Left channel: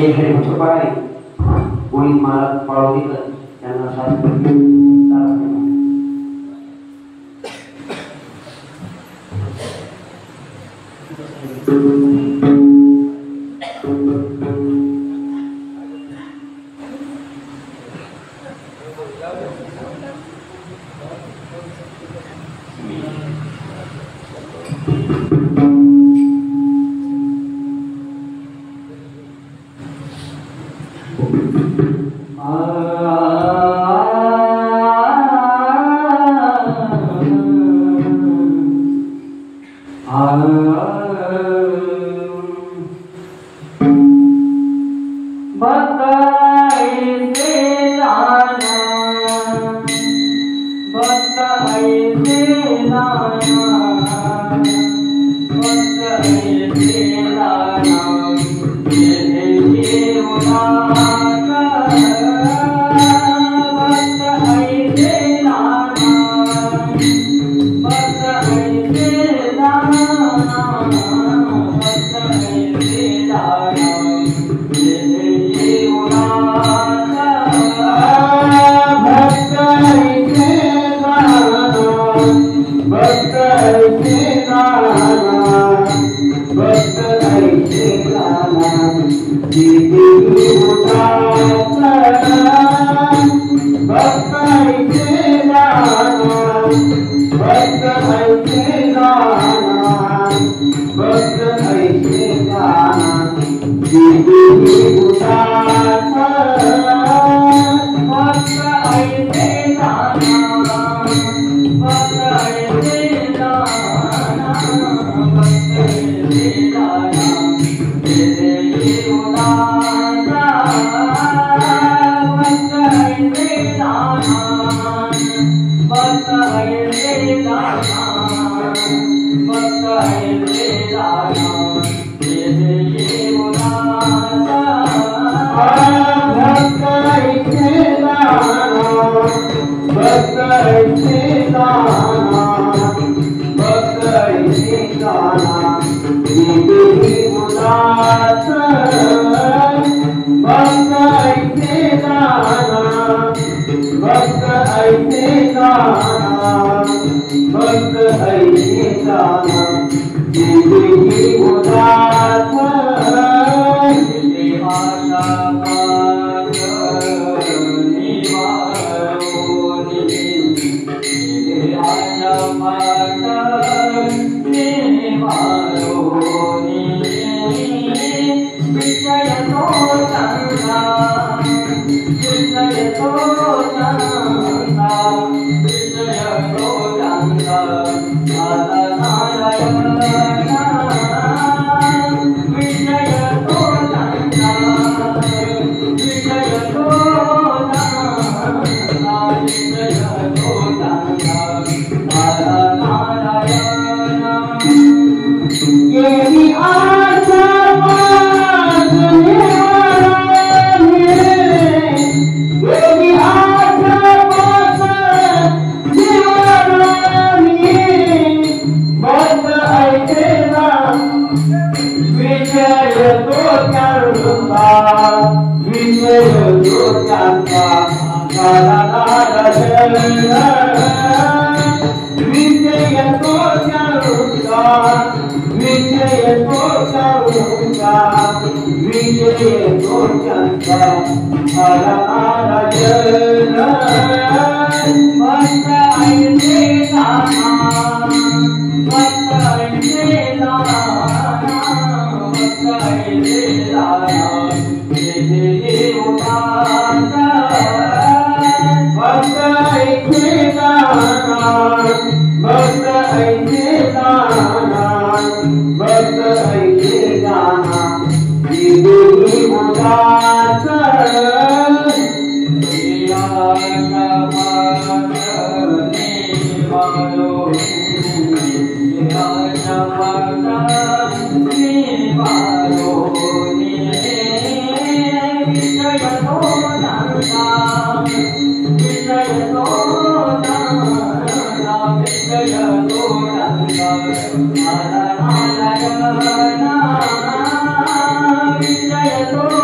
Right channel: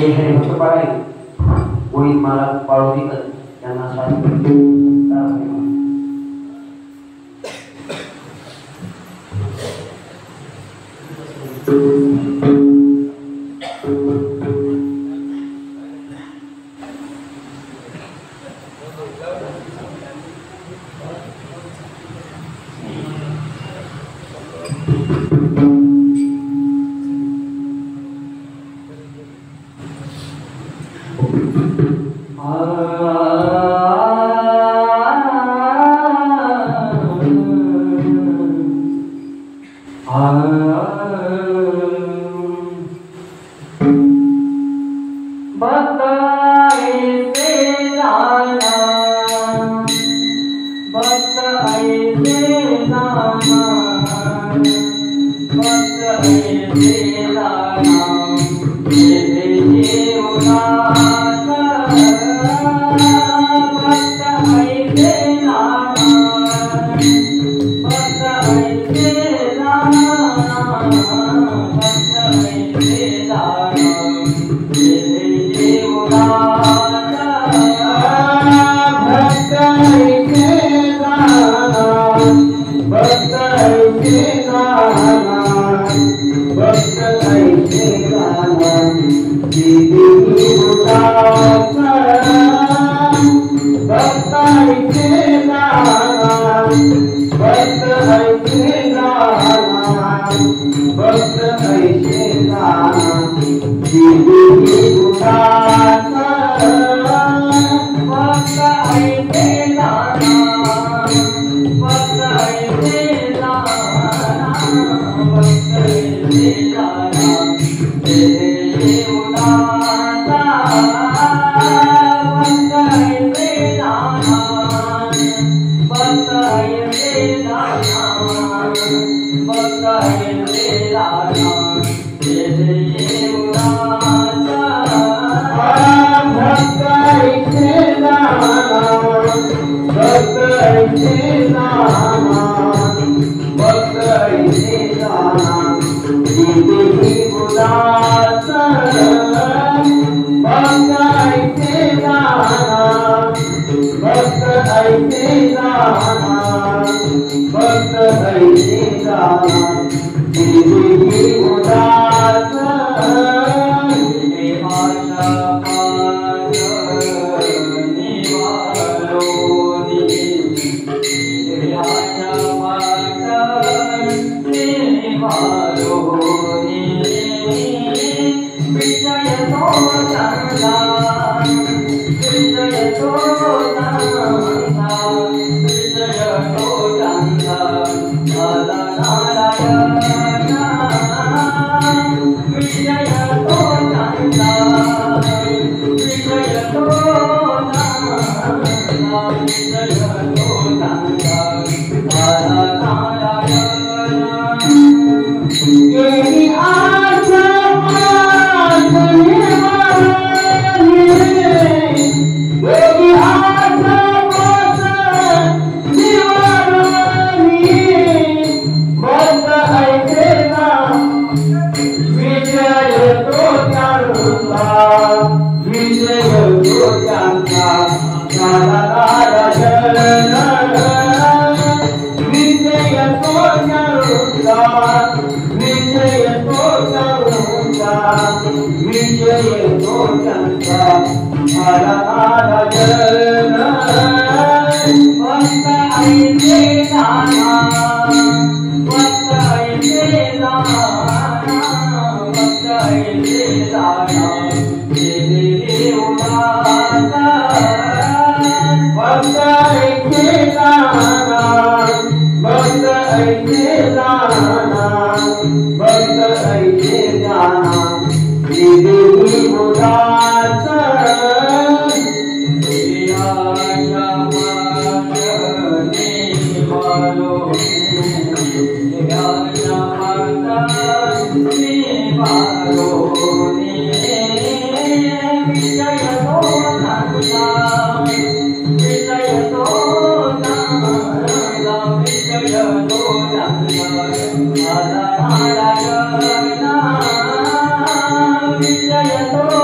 हे हरिभक्त पारायण गोविंद महाराज पाळोदीकर यांना शास्त्र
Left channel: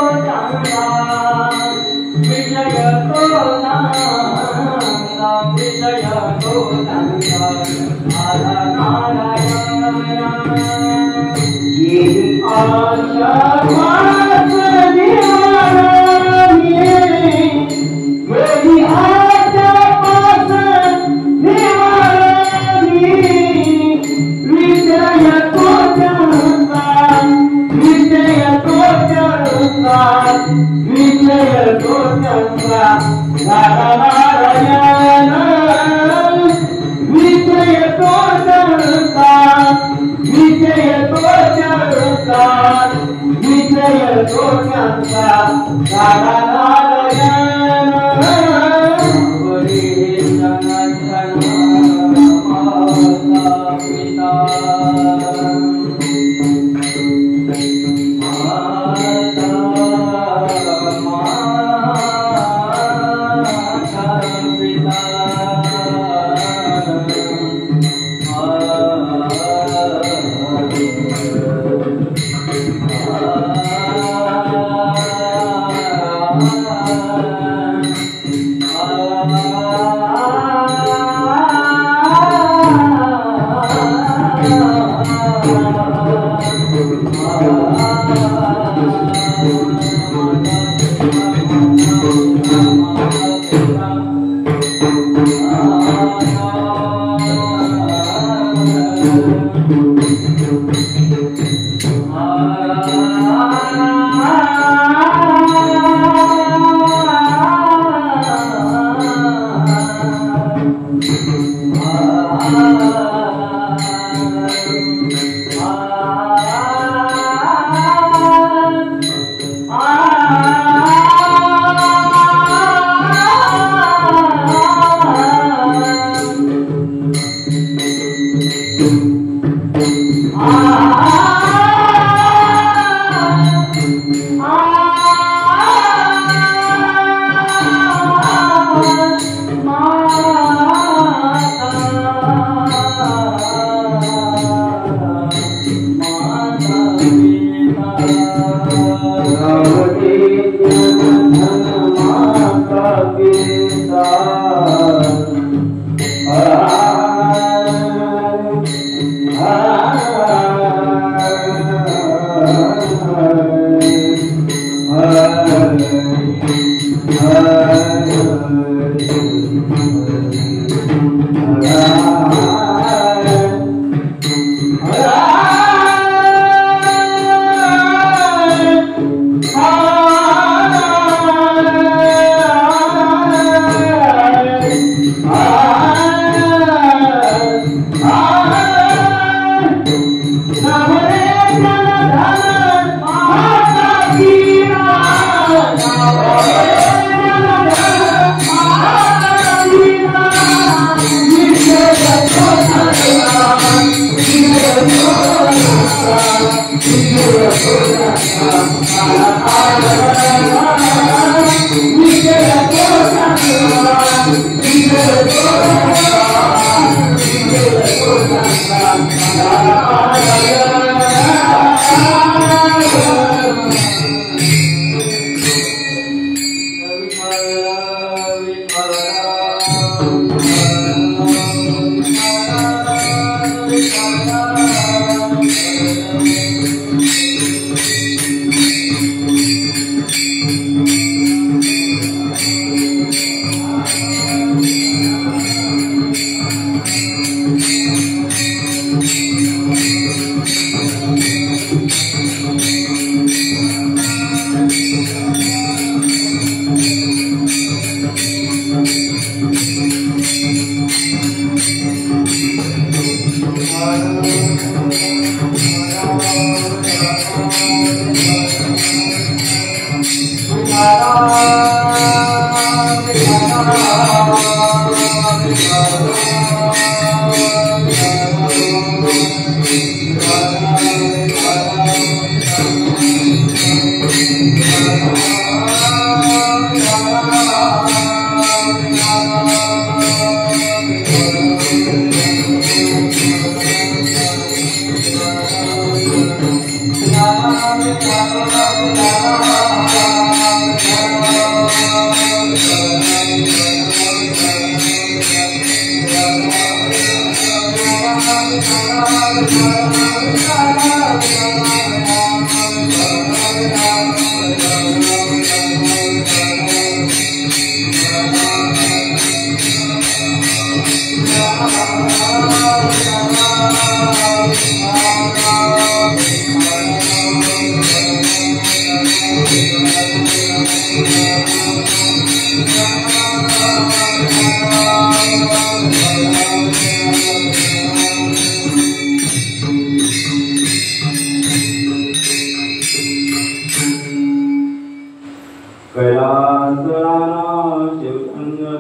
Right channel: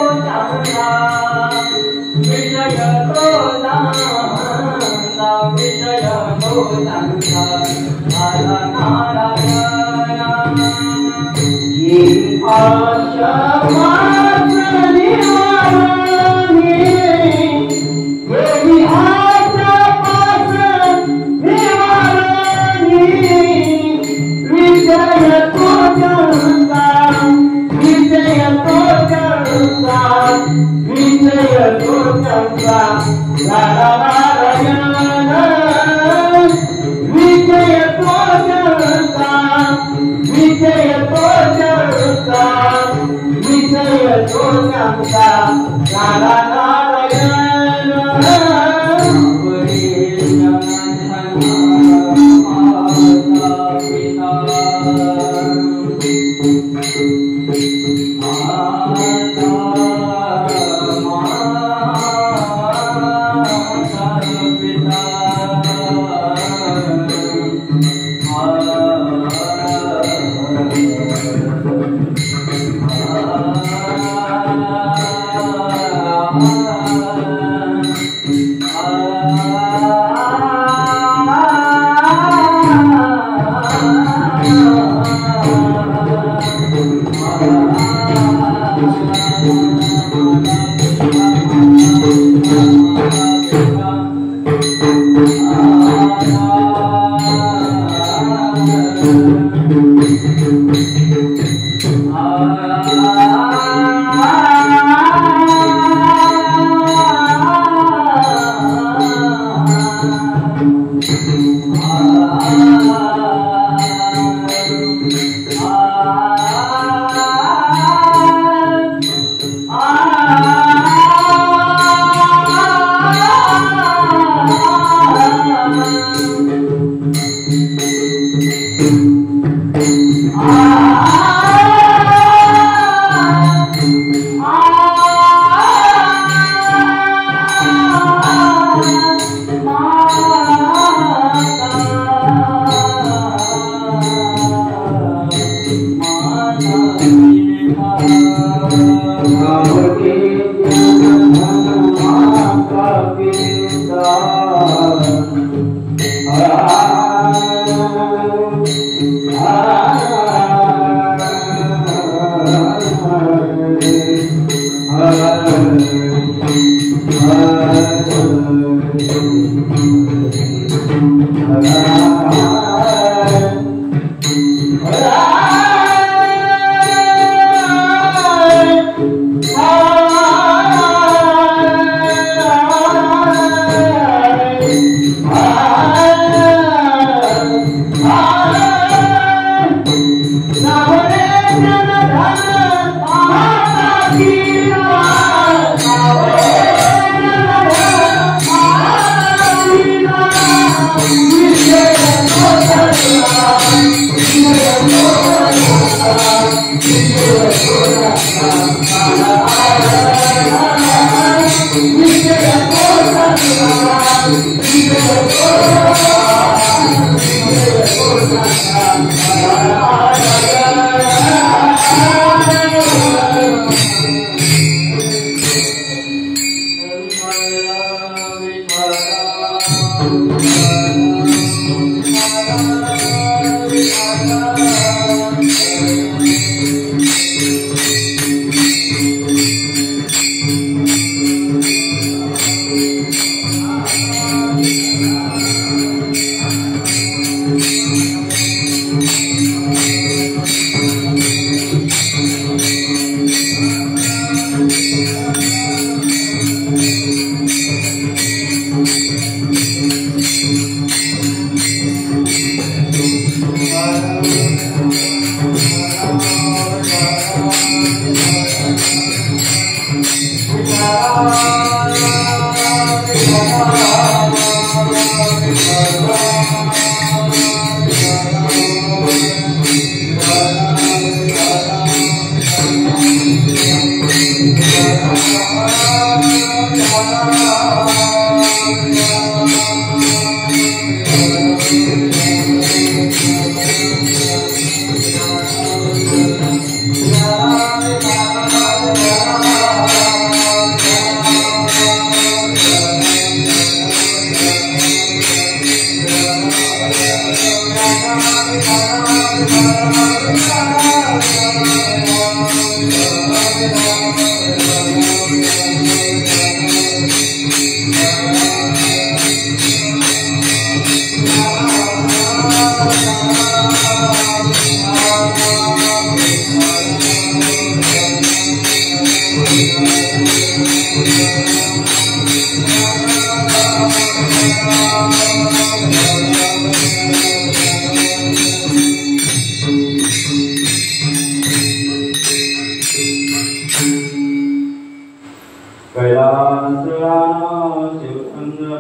Jaya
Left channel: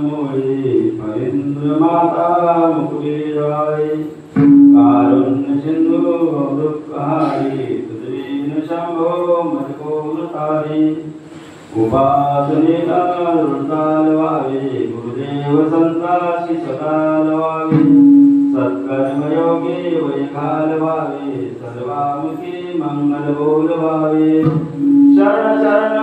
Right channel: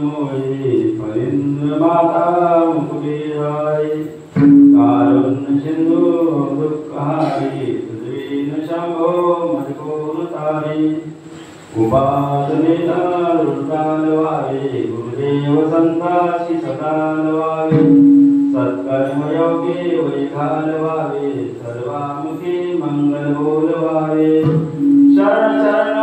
मोहे फणींद्र माता मुकुटे राय कारुण्य सिंधु दुःखहारी तुझवीन शंभो मजकोर तारी उपासनेला वृंदाल वावे गुरुदेव संतासी सदाल वावे सत्कर्मयोगे वैखाल वावे सर्वामुखी मंगल बोल वावे शरण शरण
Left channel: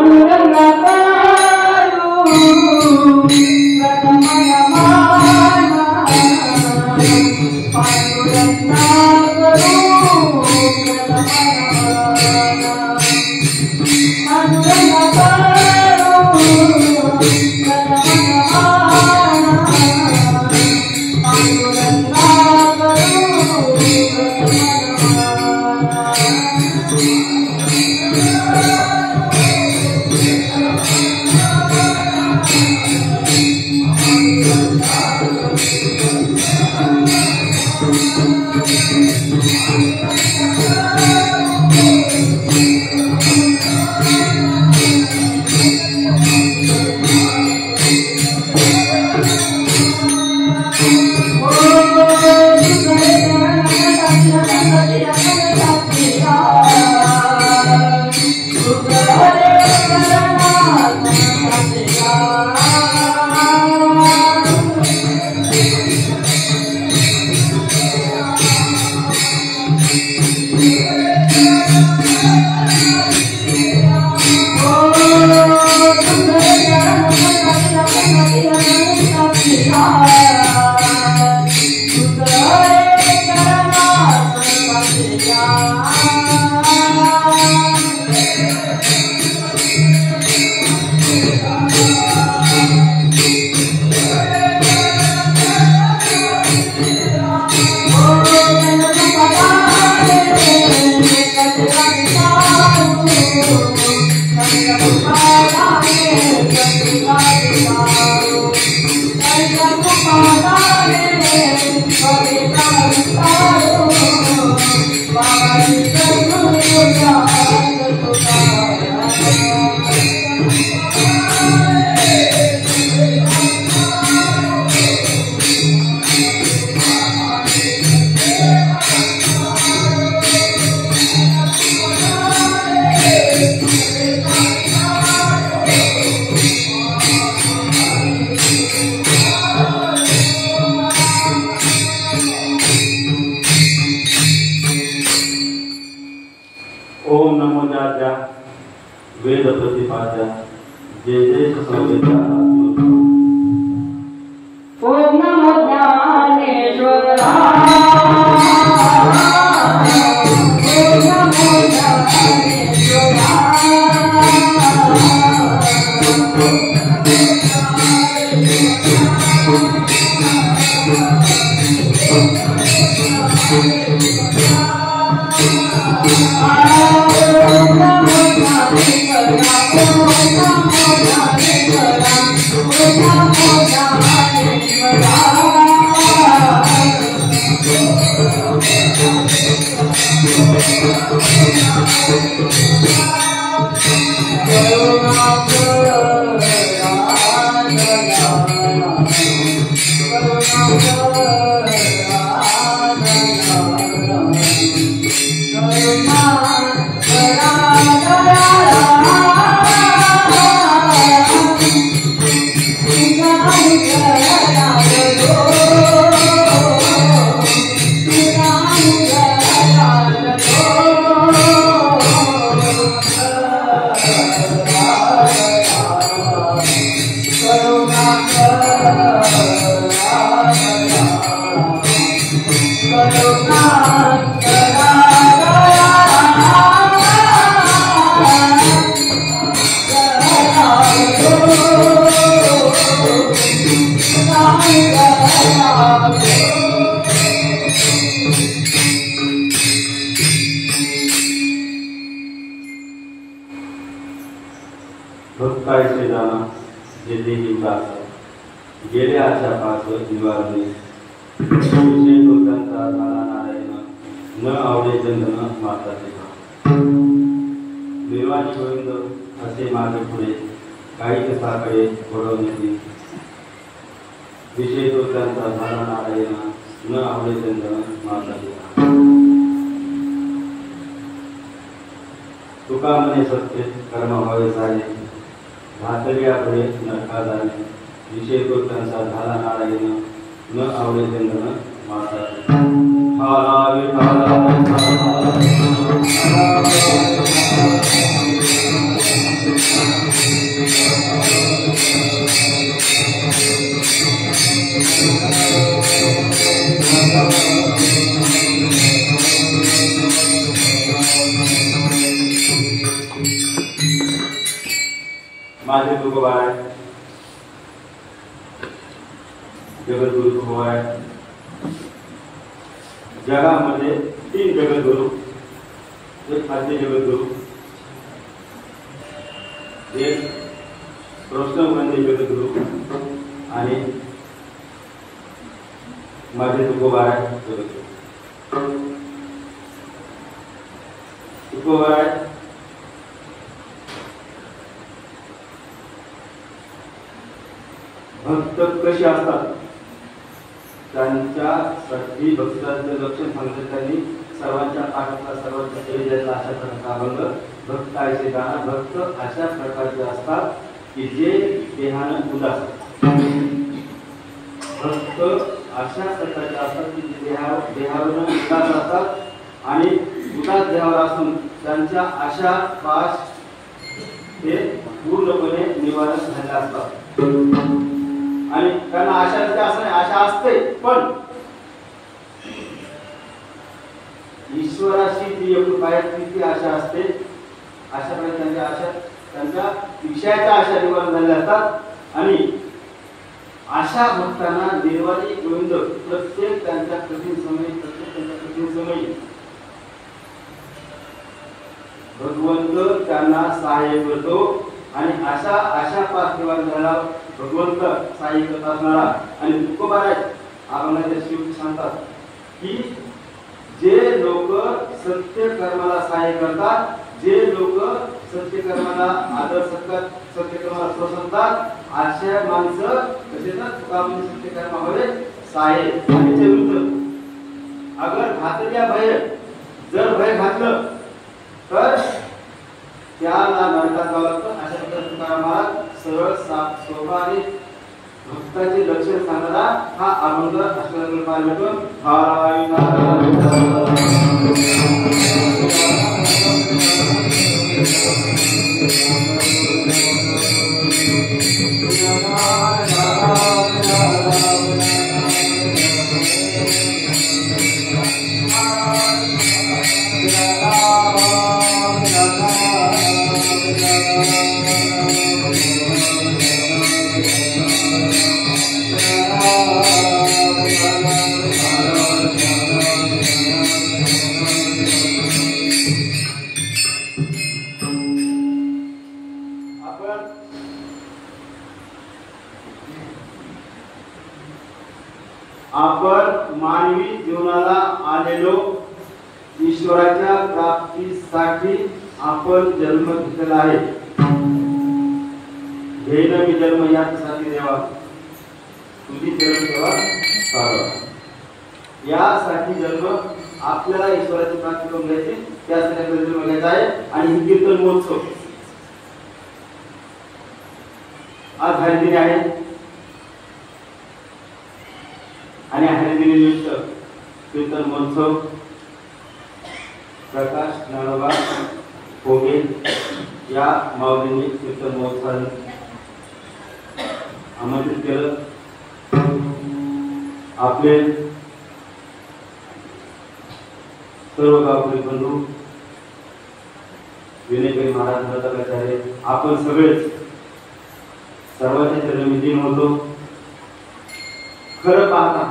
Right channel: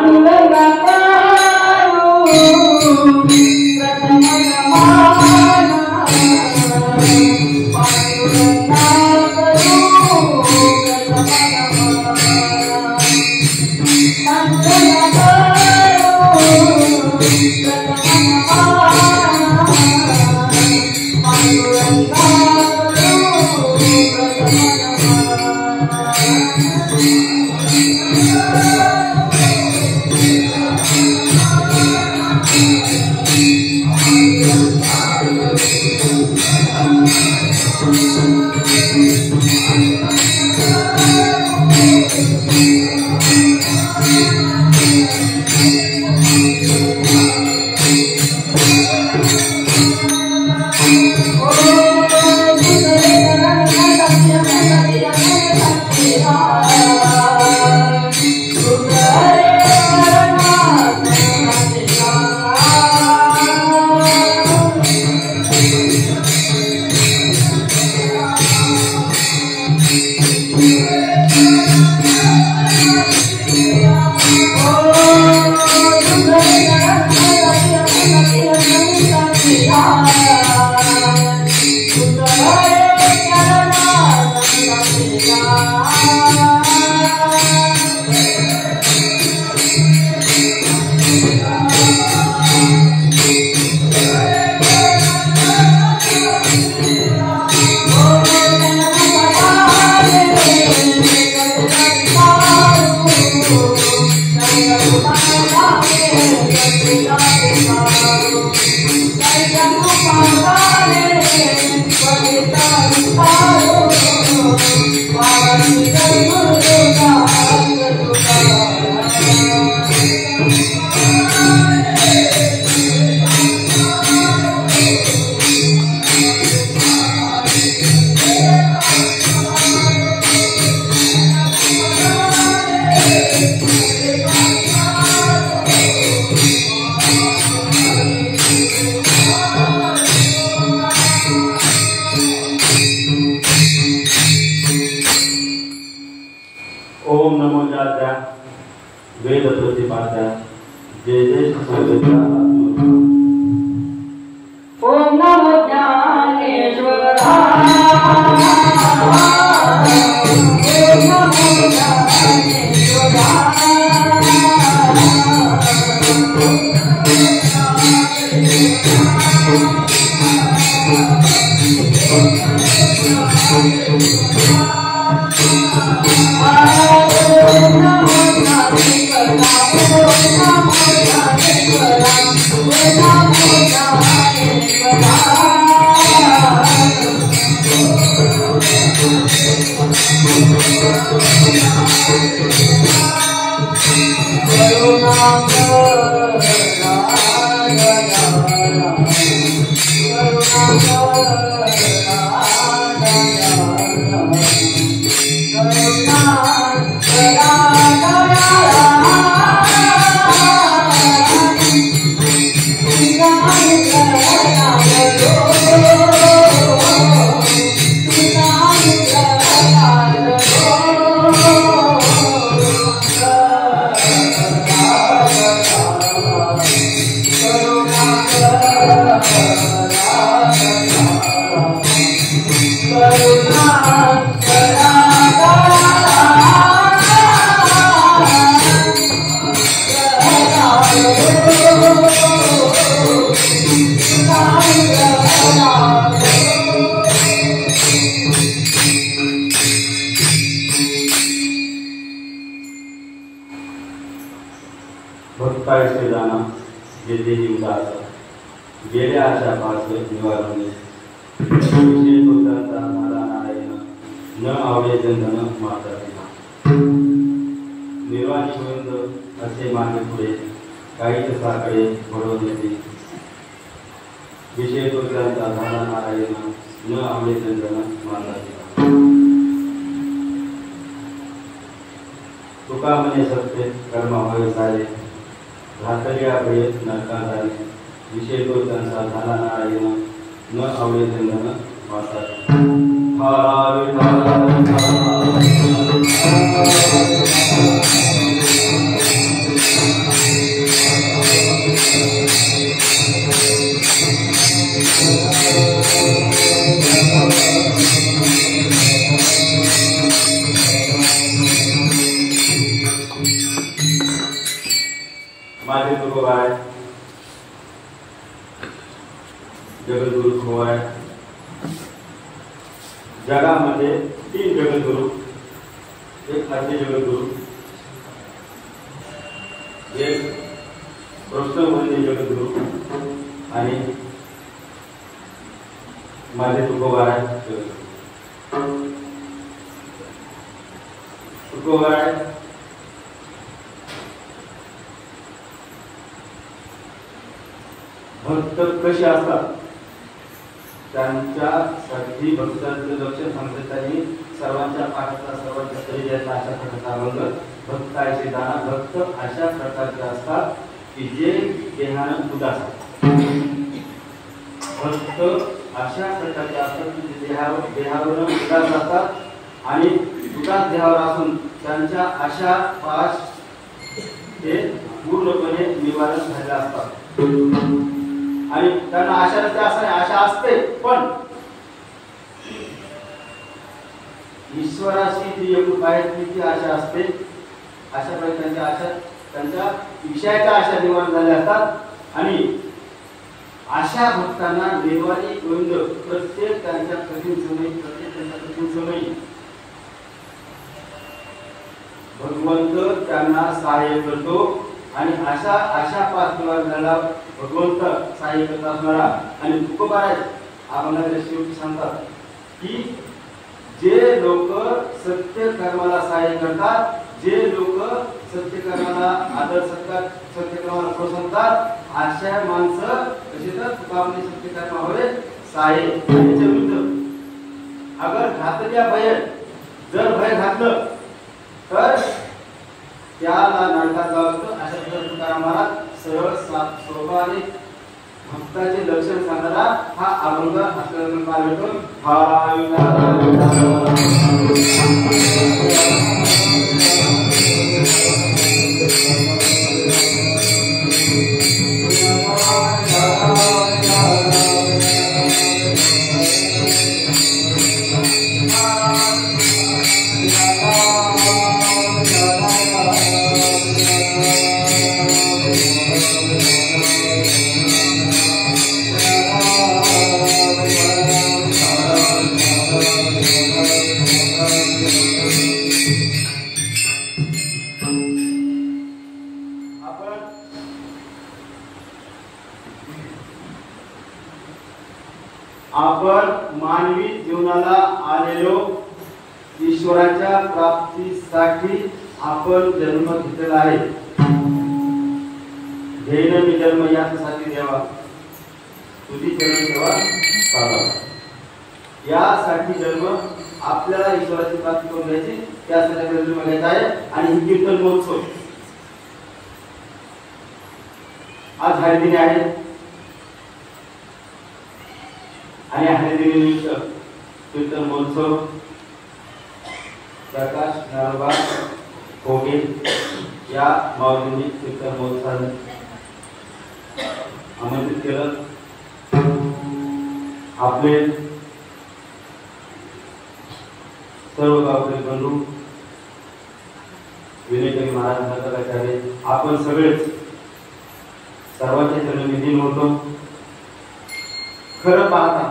हनुमान Om भक्तायचे जाना जेथे उदास गेले आशा पास निवारणे विषय दोषांचा झाला नारायण न आवडे जंधन माता पिता निर्वाणी गोविंद असे मागे पुढे काही तसाकडे वळवण्याची विषय दोषांचा झाला नारायण न आवडे जंधन माता पिता तुका म्हणे सत्य कर्म व्हावे सारे घातल्या पुढे नरका जाणे विषय दोषांचा झाला नारायण न आवडे चंदन माता माझे तुकोबा आहे जगद्गुरु तुकोबा आहे जगामध्ये 3 जगद्गुरु एक आद्य जगद्गुरु एक प्रश्नवंदी जगद्गुरु आणि माझे तुकोबा आहे जगद्गुरु तुकोबा आहे भक्त कशी असतात त्यांच्यासाठी भक्तांचं लक्षण सांगतात त्यांनी सर्वांच्या पाठातला सर्वांच्या परिचयातला अशा प्रकारचा अभंग भक्त असे जाणार भक्त अशा प्रकारचे असतात की जे देहानं उदास असतात भक्त अशा प्रकारचे असतात की जे देहावरून उदास असतात आणि उदास देहावर असून त्यांच्या आशा पाश हे पूर्णपणे निवारण झाले असतात आणि त्यांना आशा नसते असं नाही आशा असते पण ईश्वराशी जी एकूण पाहिजे ती आशा असते अशा प्रकारे त्यांच्या आशा त्यांच्या विषयाच्या आशा निवारण झाल्या असतात आणि अशा भक्तांना निर्वाणी गोविंद प्रत्येक त्यांच्या कठीण समयी भगवंत त्यांना सहाय्य करतो आणि अशा पाच निवारणाला भगवंत सहाय्य करत असणारा आणि तुकोबाराज अभंगाच्या शेवटी सांगतात की जे लोक सत्य कर्माला सहाय्य करतात जे लोक सत्य कर्माला आदर सत्कार सत्य कर्माला प्रोत्साहतात अशा माणसं कसे तर तुकामध्ये सत्य कर्म हवे सहाय्य याच्या विरुद्ध अगर घातल्या भय जर भय घातलं तर त्याला नरकात जावं लागतं अशा प्रकारे तुकाराम महाराज सरळ सोपारी भक्ताचे लक्षण सांगणारा हा अभंग असल्यानंतर काय होतो आपण मानवी जीवनाला आलेलो ईश्वराच्या प्राप्तीसाठी आपण जन्म घेतलेला आहे. घेणं मी जन्म यासाठी देवा तुझी जन्म तेव्हा चालवा. यासाठी जन्म आपल्याला ईश्वराची प्राप्ती करून घ्यायची, त्यासाठी आपल्याला जन्म घ्यायचा आहे. आणि ही कीर्तन महोत्सव आज हरिदिनी आहे आणि हरिदिनीनिमित्त कीर्तन महोत्सव प्रकाश ज्ञानोबा कोगे या माऊलींनी कीर्तन महोत्सवाने आमंत्रित केलं. आपले सर्व गावकरी बंधू विनयकरी महाराज मताचार्य आपण सगळेच सर्वांच्या चरणी होतो. खरं पाहता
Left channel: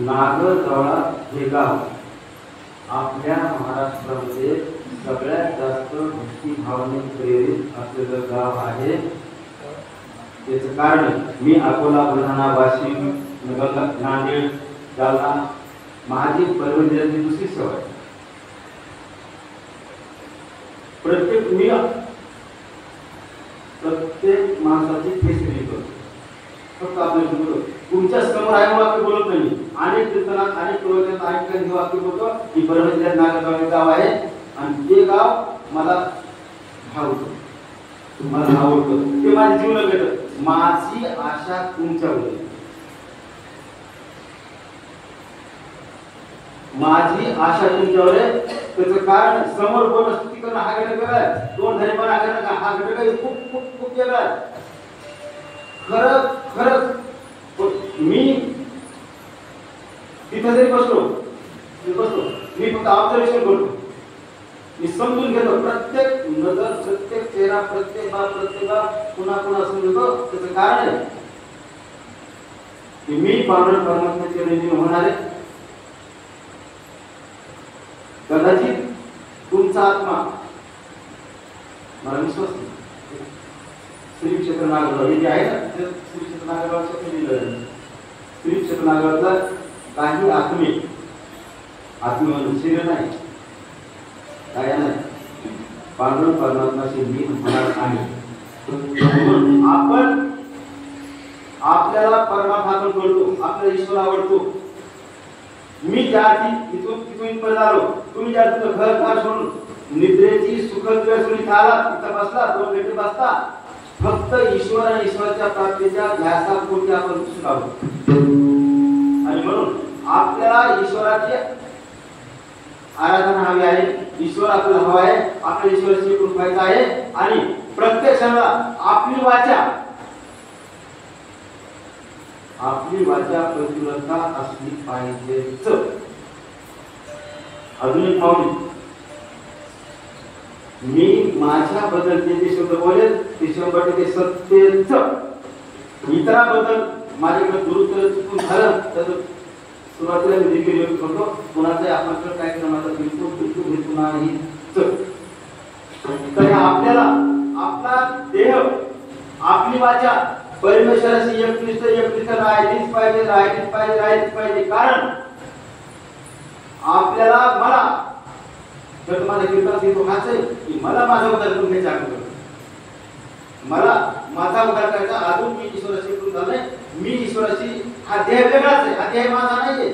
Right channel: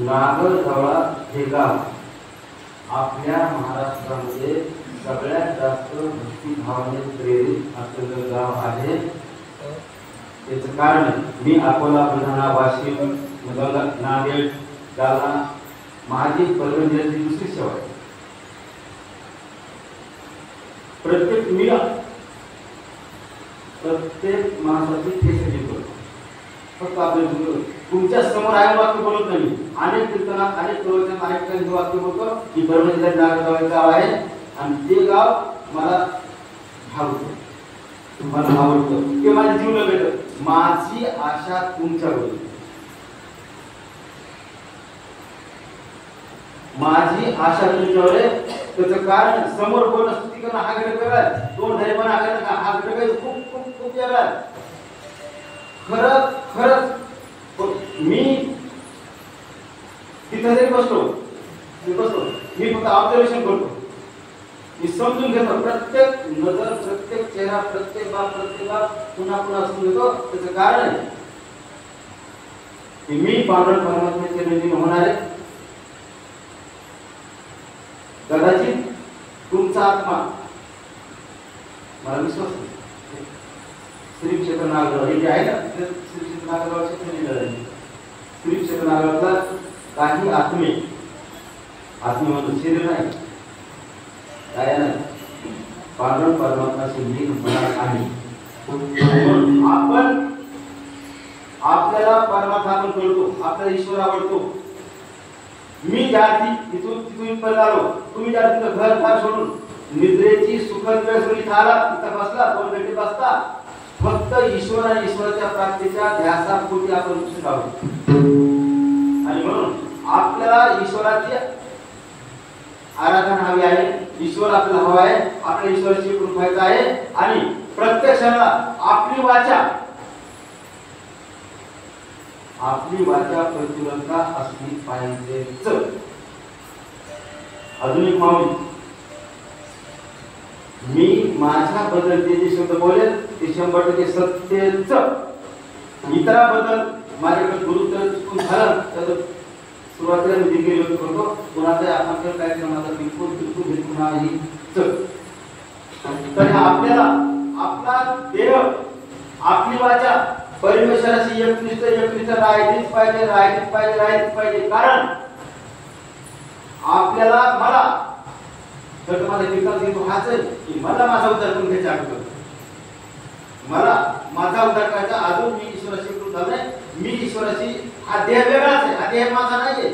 नागरजवळा हे गाव आपल्या महाराष्ट्रामध्ये सगळ्यात जास्त भक्ती भावने प्रेरित असलेलं गाव आहे. त्याचं कारण मी अकोला, बुलढाणा, वाशिम, नांदेड, जालना माझी परभणी जिल्ह्याची दुसरी सेवा आहे. प्रत्येक माणसाची फेसली करतो. फक्त आपलं तुमच्या समोर आहे वाक्य बोलत नाही. अनेक कीर्तनात, अनेक प्रवचनात, अनेक ठिकाणी वाक्य बोलतो की परभणी जिल्ह्यात नागरगाव गाव आहे आणि ते गाव मला भावतं, तुम्हाला आवडतं, ते माझ्या जीवनात भेटत. माझी आशा तुमच्यावर, माझी आशा तुमच्यावर आहे. त्याचं कारण समोर बोल स्तुती करणं हा घटक वेगळा, दोन धरेपणा करणं हा घटक खूप खूप खूप वेगळा. खरंच मी तिथे जरी बसलो मी फक्त ऑब्झर्वेशन करतो, मी समजून घेतो. प्रत्येक नजर, प्रत्येक चेहरा, प्रत्येक बाब पुन्हा समजतो. त्याचं कारण आहे की मी पांडुरंग परमात्म्याचे ऋणी होणार आहे. कदाचित तुमचा आत्मा, मला विश्वास नाही, श्री क्षेत्र नागरगाव हे जे आहे ना, श्री क्षेत्र नागरगावचे श्री क्षेत्र नागरगावचा काही आत्मे म्हणून शरीर नाही, काय नाही, पांडुरंग परमात्म्याशी लीन होणार आहे. आपण आपल्याला परमात्मा आपण कळतो, आपल्याला ईश्वर आवडतो. मी ज्या तिथून परत आलो, तुम्ही ज्या घर सोडून निद्रेची सुखद वेळ सोडून इथं आला, तिथं बसला, 2 घंटे बसता, फक्त ईश्वर आणि ईश्वराच्या प्राप्तीच्या ध्यासापोटी आपण सुखावतो. आणि म्हणून आपल्याला ईश्वराची आराधना हवी आहे, ईश्वर आपल्याला हवा आहे, आपल्या ईश्वराची कृपा व्हायचं आहे. आणि प्रत्येक क्षणाला आपली वाचा प्रतिबंधता असली पाहिजेच. अजून एक माऊली, मी माझ्याबद्दल जे शब्द बोलेल ते 100% सत्यच. इतराबद्दल माझ्याकडे गुरुत्व चुकून झालं तर सुरुवातीला मी दिलगिरी व्यक्त करतो, कुणाचं आपल्याकडे काय केलं माझा बिलकुल हेतू नाही. तर आपल्याला आपला देह, आपली वाचा परमेश्वराशी एकनिष्ठ राहायचीच पाहिजे. कारण आपल्याला, मला जर माझा कीर्तन हेतू हाच आहे की मला माझा उद्धार करून घ्यायचा आहे. मला माझा उद्धार करायचा. अजून मी ईश्वराशी कृत झालोय. मी ईश्वराशी, हा देह वेगळाच आहे, हा देह माझा नाहीये.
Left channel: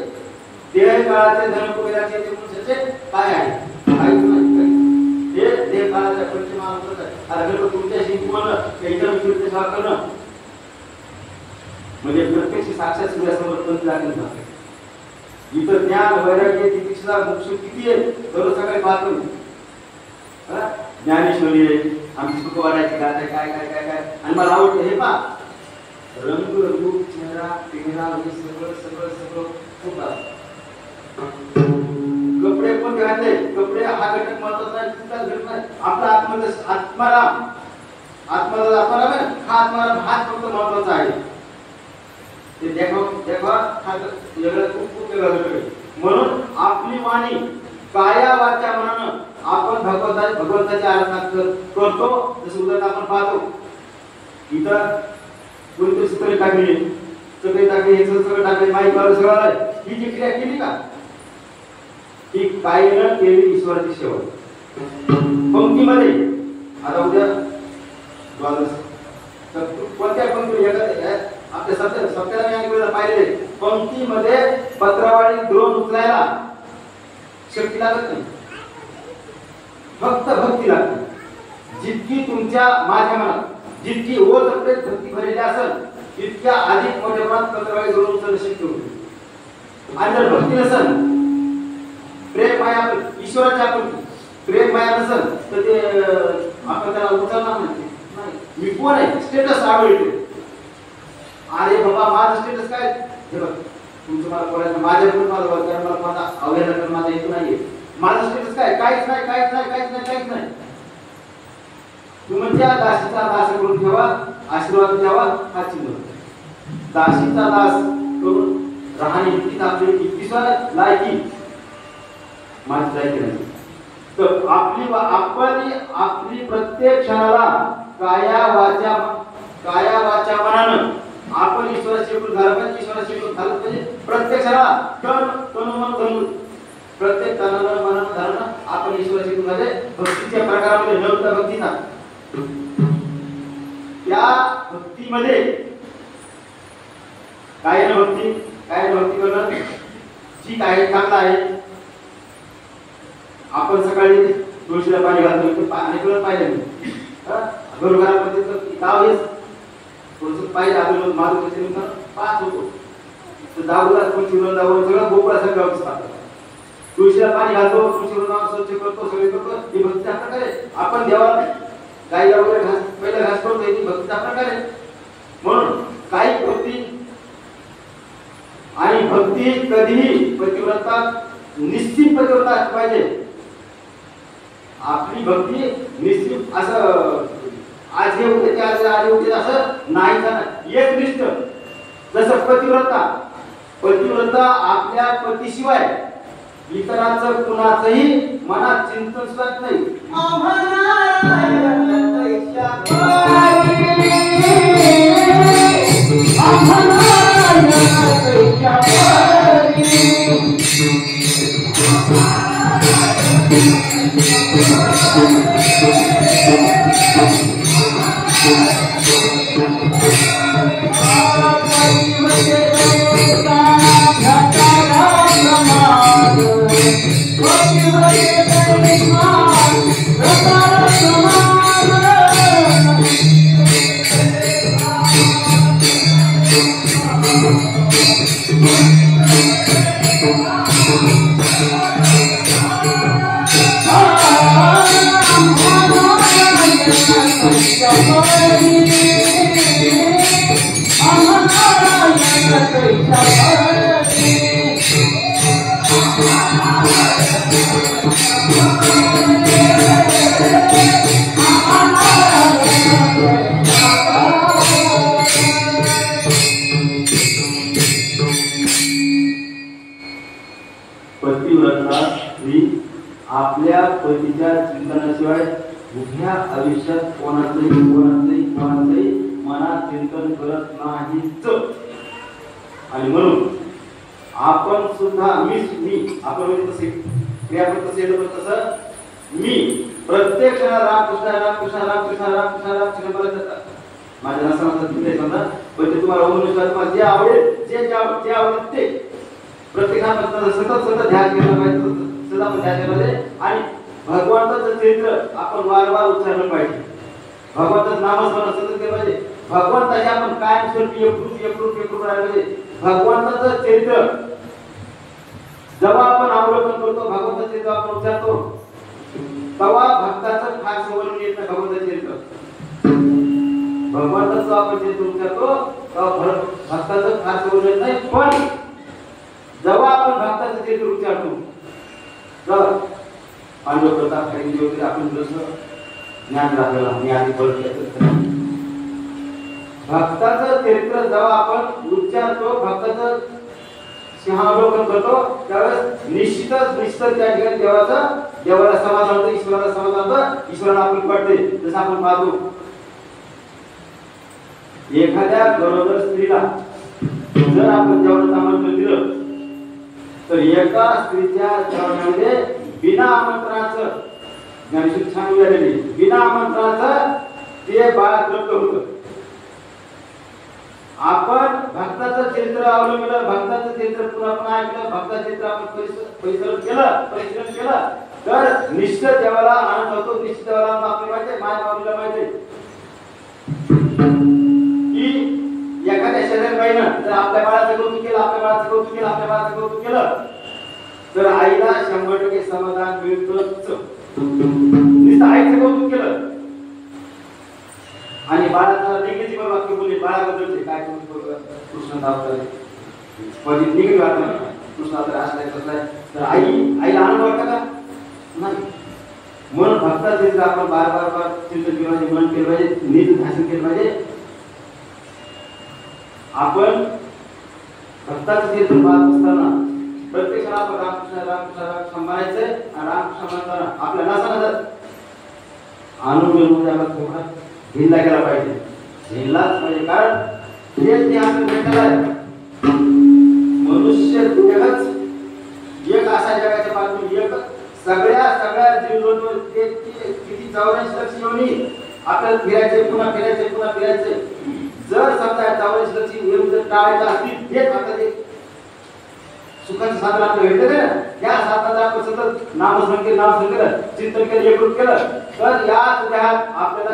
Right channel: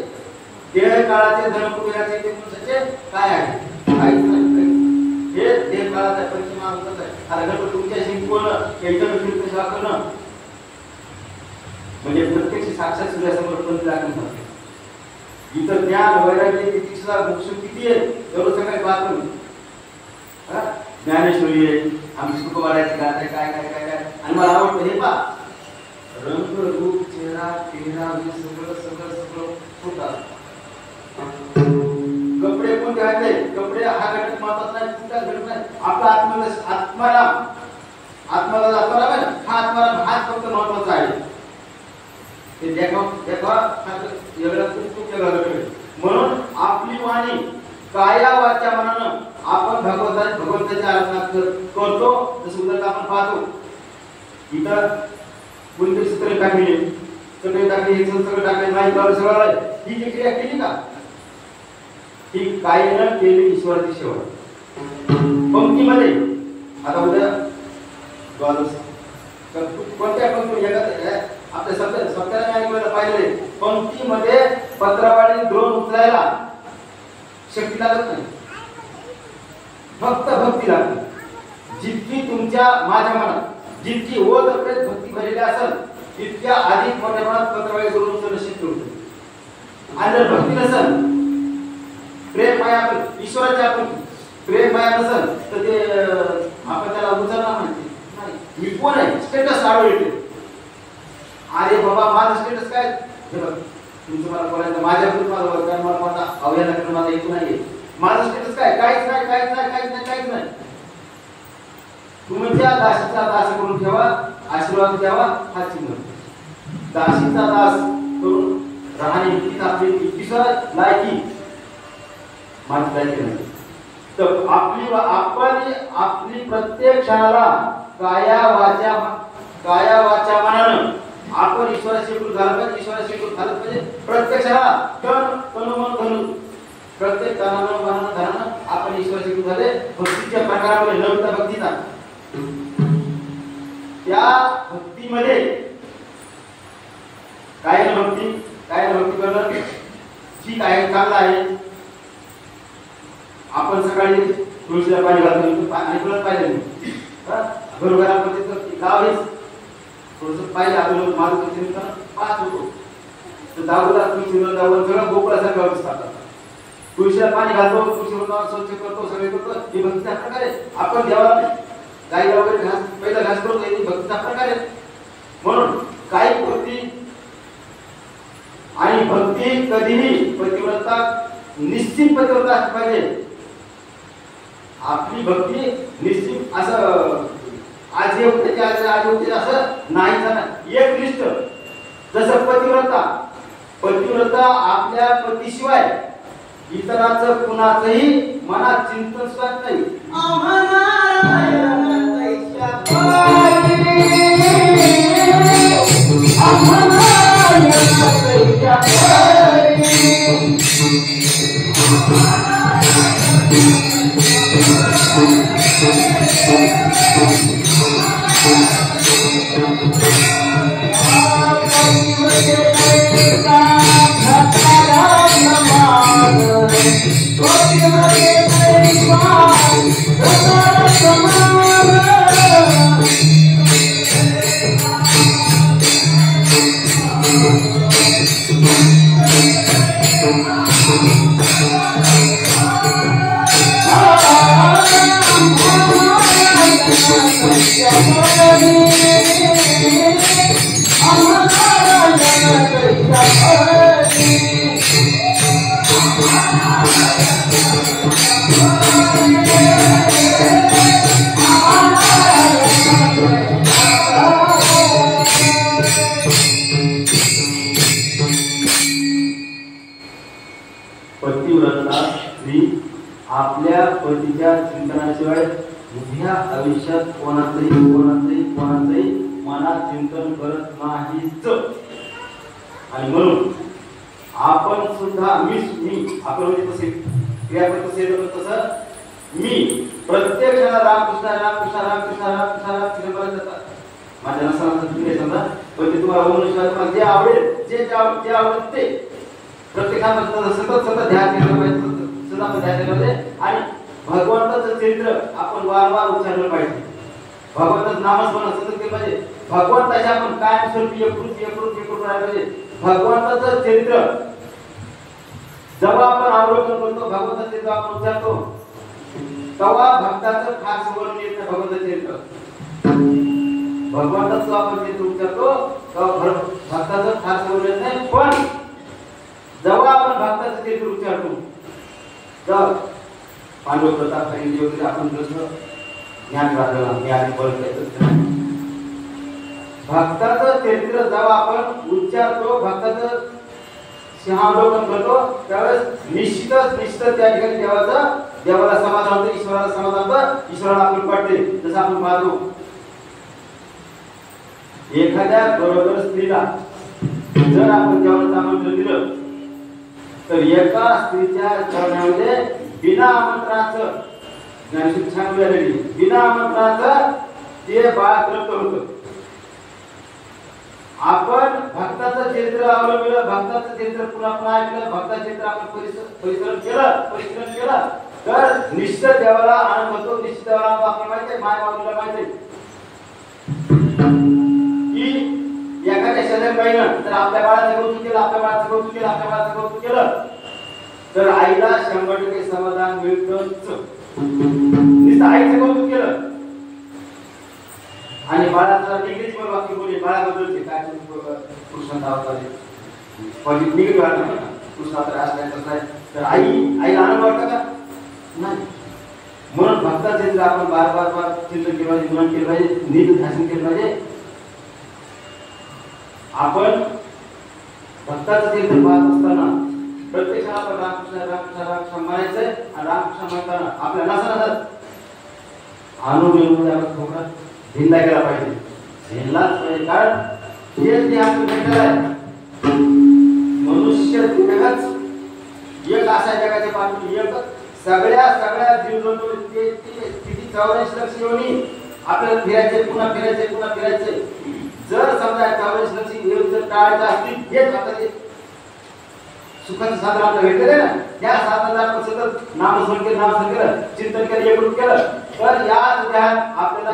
देह काळाचे, धन कुबेराचे, ते पुरुषाचे काय आहे, काहीच नाही. हे देह काळाचा परिचय मानतच आहे. आता तुमच्याशी बोलणं, एकदम कीर्तन सेवा करणं म्हणजे प्रत्यक्ष साक्षात सूर्यासमोर पंथ लागली जाते. इथं ज्ञान, वैराग्य, तितिक्षा, मोक्ष किती आहे दररोज सकाळी पाहतो. ज्ञानेश्वरी आहे, आमची तुकोबाराची गाथा आहे, काय काय काय काय. आणि मला आवडतं हे पहा, रंग, रूप, चेहरा, पेहराव हे सगळं होतात. कपडे कोण घातले, कपडे हा घटक महत्वाचा नाही, कुठला घटक नाही. आपला आत्माराम आहे ना, हा आत्माराम हाच फक्त महत्वाचा आहे. ते देखवा हा वेगळा, खूप वेगळा घटक आहे. म्हणून आपली वाणी काया वाचा मनानं आपण भगवंताची आराधना करतो. जसं उदाहरण आपण पाहतो, इथं कोणतरी चित्र टाकली, सगळे टाकले, सगळं टाकले, माहीत लावलं, सगळं ही जी क्रिया केली का, ही कायेनं केली ईश्वराची सेवा. पंक्तीमध्ये आता उद्या द्वादश कोणत्या पंक्ती आपल्या सप्त्याला पाहिले पंक्तीमध्ये पत्रावळी द्रोण उचलायला शक्ती लागत नाही, फक्त भक्ती लागते. जितकी तुमच्या माझ्या मनात जितकी ओढ प्रेत भक्ती भरलेली असेल तितक्या अधिक मोठ्या प्रमाणात पत्रावळी द्रोण उचलणं शक्य होते. आणि जर भक्ती नसेल, प्रेम माया ईश्वराची आपण प्रेम माया नसेल तर ते आपण त्याला उचलणार म्हणते नाही. मी कोण आहे स्टेटस आवडते. अरे बाबा माझं स्टेटस काय हे बघ तुमचं मला बोलायचं माझ्याकडून मला माझा अवहेलना करून माझा येतो नाहीये. माझं स्टेटस काय काहीच नाही काहीच नाही काहीच नाही काहीच नाही. तुमच्या दासीचा दास करून ठेवा, आशीर्वाद द्यावा हा चिन्ह. दासीचा दास करून राहणे इतकीच आपली इतकीच लायकी माझी लायकी नाही. तर आपली प्रत्येक क्षणाला काया वाचा मनानं आपण ईश्वराशी एकरूप झालं पाहिजे. ईश्वराशी एकरूप झालं पाहिजे. प्रत्येक क्षणाला तन मन धन प्रत्येक तनानं मनानं धनानं आपण ईश्वराशी एकरूप झाले. भक्तीच्या प्रकारामध्ये नवता भक्तीचा त्या भक्तीमध्ये कायेनं भक्ती करणं ठीक आहे, चांगलं आहे. आपण सकाळी तुळशीला पाणी घालतो पाणी पिळत पाहिजे मी घरोघरामध्ये गाव हेच थोडंसं पाहिजे आलो मारू पाच होतो तर दारूला तुळशी वृंदावन सगळं गोकुळासारखं गाव दिसतात. तुळशीला पाणी घालतो, तुळशी वृंदावन स्वच्छ करतो, सगळे करतो. ही भक्तीचा प्रकार आहे. आपण देवाला गाईला वगैरे पहिला घास करतो, ही भक्तीचा प्रकार आहे. म्हणून काही भक्ती आणि भक्ती कधीही पतिव्रता निश्चित पतिव्रता असली पाहिजे. आपली भक्ती निश्चित असं आज हे होते ते आज होते असं नाही झालं. एकनिष्ठ जसं पतिव्रता आपल्या पतीशिवाय इतरांचं कुणाचंही मनात चिंतन सुद्धा नाही. पतिव्रता स्त्री आपल्या पतीच्या चिंतनाशिवाय उभ्या आयुष्यात कोणाचंही मनात चिंतन करत नाहीच. आणि म्हणून आपण सुद्धा मी आपण म्हणजे कसे क्रियापद तसं मी प्रत्येक क्षणाला रामकृष्ण करत माझ्या नसनाचं नाही समजा. पण ते तुम्हाला तुम्हाला जे आवडेल जे आवडेल ते प्रत्येकाला सतत ध्यान केलं पाहिजे. सदा ध्यान केलं पाहिजे. आणि भगवंताचं चरित्र आपण वारंवार उच्चारलं पाहिजे. भगवंताचं नामस्मरण सतत केलं पाहिजे. भगवंताचे आपण कायमस्वरूपी एकरूप राहिलं पाहिजे. भगवंताचं चरित्र जेव्हा आपण अवलोकन करतो, भगवंताचं चरित्र आपण उच्चारतो तेव्हा भक्ताचं फार संवर्णन येत नाही. भगवंताचं चरित्र भगवंताचं आपण चरित्र उच्चारतो तेव्हा भक्ताचं फार संवर्णन येत नाही. पण जेव्हा आपण भक्ताचं चरित्र उच्चारतो तर पांडव प्रताप खरेदी वगैरे आपण जसं ज्ञान राहिलेला मी आधी बोलतो भक्ताचं चरित्र जेव्हा आपण उच्चारतो, भक्ताचं सिंहावलोकन करतो त्यावेळेस निश्चितच त्या ठिकाणी देवाला समाधान होतं, ईश्वराला समाधान होतं, ईश्वराला आपण वाटते. जसं आपण पाहतो एखाद्या गरोदर स्त्रीला जर आपण देवाला आमंत्रण दिलं तर एका स्त्रीच्या चरणामध्ये बिना आमंत्रणाचं ज्ञानेश्वरी छान उदाहरणी बिना आमंत्रणाचं ते बाळ तृप्त होतं. आपण भक्ताचं चरित्र अवलंबिलं, भक्ताचं चरित्र पुन्हा पुन्हा ऐकलं, भक्ताचं चरित्र आपण परिश्रम केलं तर निश्चित देवाला आनंद होतो. निश्चित देवाला आपल्याला माहिती आहे, माय बाबूला माहिती आहे की एखाद्या शेजारबाईनं जर आपल्या बाळाचं कौतुक केलं, आपल्या बाळाचं कौतुक केलं, आपल्या बाळाचं कौतुक केलं तर आईला 100% समाधान मिळतच. नुसतं आईचं कौतुक केलं आणि बाळाचं निगेटिव्ह वाक्य बोलले बाळाबद्दलचे काय कृष्ण दावताले पॉझिटिव्ह निगेटिव्ह वाटतं ना, कृष्ण आपल्या असलाय कसं आहे तर आईला आनंद वाटतं का? नाही. म्हणून भक्ताचं चित्र आपण बार चिंतन केलं पाहिजे, मनन केलं पाहिजे, नीट ध्यान केलं पाहिजे. आपण भक्ताचं चित्र पाहत असताना प्रत्येक आपण रामकृष्ण रामकृष्ण म्हणायचंय आणि रामकृष्ण म्हणताना आपल्या नसत अनुमतीमध्ये आपण थोडा धिंडा केला पाहिजे, धिंडलाच पाहिजे. कारण हे जे आपण भेटलं आहे मनुष्य जगच एक असा जगाच्या बाजूने एक सगळ्या जीवजंतू ते किती 84 लक्ष योनी आपल्याला फिरायचे पुन्हा फिरायचे. जर समजा 84 लक्ष येऊन जर टाळायचं असतील हेच आपल्याला सुखाचं साधन आपल्याला भेटलं आहे ना, त्या साधनाचं आपण सतत नामसंकीर्तन चिंतन केलं, एकरूप केलं तर याच ध्यान आपल्याला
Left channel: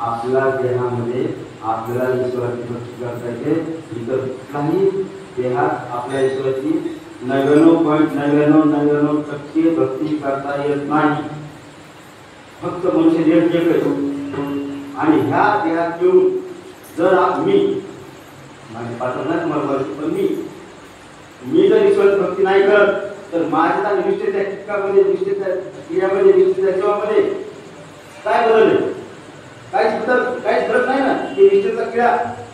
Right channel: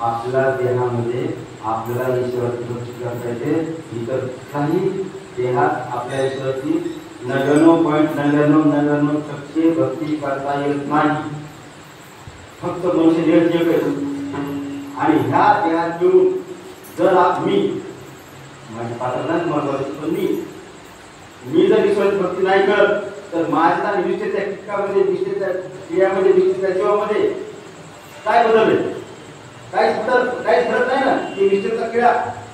आपल्या देहामध्ये आपल्याला ईश्वराची भक्ती करता येते. इतर काही देहात आपल्या ईश्वराची 99.99% भक्ती करता येत नाही. फक्त मनुष्य देह एक आहे आणि ह्या देहात येऊन जर मी माझे पात्र नाही तुम्हाला पण मी जर ईश्वराची भक्ती नाही करत तर माझ्या निष्ठेच्या टिकामध्ये निष्ठेच्या क्रियामध्ये निष्ठेच्या जीवामध्ये काय बदल आहे? काहीच फरक नाही ना. की निष्ठेचा क्रिया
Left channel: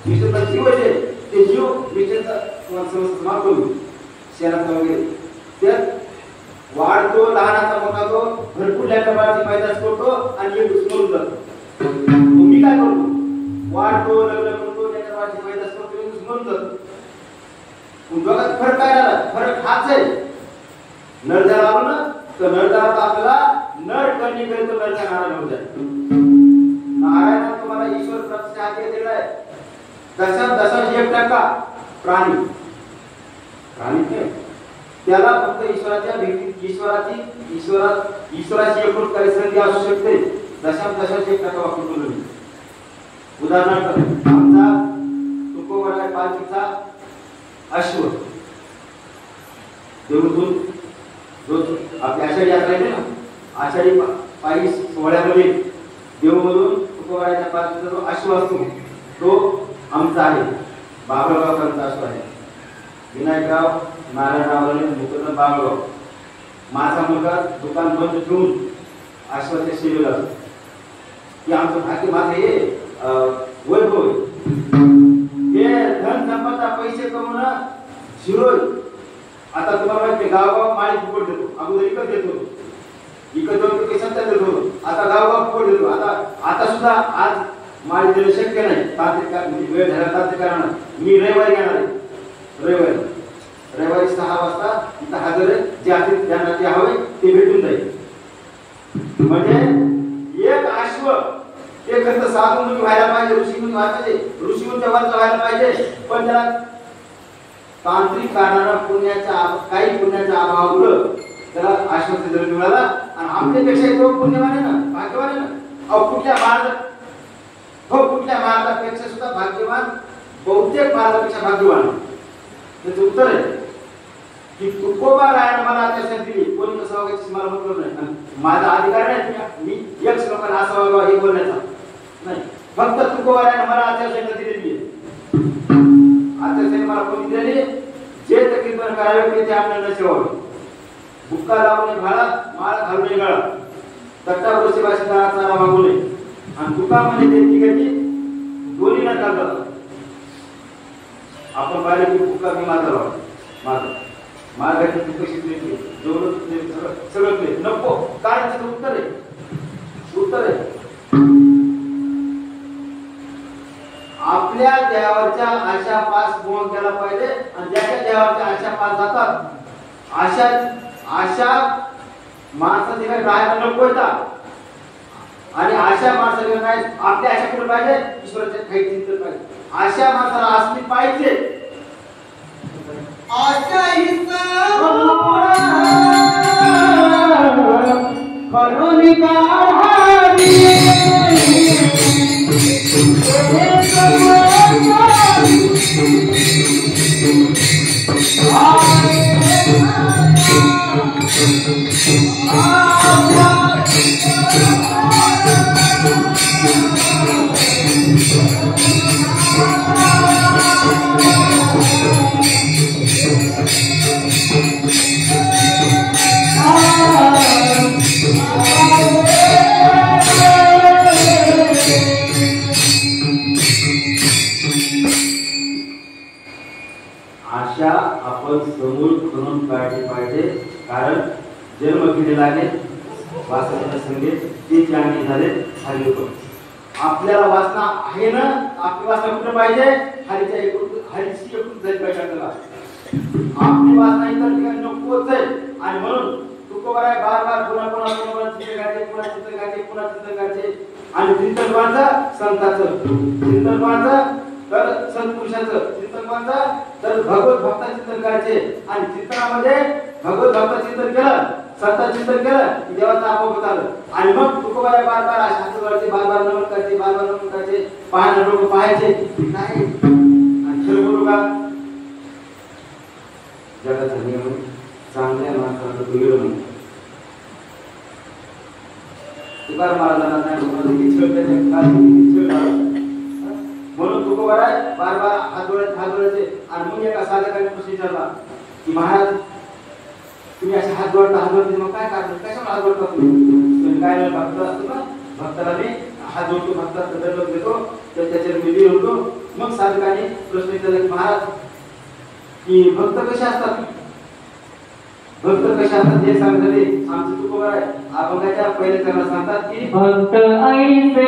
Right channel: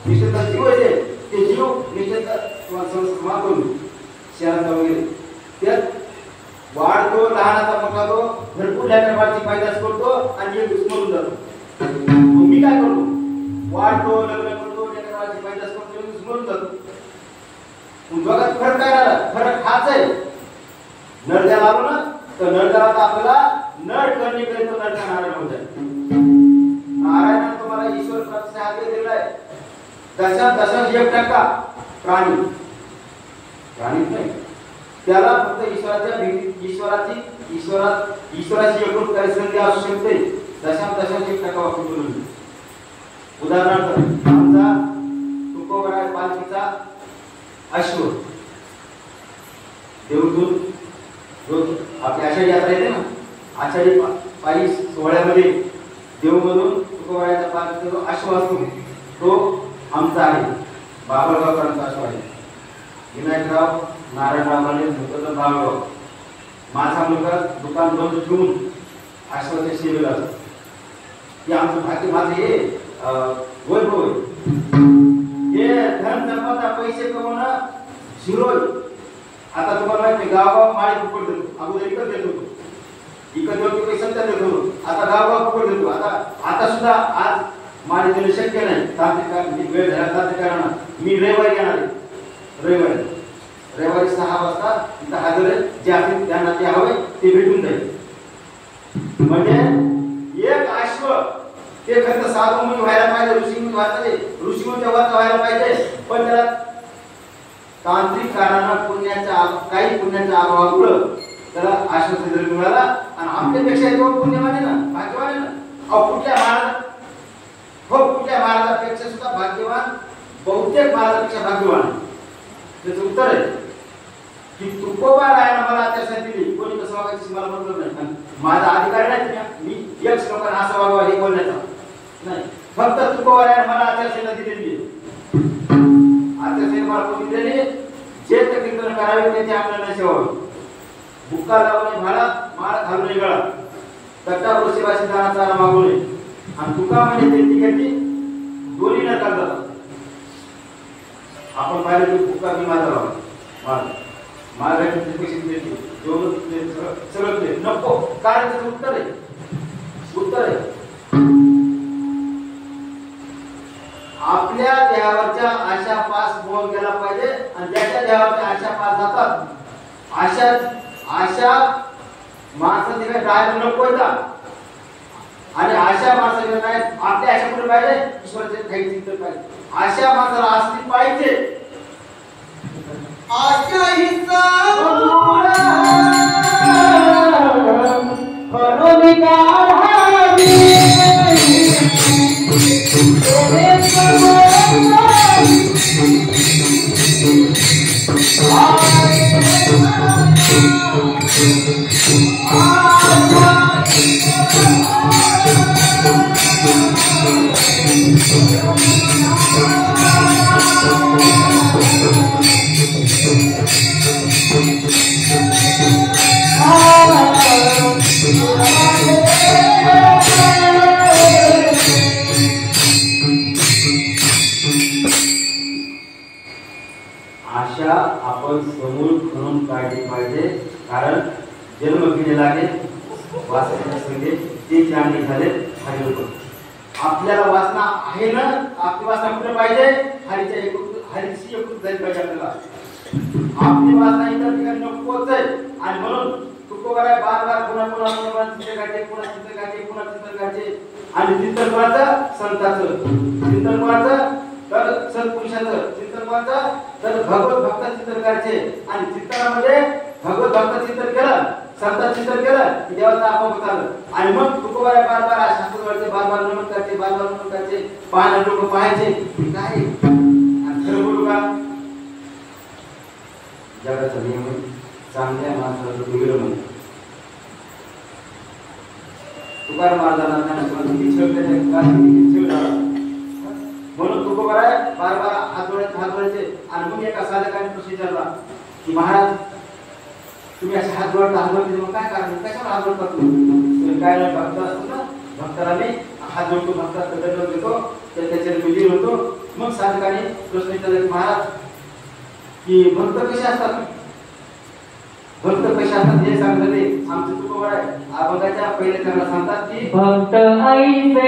निष्ठेचा जीव आहे ते जीव निष्ठेचा समाज करून शहरात वगैरे त्यात वाढतो, लहानाचा मोठा तो भरपूर लेकराची पैदास करतो आणि एक मरून जातो. मी काय करतो? वाढतो, लग्न करतो, लेकराची पैदास करतो, एक मरून जातो. दोघात फरक काय राहिला? फरक हाच आहे. नर ज्याला आलो ना तर नर ज्याला आपल्याला नर करणे केले तो नरचा नारायण होत आहे. नारायण तुम्हाला ईश्वर प्राप्तीचा आदेश दिलाय. दशा 1% प्राणी नाही त्याला फक्त ईश्वराची एकूण परिस्थिती असू शकते. दशा 1% वापरून उदाहरणार्थ आमचा तुकोबरा पालखीचा अश्व आमचा आहे, बाबळगावकरांचा असो आहे, विनायकराव नारायणरावने मुतन बाबळगाव. माझा मुलगा दुकान बंद ठेवून आश्वासन सेवेला असतो. हे आमचं भाग्य, माझं हे वैभव आहे. हे धन संपदा पैसे कमवणं शिरोय. आता तुम्हाला माहिती गावगाव माळी फुकट देतो. अगोदर इकत देत होतो, इकत दोन पैसे देत होतो, आता गावगाव फुकट देतो. आता सुद्धा आज माळी देणं शक्य नाही, तांत्रिक वेळ झाला तांत्रिकांना. मी रविवारी येणार आहे, रविवारी 6 वाजता इथं हजर आहे. जे असेल त्यांना जे हवे ते भेटून जाईल. म्हणजे एक अश्व ते खरं साधू मुनी व्हायला पाहिजे, ऋषी मुनी व्हायला पाहिजे, ऋषी मुनीच्या वरचा व्हायला पाहिजे. पण त्याला तांत्रिक कारणानं काही पुण्याच्या अभावामुळे त्याला आश्वासन जर मिळाला. आणि आमच्यापेक्षा तो पुण्यवान आहे ना, भाग्यवान आहे ना. कुठल्या महाराजापेक्षा सुद्धा भाग्यवान, बहुतेक महाराजापेक्षा भाग्यवान. त्याचं उत्तर आहे की तुकोबा रायानं मला आचारसंहिता दिली, कोणी कसं वागायचं मला मतलब नाही. माझा अधिकार नाही मी एक लोकांना असं वागावं हे बोलण्याचा नाही. फक्त तुकोबा रायानं मला आचारसंहिता दिलेली आहे. आचारसंहिता मला कोणी दिलेली, जे कीर्तन करावे ते आपल्याला सेवावे. बुक्का लावणे भाळा, माळ घालणे गळा, तट्टावर सेवाशी दानाचा मागू नये. आणि तुका म्हणजे देती घेती दोन्ही न चालतात. आपण पाहिलं की बुक्का मी माझा लावा, माझ्या पैसे देते, सगळं नको. कारण त्याचं उत्तर आहे आपल्या देवाच्या आशा पास पूर्ण केला पाहिजे. आणि ज्याच्या देवाच्या आशा पास जातात अशा माणसाने काय राहायला नको होता. आणि अशा माणसाला काय आपल्या आशा कुठे पाहिजे, ईश्वराचे काही चिंतन पाहिजे. अशा माणसाला असली पाहिजे. आशा हिचा करून काढावी आशा आपण समूळ करून काढली पाहिजे. कारण जन्म केलेला आहे वासनेच्या संगीत ते चांगले झाले हरी लोक. आपल्याला वासना आहे ना, आपली वासना कुठे पाहिजे, हरीची एकूण जाईल पाहिजे. आपल्याला आपली वासना इतर ठिकाणी नकोच आहे. आणि म्हणून तुकोबा बार पुन्हा चिंतन काढते. आणि चिंतन कोणाचं, संताचं चिंतन, कोणाचं तर सत्पुरुषाचं चिंतन, कोणाचं तर भगवत भक्ताचं चिंतन करायचे. आणि चिंतनामध्ये भगवत भक्ताचं चिंतन केलं, संतांचं चिंतन केलं की देवाचं आपोआप आलं. आणि मग तुकोबा बार शांत करते, बार नमन करते, पाहणं लोक पाहायचे काय. आणि खरं बोलू का, जगाचा नियम चांगल्या माणसाला दुर्गम म्हणतात. तुकाराम महाराजांना म्हणून तुकोबा बार हात जोडायचे. आणि मग एका साधकाने प्रश्न विचारला की महाराज तुम्ही असे हात जोडता मग काय कारण, कशाला हात जोडता तुम्ही. काय भक्त असतो ना, भक्ताला मी हात जोडतो, भक्ताला दंड देतो, त्याच्यावर मी लिहिल होतो. मग साधकाने प्रश्न विचारला की महाराज की भक्त कसे असतात, हे सांगते. आमचे तुकोबा अभंगाच्या पहिल्या चरणात सांगतात की भक्त ऐसे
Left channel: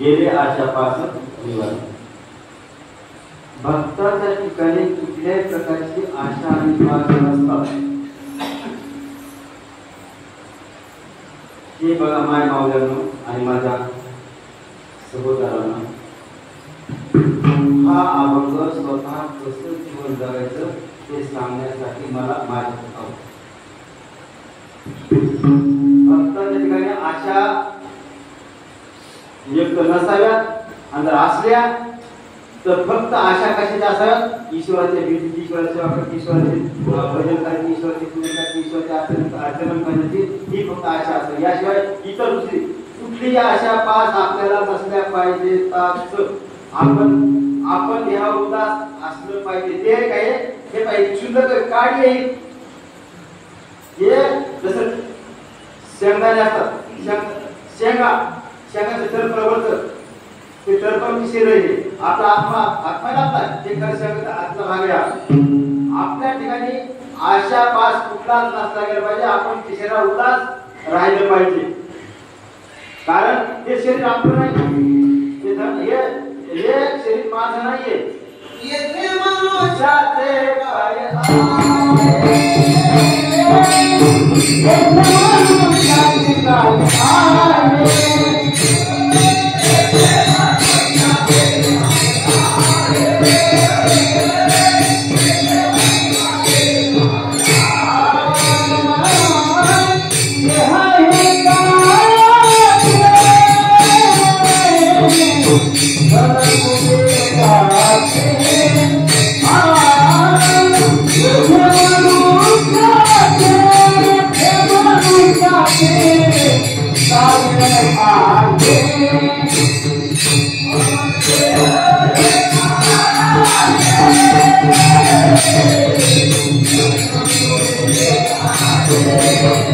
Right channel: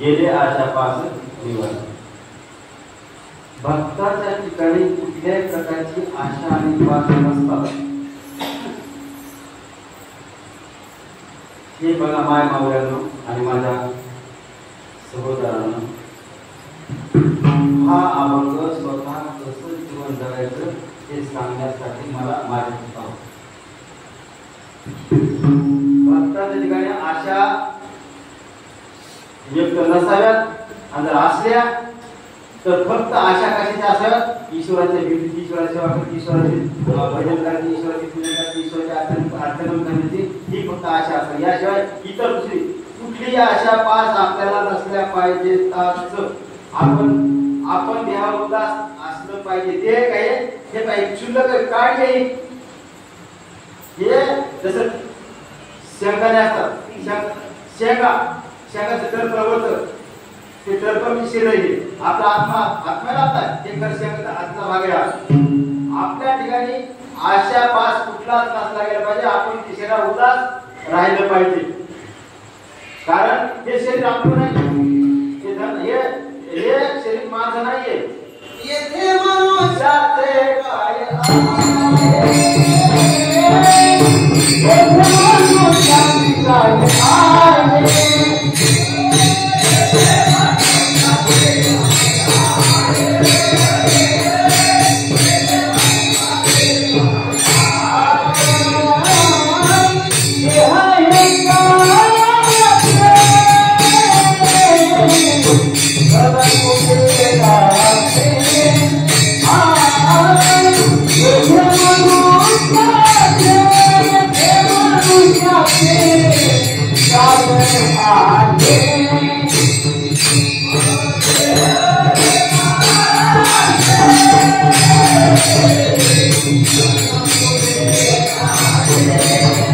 गेले आशापासून निवास. भक्ताच्या ठिकाणी कुठल्याही प्रकारची आशा आणि पास नसतात. हे बघा माय मावल्यांनो आणि माझ्या सहोदरांनो, हा अभंग स्वतः कसं जीवन जगायचं हे सांगण्यासाठी मला माझ्या भक्ताच्या ठिकाणी आशा युक्त नसाव्यात आणि जर असल्या तर फक्त आशा कशाच्या असाव्यात? ईश्वराच्या भेटी, ईश्वराची सेवा करण्याची, ईश्वराचे भजन करण्याची, ईश्वराची पूजा करण्याची, ईश्वराचे अर्चन करण्याची ही फक्त आशा असावी. याशिवाय इतर दुसरी कुठलीही आशा पास आपल्याला नसल्या पाहिजे. आपण देहा उदास असलं पाहिजे. ते काय हे पाहिजे शुद्ध काढ येईल. हे जसं शेंगदाणे असतात, शेंगाचं तर प्रवर्तक ते तरपण शरीर आहे. आपला आत्मा लागतात ते कर शेंगाचा आत्मा भाग आहे. आपल्या ठिकाणी आशा पास कुठलाच नसला गेला पाहिजे. आपण शरीरा उदास राहिलं पाहिजे. कारण हे शरीर आपलं नाही. हे शरीर माझं नाहीये. येथे मनुष्याचे काय Yeah.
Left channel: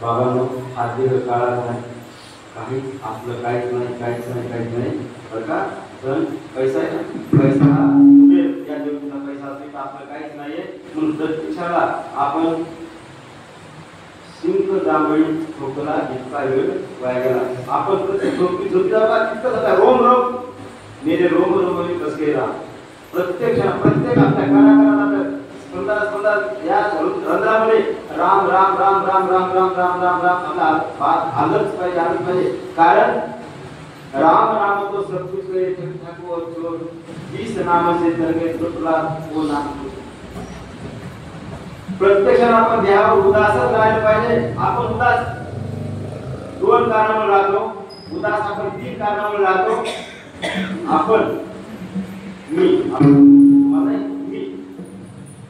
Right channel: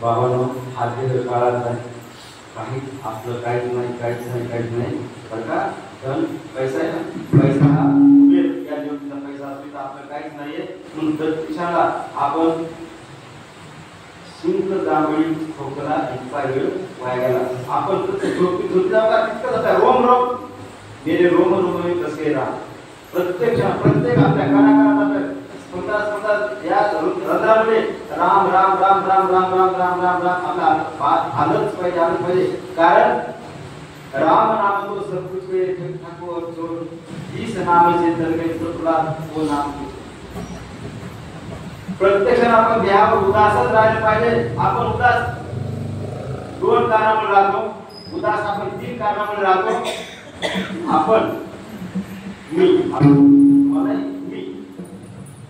बाबांनो हा दीर्घ काळाचा आहे, काहीच आपलं काहीच नाही बरं का. पण पैसा आहे ना, पैसा हा कुबेर या ज्योतीचा पैसा असतो तर आपलं काहीच नाहीये. म्हणून प्रत्यक्षाला आपण सिंक जांभळी खोकला इतका वेळ वाया गेला. आपण झोपीला तितकंच होता. रोम रोम मेरे रोम रोम में कस गेला. प्रत्येक आपल्या कानाकानात आपल्या स्पंदात या रंध्रामध्ये राम राम राम राम राम राम राम राम राम आपला आलंच पाहिजे. कारण राम नाम तो सब कुछ के ठाकुर जो जिस नाम से तर गए तुला वो नाम. प्रत्येक जण आपण देहावर उदासच राहिले पाहिजे. आपण उदास 2 कारणामुळे राहतो. उदास आपण 3 कारणामुळे राहतो. आपण मी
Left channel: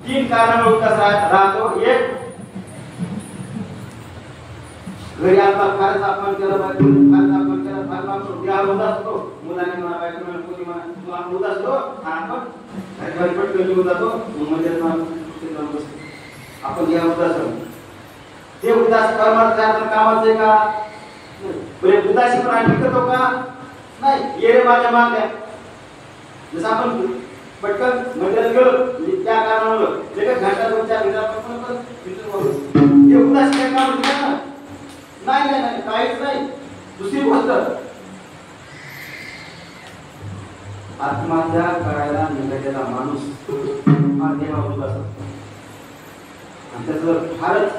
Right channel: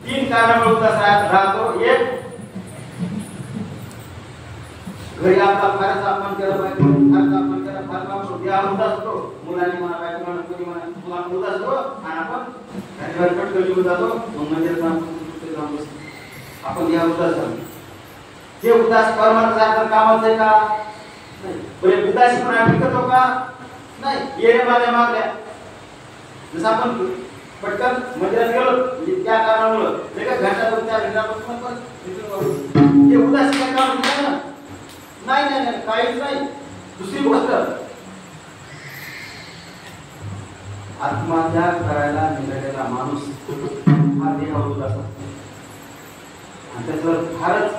3 कारणामुळे उदास राहतो. एक, घरी आता फारच आपण केलं पाहिजे, फार काम सोडून देहावर उदास असतो. मुलाने म्हणा, बायको म्हणा, कोणी म्हणा, तुला आपण उदास असतो आणि आपण घरी पटकन निघून जातो. मग मंदिरात जाऊन बसतो. आपण देहा उदास ते उदास परमार्थाच्या कामाचं आहे का? नाही. बरे उदासी पण आम्ही करतो का? नाही. ये रे माझ्या मागल्या जसं आपण पटकन मंदिरात गेलो त्या कारणामुळे एका घंटा 2-4 घंटा पण ते उदासी काय काम दिलं ना? नाही काहीच नाही. दुसरी गोष्ट, आत्महत्या करायला निघालेला माणूस हा देहावर उदास असतो आणि त्याच्यावर फारच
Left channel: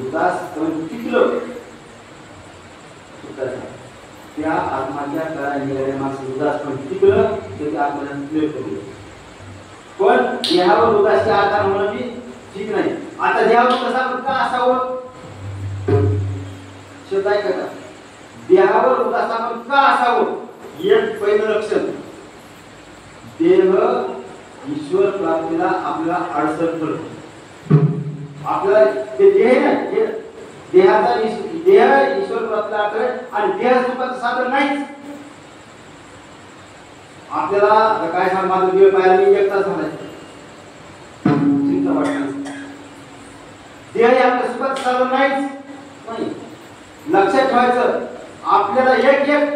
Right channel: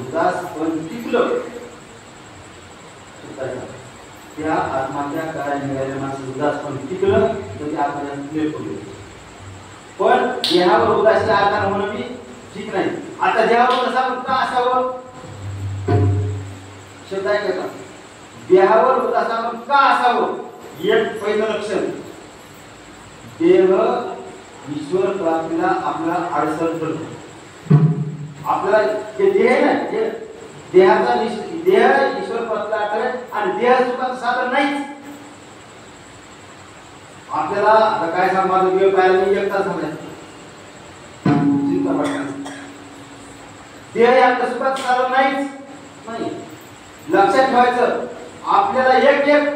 उदास पण टिकलं. त्या आत्महत्या करायला निघालेल्या माणूस उदास पण टिकलं तर ते आत्महत्या क्लिअर करू. पण देहावर उदासी आकार म्हणून मी ठीक नाही. आता देहावर उदास आपण का असावं? शब्द आहे का? देहावर उदास आपण का असावं? एक पहिलं लक्षण, देह ईश्वर प्राप्तीला आपल्याला अडचण करतो. आपला ते देह नाही, देहाचा देह ईश्वर प्राप्तीला अडचण आणि देह सुखाचं साधन नाहीच. आपल्याला आता काय सांग, माझं देह पाहायला मी 1 तास झालाय, चिंता वाटते. देह हे आपल्या सुखाचं साधन नाहीच. नाही, लक्षात ठेवायचं. आपल्याला एक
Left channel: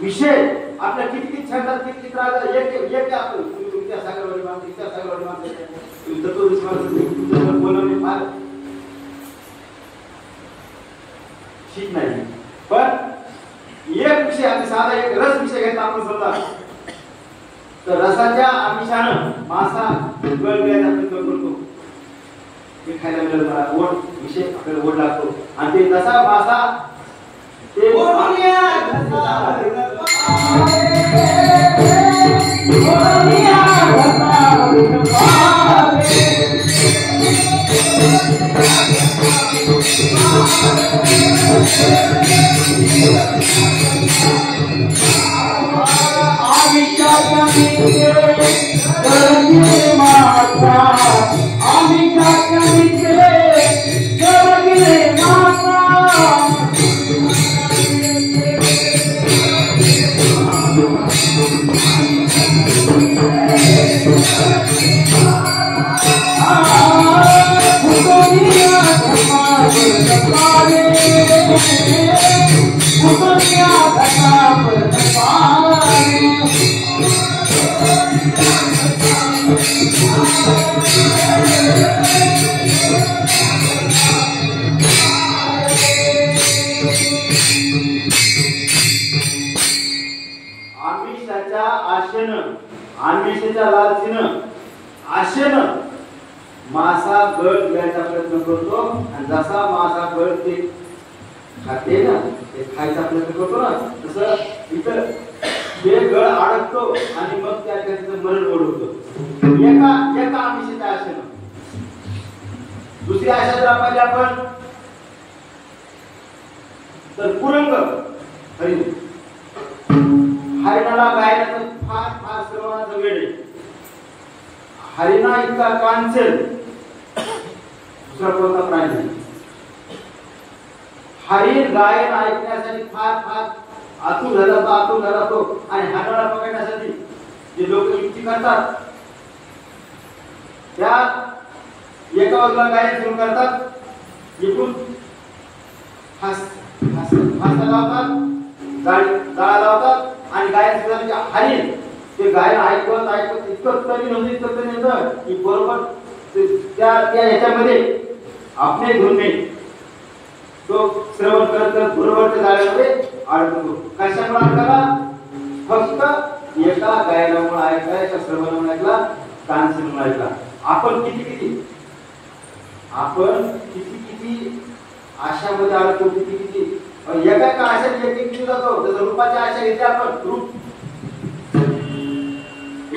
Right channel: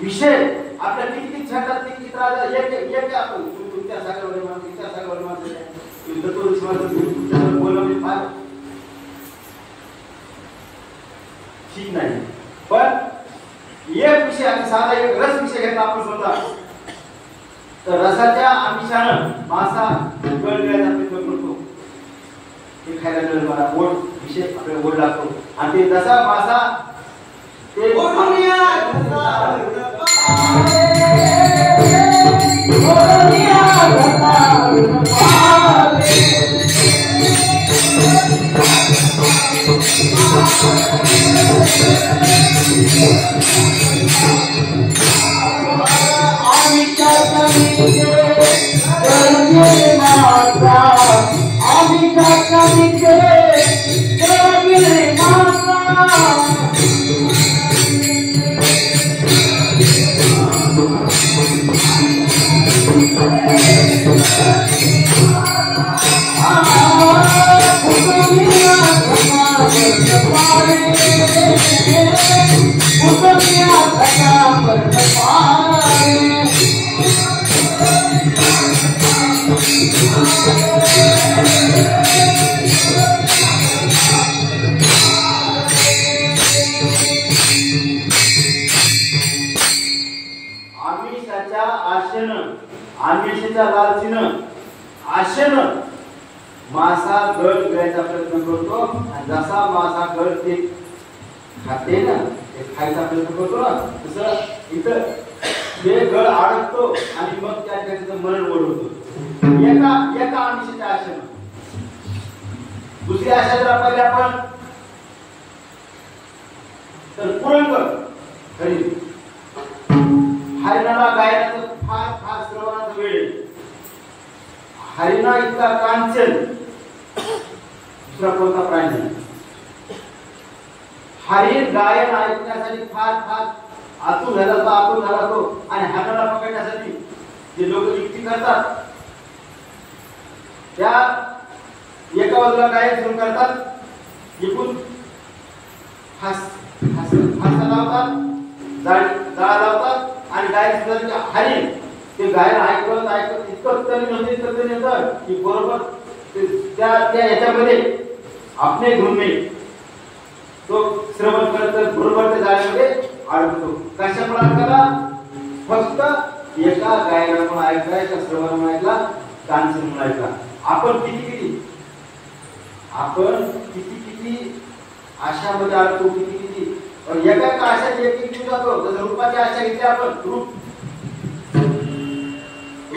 विषय आपल्या किती छंदात किती त्रास एक आपण तुमच्या सागरवाडी माणसं तुमच्यावर बोलवणे फार ठीक नाही. पण एक विषय आणि साधा एक रस विषय घेतला आपण समजा तर रसाच्या आमिषानं मासा गळगळायचा प्रयत्न करतो. ते खायला मिळेल मला ओढ विषय आपल्याला ओढ लागतो आणि ते जसा मासा ते आमिषाच्या लालचीनं आशेनं मासा गळ घ्यायचा प्रयत्न करतो आणि जसा मासा गळ ते खाते ना, ते खायचा प्रयत्न करतो ना, तसं इथं ते गळ अडकतो आणि मग त्या त्याचं मरण ओढवतो एका आमिषाच्या आशेनं. दुसरी आशा जर पाहिली आपण तर कुरंग हरिण. हरिणाला गायनाचं फार फार श्रवणाचं वेळ. हरिणा इतका कांचन दुसरा कोणता प्राणी नाही. हरिण गायन ऐकण्यासाठी फार फार आतुर झाला तो आणि हरिणाला पकडण्यासाठी जे लोक युक्ती करतात त्या एका बाजूला गायन सुरू करतात एकूण फासा लावतात, जाळ लावतात आणि गायचे हरिण ते गायला ऐकत ऐकत इतकं तरी येतं की बरोबर त्या ह्याच्यामध्ये आपले धुणे तो श्रवण करत बरोबर त्या जाळ्यामध्ये अडकतो. कशामुळे अडकला? फक्त एका गायनामुळे ऐकला, एका श्रवणामुळे ऐकला, कानसमुळे ऐकला. आपण किती आशामध्ये अडकतो, किती एका आशात एक जीव जातो. जसं रूपाची आशा घेतली आपण,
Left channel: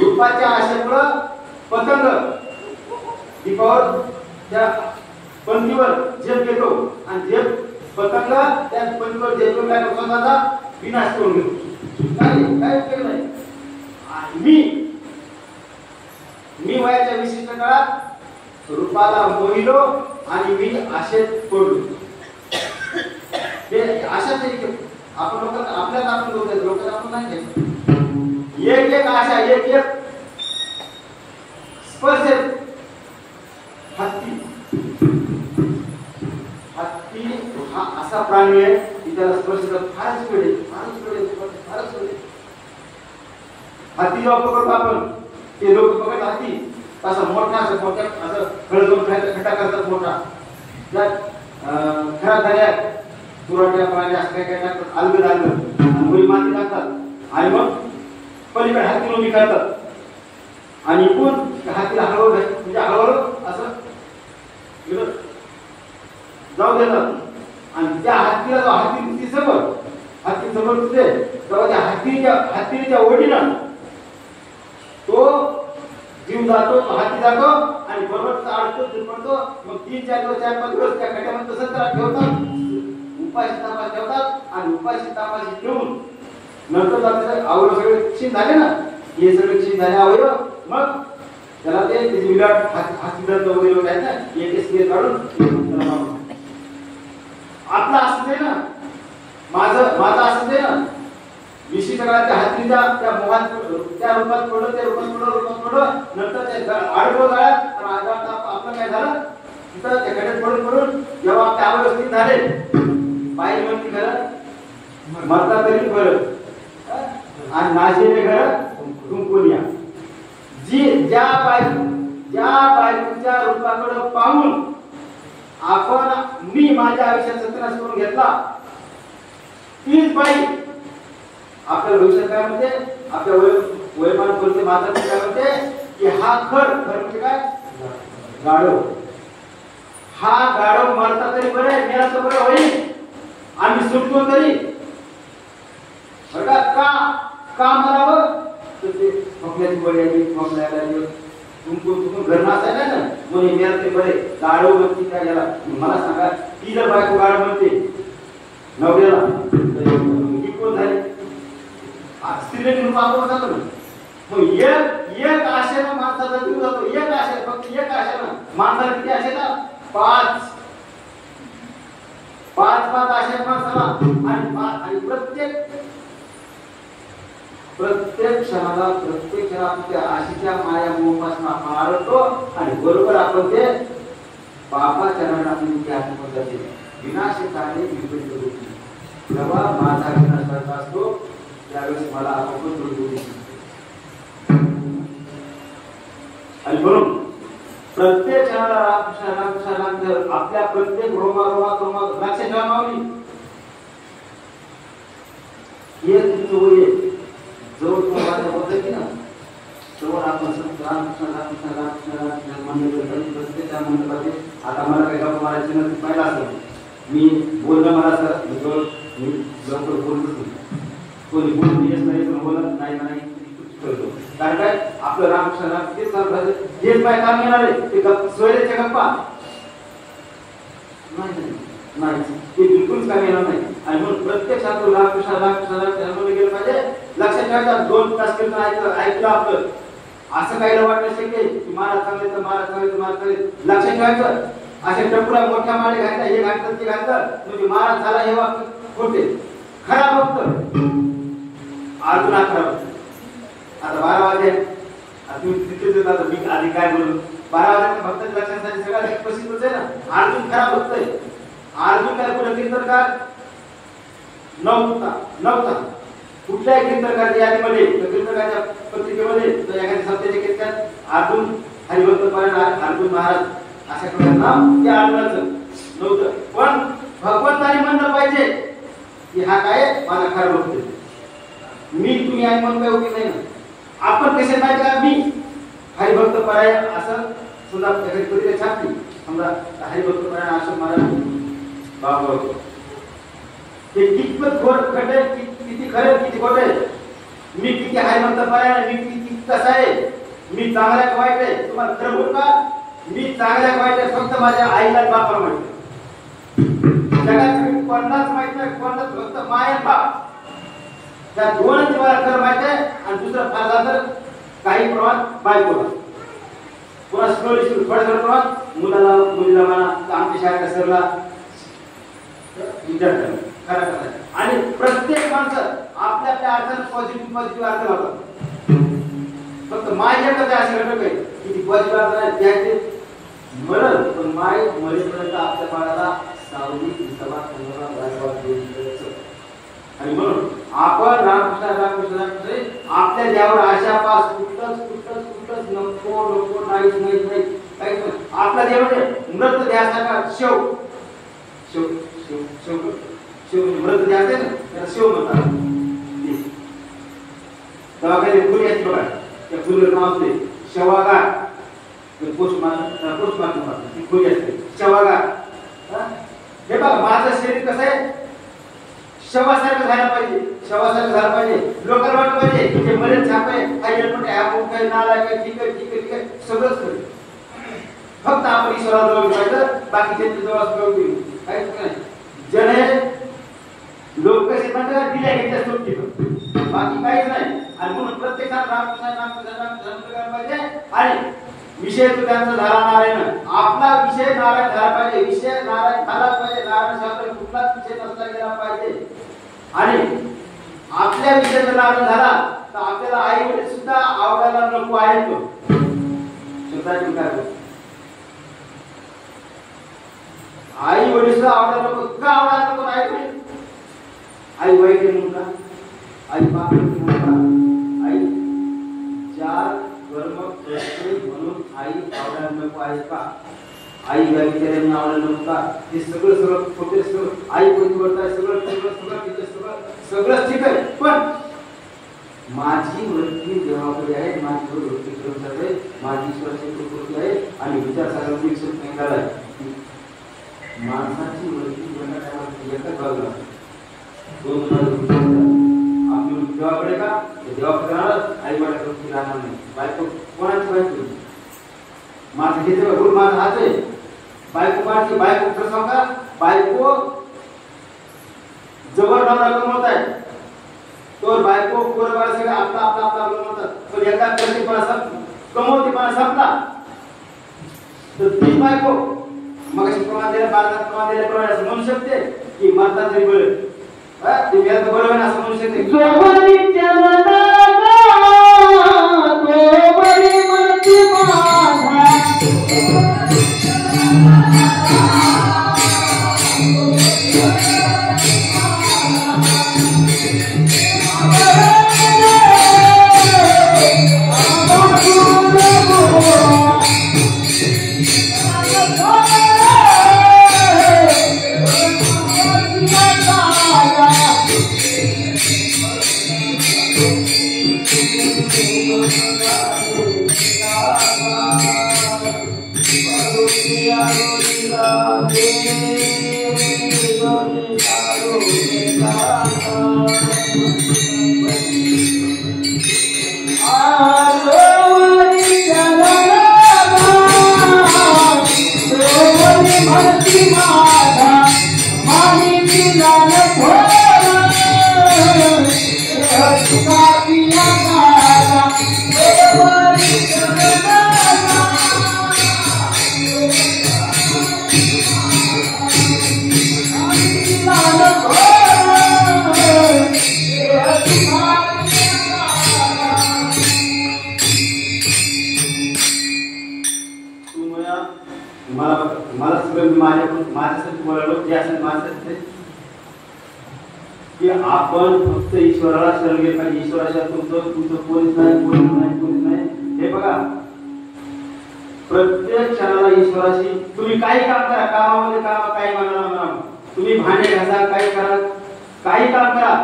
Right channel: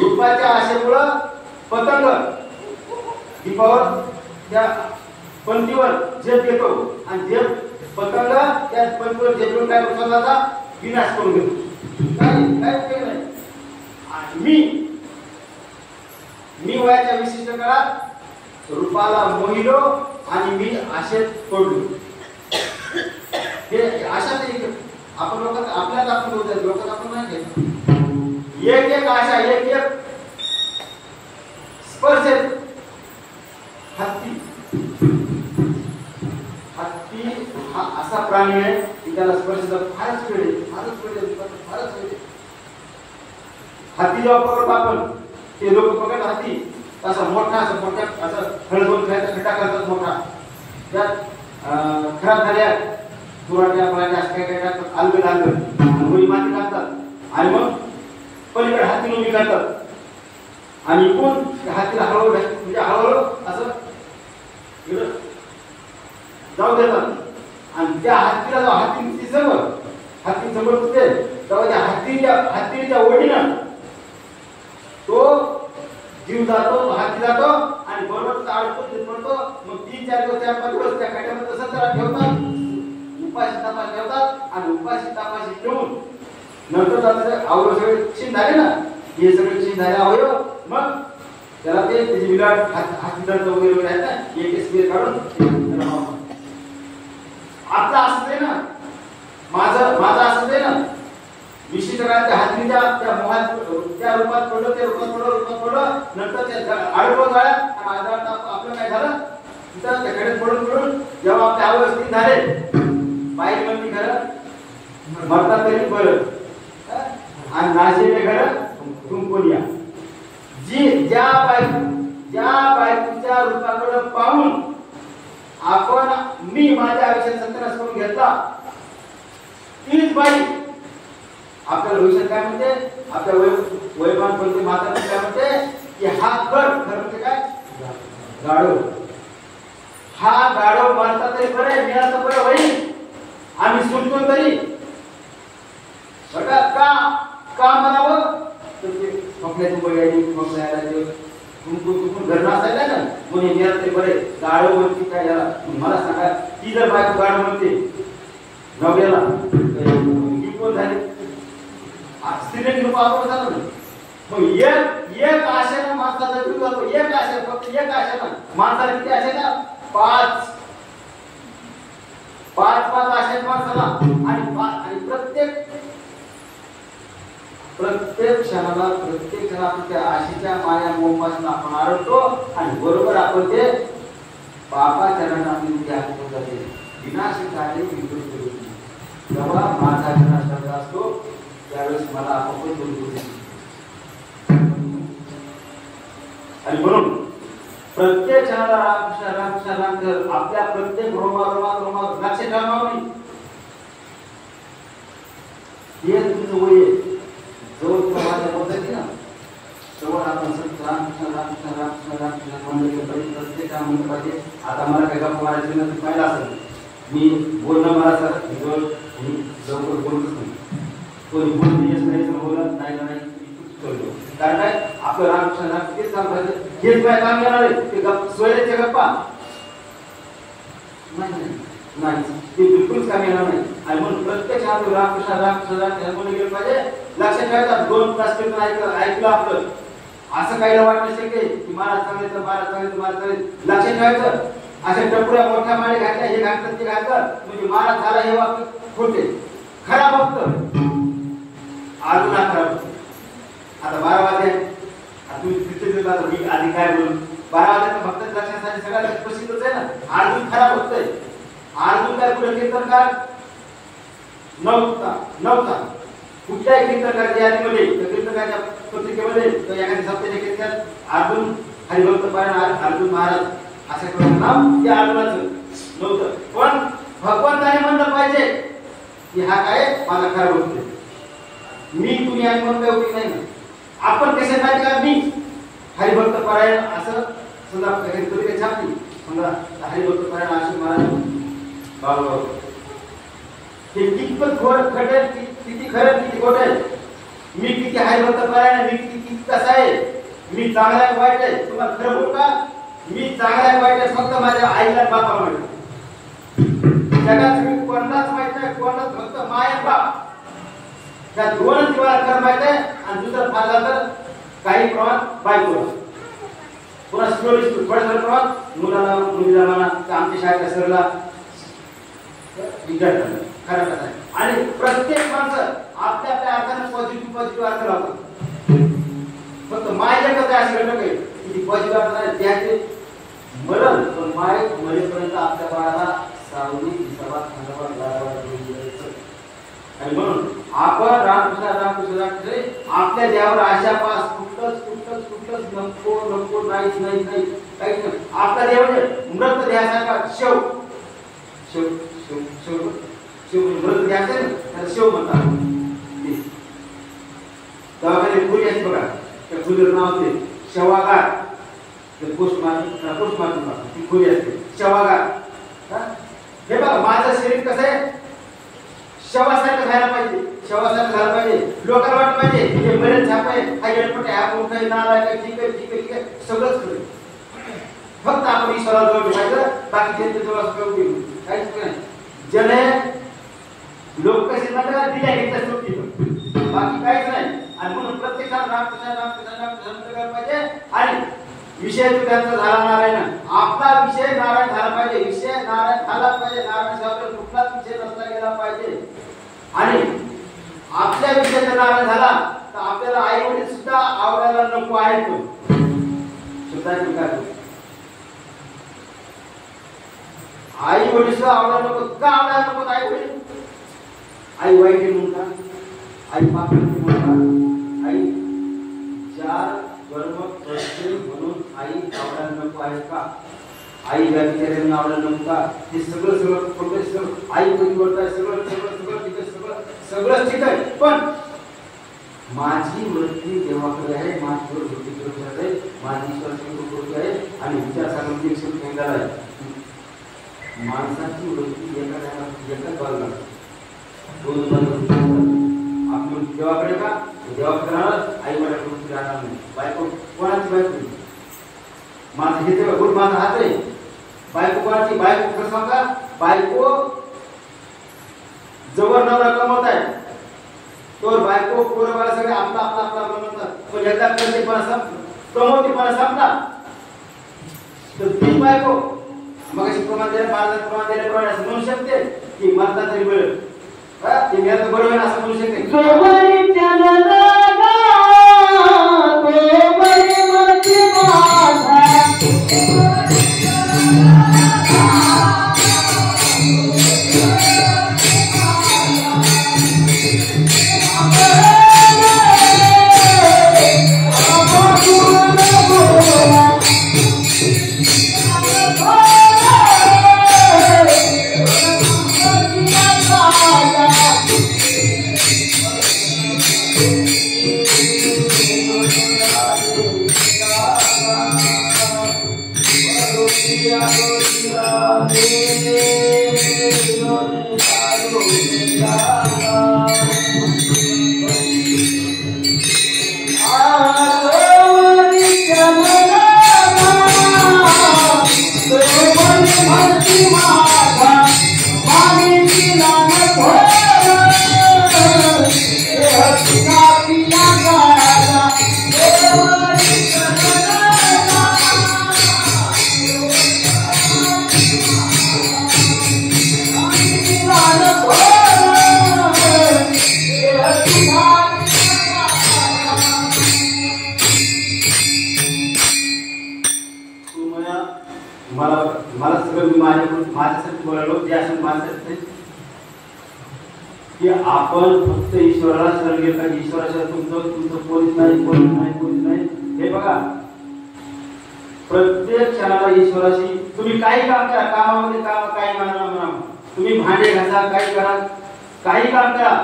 रूपाच्या आशेमुळं पतंग दीपावर त्या पंथीवर झेप घेतो आणि झेप पतंग त्या पंथीवर झेप घेऊन काय करतो? आता विनाश करून घेतो. काय उपयोग नाही. मी वयाच्या विशिष्ट काळात रूपाला मोहिलो आणि मी आशेत पडलो. हे आशाच आपण लोक आपल्याला आपण लोकांना आपण नाही घ्यायचं. एक आशा, एक स्पर्श. हत्ती हा असा प्राणी आहे की त्याला स्पर्श फारच वेळ हत्ती जेव्हा पकडतो आपण, ते लोक पकडतात हत्ती असा मोठा असं हळदोन खड्डा करतात मोठा, त्यात खरा धड्या पुराट्या प्राणी असं काय टाकतात, अलगद आणि माती टाकतात आणि मग पलीकडे हत्ती उभी करतात आणि कोण हत्तीला हळूहळू म्हणजे हळूहळू असं जाऊ देतात. आणि त्या हत्तीला जो हत्ती समोर तुझे तेव्हा त्या हत्तीच्या ओढीनं तो जीव जातो, तो हाती जातो आणि बरोबर अडकतो पडतो. मग 3-4 दिवस 4-5 दिवस त्या खड्ड्यामध्ये तसंच त्याला ठेवतात, उपाशी तापाशी ठेवतात आणि उपाशी तापाशी ठेवून नंतर त्याचे अवयव सगळे क्षीण झाले ना, हे सगळे क्षीण झाले अवयव, मग त्याला ते त्याची विराट हस्तिदंत वगैरे आहेत ना, एक काढून आपला असं आहे ना, माझं असं आहे ना, विशिष्ट काळात त्या हत्तीच्या त्या मोहात त्या रूपात पडलं, त्या रूपात पडलं, नंतर ते आडवं जाळ्यात आणि आपलं काय झालं तिथं त्या खड्यात पडून जेव्हा आपले अवयव स्थिर झाले, पाहिजे म्हणजे खरं मरता तरी बरं आणि नाशेले घर कुंकुनिया. ज्या बायकोच्या रूपाकडे पाहून आपण मी माझ्या आयुष्यात सत्यानाश करून घेतला, तीच बाई आपल्या भविष्यात काय म्हणते, आपल्या वयमान बोलते, माता काय म्हणते की हा खर म्हणजे काय, गाढव. हा गाढव मरता तरी बरे, मिळालं बरे होईल, आम्ही सुटतो तरी बघा का म्हणावं, तर ते खोकल्याची बळी आली, खोकल्याला तुमचं घर नसायला ना म्हणून मिळालं तरी बरे. गाढव म्हणते काय याला, मला सांगा, ती जर बायको गाढव म्हणते नवऱ्याला ही कोण झाली, स्त्रीने रूप आपण झालं ना. मग एक आशेनं माणसाचा जीव जातो, एक आशेनं, फक्त एक आशेनं. माणसाला किती आशे ना, 5 आशे माणसाला. आणि प्रत्येक क्षणाला आपण त्या आशेच्या माया मोहापासून आपण आळतो आणि बरोबर आपण ते बाबा चरणामध्ये ध्यान करतो. विनाशकारी विपरीत जेव्हा माझा विनाश करत असतो त्यावेळेस मला आपण बोलतो. आणि म्हणून प्रत्येक क्षणाला रामकृष्ण आपल्या प्रत्येक रोमात लक्ष ठेवा. हे तुमचं वय आहे. जवळ तुम्हाला बोलत की ना, जवळ आपण रामकृष्ण म्हणलं पाहिजे, प्रत्येक काम म्हणलं पाहिजे. आता मला काही गप्पा मारायची नसती पाहिलं असेल, मी बोलणं मला असं मी लवकर बोलतच नाही. कोणी बोलत नाही ठेवतो. कारण काय आपलं रामकृष्ण तेच सांगतात, हेच काय काम येणार आहे ते सोयऱ्याचे गप्पा नाही, ते बिलकुलच काम येणार नाही. आणि म्हणून प्रत्येक शास्त्र रामकृष्ण गेलं पाहिजे. लक्षात ठेवायचा, 2 तास कीर्तन ऐकलं आपलं, असं काही वाटणं शक्य की महाराज चांगले. लक्षात ठेवायचं, अशा टपुऱ्या मोठ्या माळे घातल्या, हे घातलं ते घातलं म्हणजे महाराज झाला हे वाक्य खोटे. खरा भक्त अजून खरा. आता 12 वाजले, तुम्ही तिथे मी आधी काय बोलू, 12 वाजता भक्त लक्षात सगळ्या प्रसिद्धच आहे ना, अजून खरा भक्त आहे. अर्जुन काय पुढे कीर्तनकार नव्हता कुठल्याही कीर्तनकाच्या यादीमध्ये कीर्तनकाच्या पत्रिकेमध्ये एखाद्या सप्त्याच्या कीर्तनात अर्जुन हरिभक्त परायण अर्जुन महाराज अशा प्रकारचं नाव त्या अर्जुनाचं नव्हतं. पण भगवंताने म्हणलं पाहिजे की हा काय माझा खरा भक्त आहे. मी तुम्ही आणि म्हणून काही उपयोग नाही. आपण कसे माहिती का मी हरिभक्त परायण असं समजा एखादी पत्रिका छापली समजा हरिभक्त परायण अशोक महाराज बाबा ते कितपत खरं आहे किती खरं किती खोटं आहे. मी किती हरिभक्त परायण मी किती कसा आहे मी चांगला आहे वाईट आहे तुम्हाला खरं बोल का मी चांगला आहे वाईट आहे फक्त माझ्या आईला बापाला माहिती. जगात मी कोणालाच माहित नाही कोणालाच फक्त माय बाप त्या दोनच जीवाला खरं माहित आहे आणि दुसरं फार झालं काही प्रमाण बायकोला पुन्हा स्लोली थोड्या प्रमाण मुलीला म्हणा आमच्या शाळेच्या सरला विद्यार्थ्यांना खरं कसं आहे. आणि प्रत्येक माणसं आपल्या आपल्या अर्थाने पॉझिटिव्ह अर्थ लावतात. फक्त माय एकच आहे असं घटक आहे की पॉझिटिव्ह अर्थ नाही त्याचे मरण पण माय मरेपर्यंत आपल्या बाळाला सावली विसावा धन्यवाद गारवा देऊन द्यायचं. आणि म्हणून आपण रामकृष्ण आपल्या देवावर आशा पास कुठलंच नको नाहीच काहीच नाही. आपला देव मृत ध्यासारखा शेव मृत ध्यास आहे ना त्याला शेव म्हणतात. दवाखान्यात खोली असते बघा त्या खोलीवर नाव ते शवागार पोस्टमार्टम ती खोली असते शवागार. हे बघा माझं शरीर कसं आहे शवासारखं झालं पाहिजे लोकांना वाटलं पाहिजे की मरण छाप आहे हा एअरपोर्ट ॲप काही नाला काय ठीक आहे सगळंच करेल. फक्त आपण ईश्वराजवळ पाहिजे बाकीचे जवळ काहीच नाही. जने लोक कसे म्हणतात दिल्या घेतल्या सोडती बाकी काहीच नाही. आणि म्हणून प्रत्येकाला रामकृष्ण पाहिजे. आणि विषय तो त्यांचा झाला नारायण आपला विषय नारायण झाला पाहिजे. विषय नारायण झाला पाहिजे. नारायण साहेब कुठलाच विषय नसला गेला पाहिजे. आणि आपल्या विषय जर नारायण झाला तर आपल्याला आई वडील सुद्धा आवडायला नको आहेत. आई वडील सुद्धा आवडायला नको का आवडायला नको आई वडील आई वाईट आहे म्हणून का आई पाप म्हणून का आई चार वर्म म्हणून आई आवडायला नको आहे का आई व्याविचारे म्हणून आवडायला नको का. हे सगळं छोटे सगळं आई कोणी करताय सगळं ठीक आहे. पण माझी वृत्ती देवाकडे आहे माझी वृत्ती कडे आहे माझी ईश्वराची आहे आणि विचार सागराची विकसित आहे. माणसाची वृत्ती एका बाजूला दोन आपली वृत्ती देवाकडे का देवाकडे राहणार आई वडिलांची वृत्ती राहणार नाही. बायको कोणाची बायको माझा घेते गुरु माझा हात आहे. बायको कोणाची बायको खरं सांगा बायको जवळ नवरा कमवत आहे तो बायको पोरं बाळ सगळे आपला बनवतात. तो एकदा कमवतीपणा संपला तर ती बायको मग अशी प्रमाण दिल्याप्रमाणे असं म्हणू शकते की मरता तरी बरं ते मेला तर बरोबर असं म्हणू शकते. मला सगळं मी माझ्यासाठी बोलालो जे असेल माझ्यासाठी की आपण फक्त ईश्वराला शरण गेलं पाहिजे. ईश्वराशिवाय तुमचं कोणीच नाही. हे बघा, प्रत्येक क्षणाला ईश्वराशी तुम्ही काही काम करा, कामामध्ये काम काही म्हणा, तुम्ही भांडे घासा, काही करा, काही काम करा.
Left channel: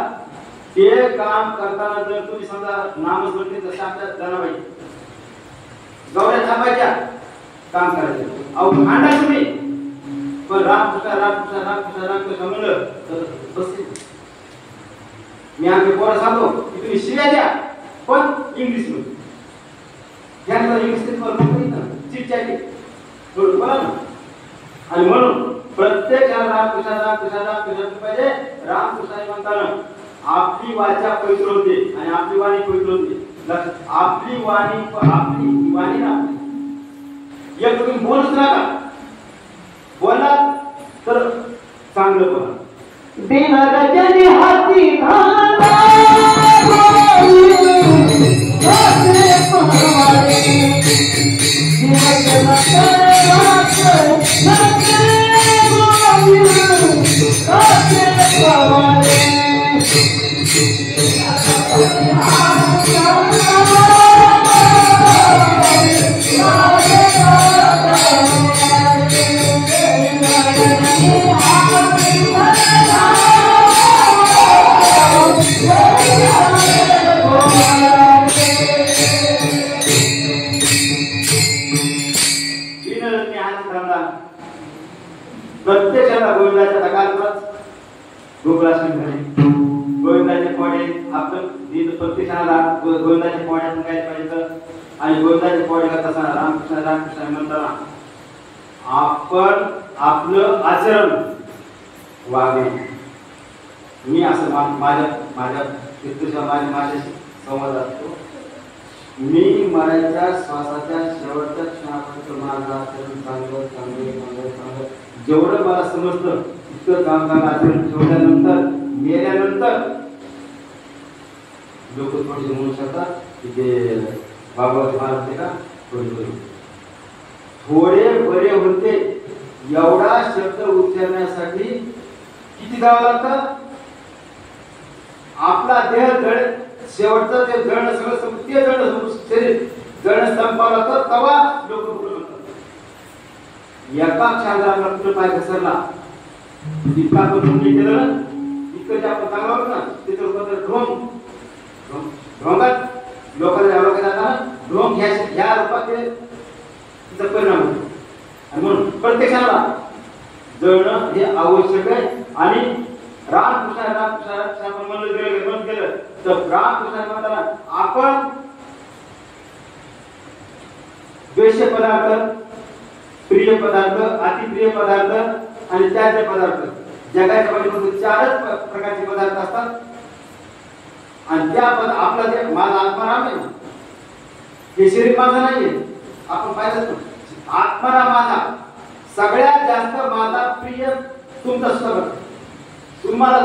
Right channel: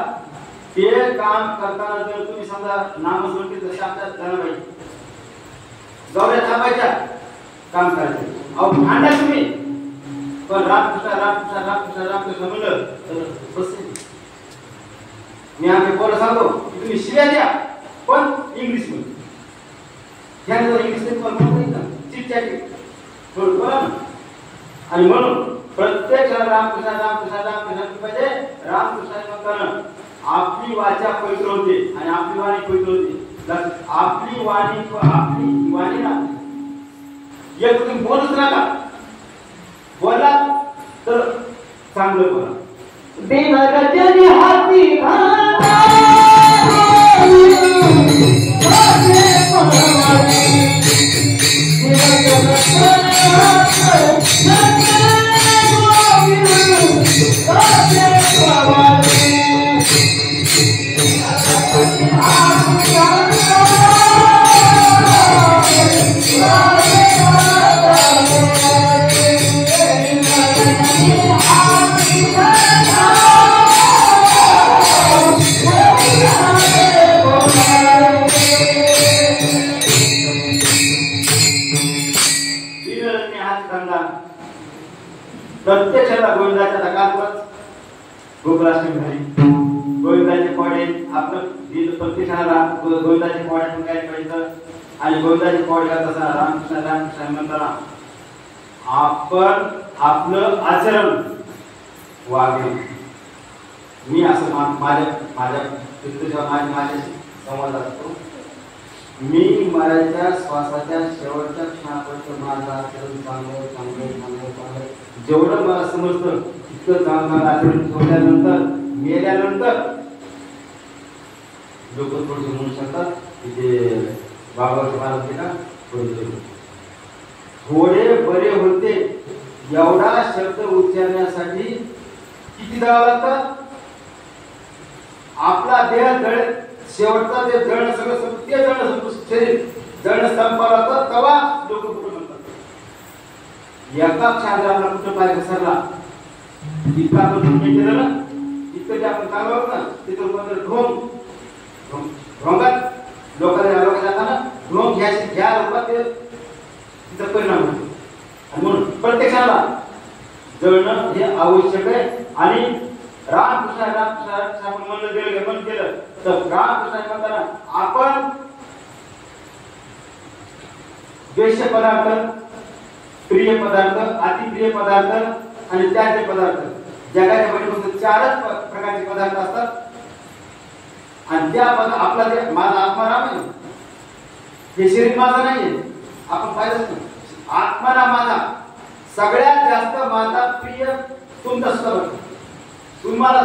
ते काम करताना जर तुम्ही समजा नामस्मरण जसं आमच्या जनाबाई गौऱ्या थांबायच्या काम करायचं, अहो भांडा तुम्ही पण रामकृष्ण म्हणलं तर बसेल. मी आमच्या पोरं सांगतो की तुम्ही शिव्या द्या पण इंग्लिश मध्ये बोला ना. आणि म्हणून प्रत्येक रामकृष्ण पाहिजे. रामकृष्ण म्हणताना आपली वाचा पवित्र होते आणि आपली वाणी पवित्र होते. आपली वाणी ना एक तुम्ही बोलूच नका, बोला तर चांगलं बोला. बिनरजनी हाती घाला प्रत्यक्षाला गोविंदाच्या दकालच गोकुळाष्टमी झाली. गोविंदाचे पोळे आपलं प्रत्यक्षाला गोविंदाचे पोळ्यातून काय करायचं आणि गोविंदाचे पोळे करत असताना रामकृष्ण म्हणताना आपण आपलं आचरण वागे. मी असं माझ्या माझ्याशी संवाद असतो. मी मरायच्या श्वासाच्या शेवटच्या क्षणापर्यंत माझं आचरण चांगलं जेवढं मला समजतं तितकं चांगलं आचरण ठेवल्यानंतर मेल्यानंतर लोक थोडे म्हणू शकतात की ते बाबाचे महाराज का थोडे बरे होते. एवढा शब्द उच्चारण्यासाठी किती जावं लागतं? आपला देह जळ शेवटचा ते जळणं सगळं ते जळणं शरीर जळणं संपवलं तर तवा लोक कुठं म्हणतात. एका क्षणात आपला कुठं पाय घसरला इतका आपण केलं ना, इतकं ते आपण चांगलं होतं ना, तिथं कोणतं ढोंगात लोकांना जाताना ढोंग ह्या रूपात ते तिचा परिणाम होतो. आणि म्हणून प्रत्यक्षाला जळणं हे आवश्यक आहे. आणि रामकृष्ण आपण म्हणलं केलं तर रामकृष्ण म्हणताना आपण द्वेष्य पदार्थ, प्रिय पदार्थ, अतिप्रिय पदार्थ आणि त्याज्य पदार्थ, जगाच्या मध्ये चारच प्रकारचे पदार्थ असतात. आणि त्या आपला जे माझा आत्माराम आहे, हे शरीर माझं नाहीये. आपण पाहिलं आत्माराम माझा सगळ्यात जास्त माझा प्रिय तुमचा स्वतः. तुम्हाला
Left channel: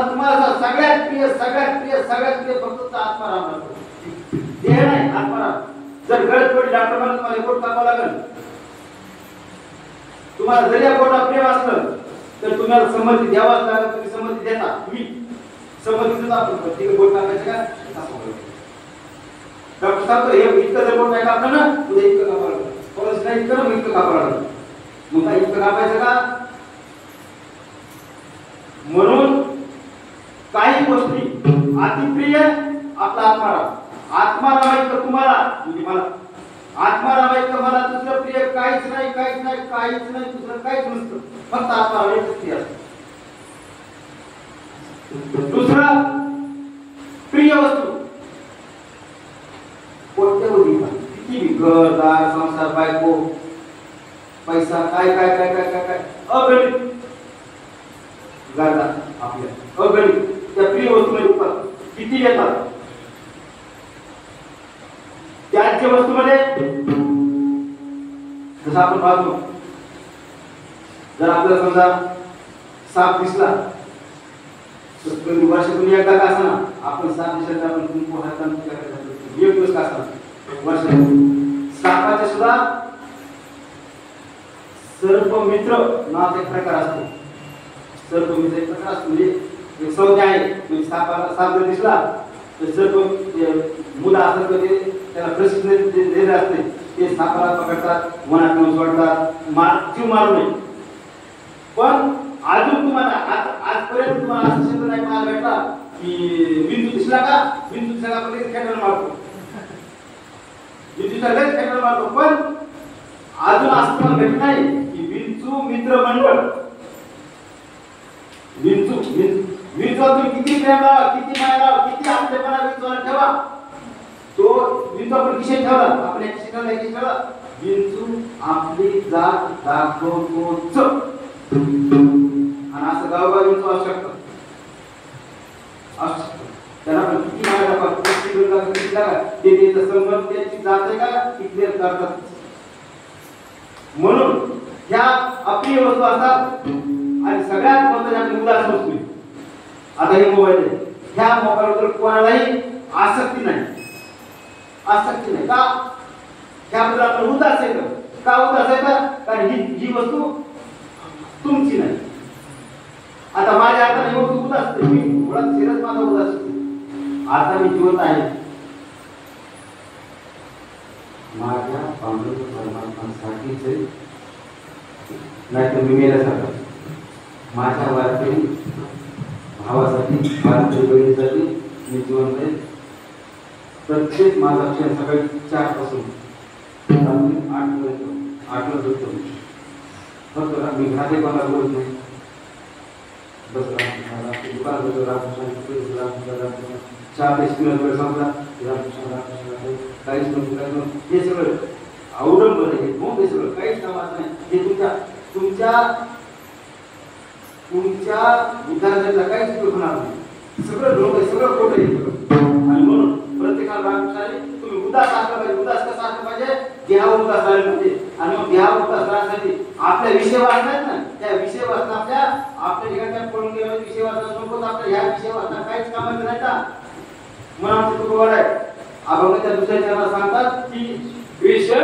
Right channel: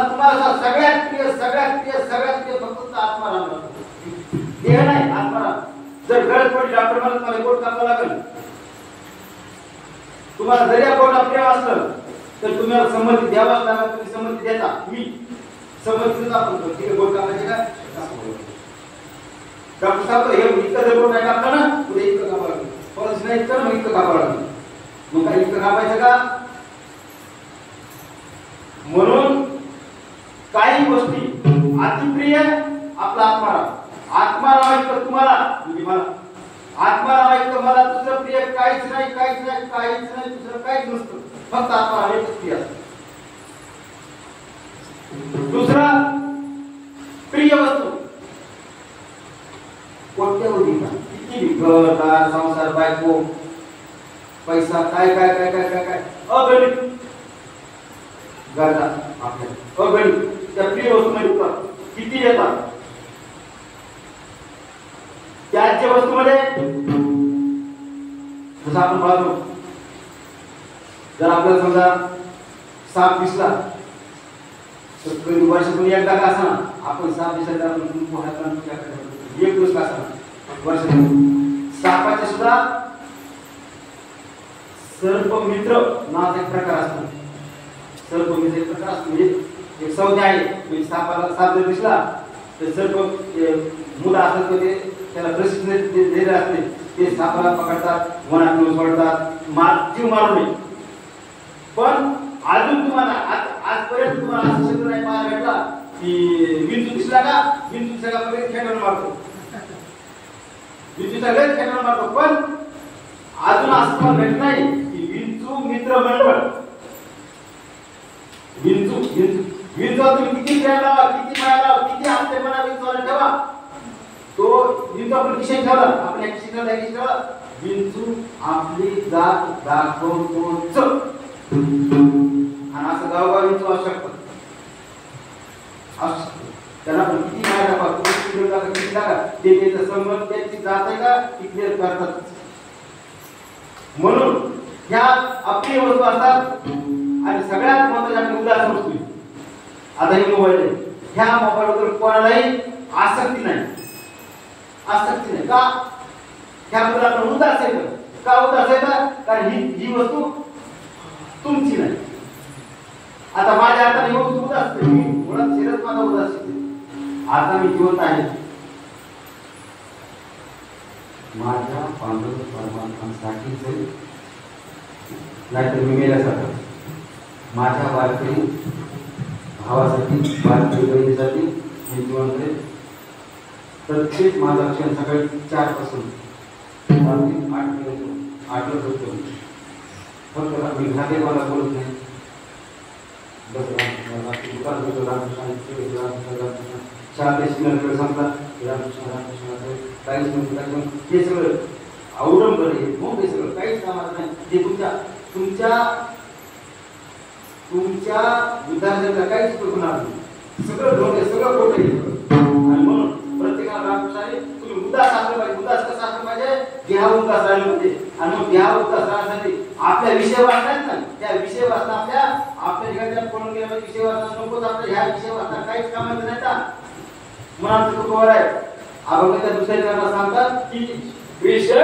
सगळ्यात प्रिय फक्त आत्माराम लागतो. देह नाही, आत्माराम. जर गरज पडली डॉक्टर मला तुम्हाला पोट कापावं लागेल, तुम्हाला जरी पोटात प्रेम असलं तर तुम्हाला संमती द्यावाच लागेल. तुम्ही संमती देता, तुम्ही संमती देता. आपण ठीक आहे पोट कापायचे काय असं बोलतो डॉक्टर सांगतो. हे इतकं जर पोट नाही कापलं ना उद्या इतकं कापावं लागेल, परत नाही इतकं ना मग इतकं कापावं लागेल. मग काय इतकं कापायचं का? म्हणून काही गोष्टी अतिप्रिय आपला आत्माराम इतकं तुम्हाला म्हणजे मला आत्माराम इतकं मला दुसरं प्रिय काहीच नाही दुसरं काहीच नसतं. फक्त आत्माराम एकच प्रिय असतं. दुसरं प्रिय वस्तू कोणत्या होती का किती घरदार संसार बायको पैसा काय काय काय काय काय काय अगणित गरजा आपल्या अगणित त्या प्रिय वस्तूमध्ये किती येतात. त्याच्या वस्तूमध्ये जसं आपण पाहतो, जर आपल्याला समजा साप दिसला तर कधी वर्षातून एकदा का असा ना आपण साप दिसला आपण कुंकू हात लावून एक दिवस का असा वर्षातून. सापाच्या सुद्धा सर्पमित्र नावाचा एक प्रकार असतो. सर्पमित्र एक प्रकार असतो म्हणजे एक संज्ञा आहे. म्हणजे सापाला साप जर दिसला तर सर्प मुलं असतात तर ते त्याला प्रशिक्षण दिलेले असते. ते सापाला पकडतात, वनातून सोडतात, जीव मारू नये. पण अजून तुम्हाला आजपर्यंत तुम्हाला असं शब्द नाही पाहायला भेटला की विंचू दिसला का विंचू दिसला का लगेच खेटाळून मारतो. विंचूचा लगेच खेटाळून मारतो. पण अजून असं तुम्हाला भेटलं नाही की विंचू मित्र मंडळ. विंचू तुम्ही किती प्रेम लावा, किती माया लावा, किती आपलेपणा विंचूला ठेवा, तो विंचू आपण खिशात ठेवला, आपल्या खिशात ठेवला, विंचू आपली जात दाखवतोच. आणि असं गावगाव विंचू असू शकतात. त्यांना पण किती माया दाखवा, किती लागा, ते त्याचा संबंध त्याची जात आहे का ती क्लिअर करतात. म्हणून ह्या अप्रिय वस्तू असतात. आणि सगळ्यात महत्त्वाच्या उदास वस्तू आता हे मोबाईल आहे. ह्या मोबाईलवर कोणालाही आसक्ती नाही. आसक्ती नाही का? ह्याबद्दल आपण उदास आहे का उदास आहे का? कारण ही वस्तू तुमची नाही. आता माझ्या हातात ही वस्तू उदास आहे. मी मुळात शिरत माझा उदास आहे. आता मी जिवंत आहे. माझ्या पांडुरंग परमात्मासाठीच नाहीतर मी मेल्यासारखं. माझ्या वारकरी भावासाठी, वारकरी बहिणीसाठी मी जिवंत आहे. प्रत्येक माझा क्षण सकाळी 4 पासून रात्री 8 होतो. फक्त मी घातेपणा बोलत नाही. बस रात्री दुकान होतं रामकृष्ण चहा पेशनर संपला रामकृष्ण काहीच म्हणतो हे सगळं अवलंबन आहे. मग हे सगळं काहीच कामाचं नाही. हे तुमच्या विद्यार्थ्यांना काहीच उपयोग होणार नाही. सगळं ढोंग आहे, सगळं खोट आहे. आणि म्हणून प्रत्येकाला रामकृष्णाने तुम्ही उदास असलं पाहिजे. उदास कसं असलं पाहिजे? देहा उदास राहिलं पाहिजे. आणि मग देहा उदास राहण्यासाठी आपल्या विषय वाचतात ना, त्या विषय वाचता आपल्या ठिकाणी पळून गेले विषय वाचता नकोच. आपल्या ह्या विषय वाचता काहीच कामाचं नाही का? मनाचं तुकोवर आहे. आपण त्या दुसऱ्या त्यांना सांगतात की विषय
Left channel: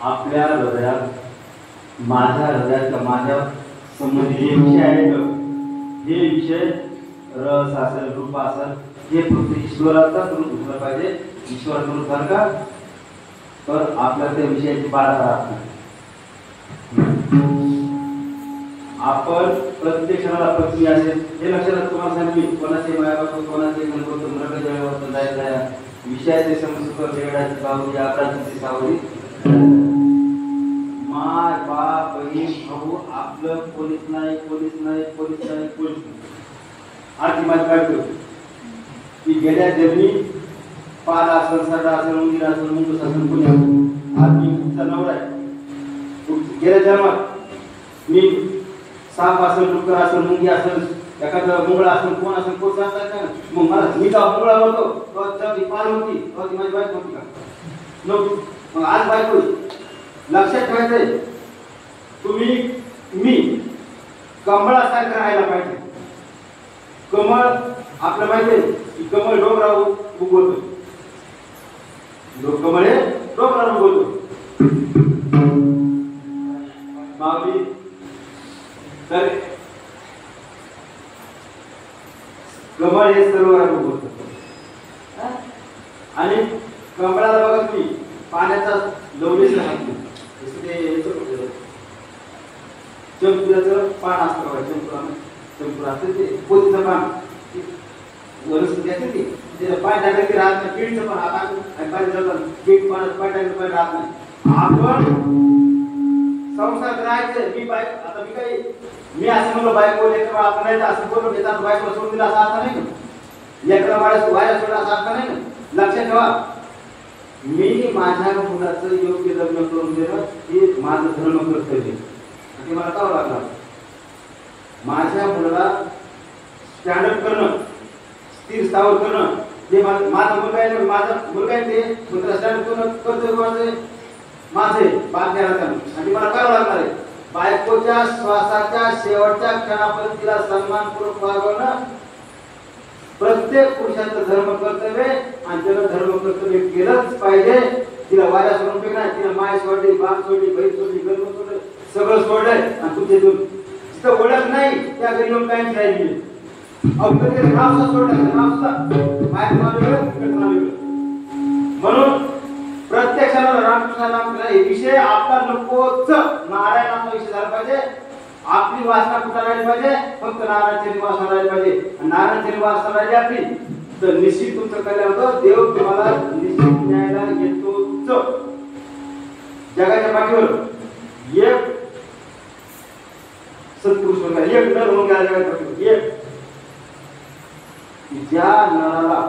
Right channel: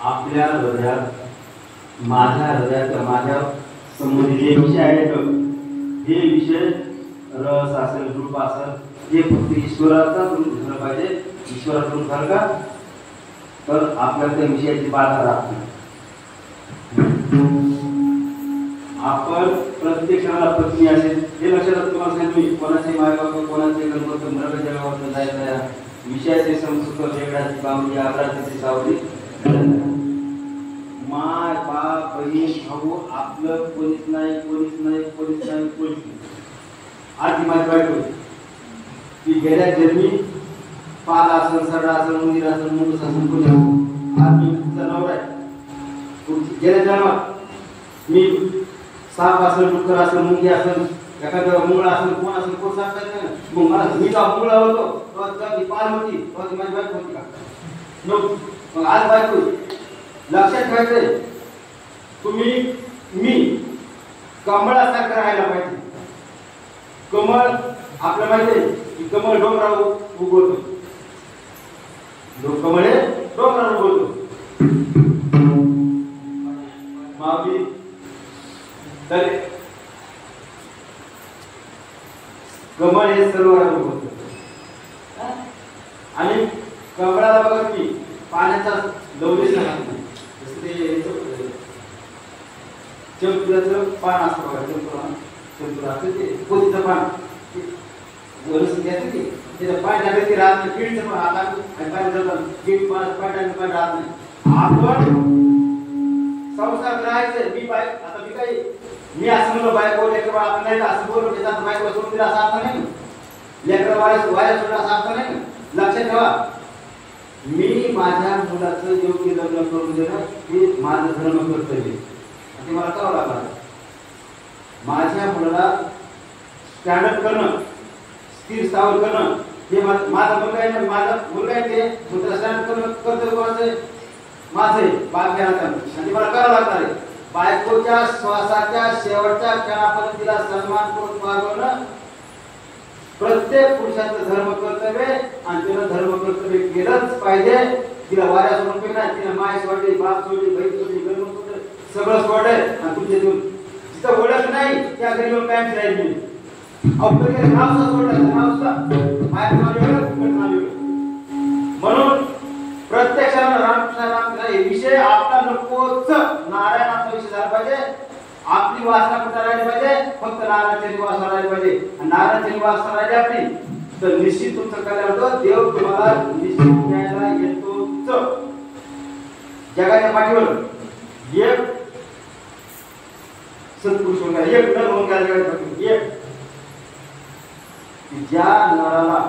आपल्या हृदयात माझ्या हृदयात माझ्या संबंधित जे विषय आहेत हे विषय रस असेल रूप असेल हे फक्त ईश्वराचा रूप झालं पाहिजे. ईश्वराचं रूप झालं का तर आपल्याला त्या विषयाची बाधा राहत नाही. आपण प्रत्येक क्षणाला पत्नी असेल हे लक्षात तुम्हाला सांगितले. कोणाचे मायबाप कोणाचे गणपत मृग जगावर जायचं विषयाचे समसुख वेगळ्याची बावडी आकाशाची सावली माय बाप बहीण भाऊ आपलं कोणीच नाही कोणीच नाही कोणीच नाही कोणीच नाही. आज ती माझी बायको की गेल्या जन्मी पाल असेल सरडा असेल मंदिर असेल मुंडूस असेल पुण्या आज मी तुमचा नवरा आहे. गेल्या जन्मात मी साप असेल, डुक्कर असेल, मुंगी असेल, एखादं मुंगळा असेल, कोण असेल, कोण सांगतात नाही. मग मला मी जेव्हा मुंगळा होतो तेव्हा ती पाल होती, तेव्हा ती माझी बायको होती का? नव्हती. मग आज बायको लक्षात ठेवायचंय, तुम्ही मी कमळासारखं राहायला पाहिजे. कमळ आपलं माहितीये की कमळ डोंगरावर उगवतो, कमळ हे डोंगरावर उगवतो. माऊली तर कमळ हे सरोवरात उगवतं आणि कमळाला बघा की पाण्याचा लवलेश लागतो. जसं ते चंपुराचं पान असतं बघा, चंपुरा असतं ते पोतीचं पान वनस्पती असते ती, त्याचं पाय टाकलं की राहत नाही. केळीचं पान आता गेट पानात पाय टाकलं पण राहत नाही. आपण संसारात राहायचं. आता मी असं म्हणलं बायको लेकर आपण नाही असं बोलून घेतात, बायको सोडून दिला असा अर्थ नाही, लेकर वाया सोडला असा अर्थ नाही. लक्षात ठेवा, मी माझ्या मुलाचं योग्य लग्न करून देणं हे माझं धर्म कर्तव्य, ते मला करावं लागणार. माझ्या मुलाला स्टँडअप करणं, स्थिर स्थावर करणं हे माझा मुलगा आहे, माझा मुलगा आहे, ते मुलगा स्टँडअप करणं कर्तव्य कोणाचं माझे बाकी आणि मला करावं लागणार आहे. बायकोच्या श्वासाच्या शेवटच्या क्षणापर्यंत तिला सन्मानपूर्वक वागवणं प्रत्येक पुरुषाचं धर्म कर्तव्य, आणि त्यानं धर्म कर्तव्य केलंच पाहिजे. तिला वाऱ्या सोडून फेकणार, तिला माय सोडली, बाप सोडली, बहीण सोडली, गर्म सोडलं, सगळं सोडलंय आणि तुमच्या जिथं ओळख नाही त्या घरी येऊन काय राहिली. नाव सुद्धा सोडलं, नाव सुद्धा म्हणून प्रत्येक रामकृष्ण हे विषय आपला नकोच. नारायणाचा विषय झाला पाहिजे. आपली वासना कुठं राहिली पाहिजे? फक्त नारायणाची वासना राहिली पाहिजे. नारायणाची वासना राहिली आपली तर निश्चित तुमचं कल्याण होतं. देव तुम्हाला निश्चित न्यायला येतोच. जगाच्या पाठीवर एक सत्पुरुष होऊन गेला, एक नर होऊन गेला जगाच्या पाठीवर. एक ज्या नराला,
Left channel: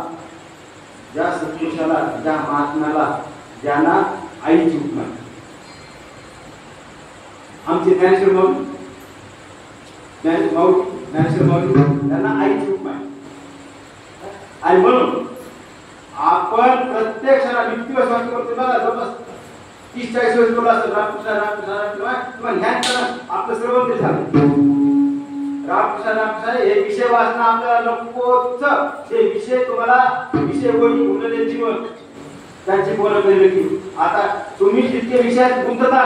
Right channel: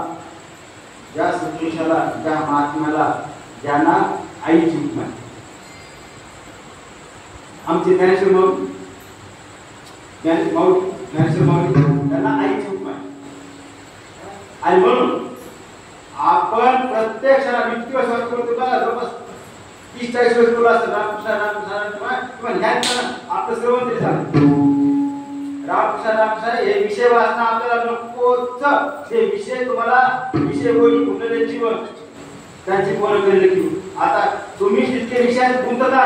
ज्या सत्पुरुषाला, ज्या महात्म्याला, ज्यांना आईची उपमा, आमचे ज्ञानेश्वर माऊली, ज्ञानेश्वर माऊली त्यांना आईची उपमा. आणि म्हणून आपण प्रत्येक क्षणा व्यक्तिवश करतो बघा, जवळपास 30-40 वर्ष बोलला असतं रामकृष्ण किंवा ध्यान करणं आपलं सर्वत्र झालं. रामकृष्ण हे विषय वाचणं आपल्याला नकोच. हे विषय तुम्हाला विषय गोडी गुंतले जीवन त्यांची पूर्ण केले की आता तुम्ही जितके विषयात गुंतता,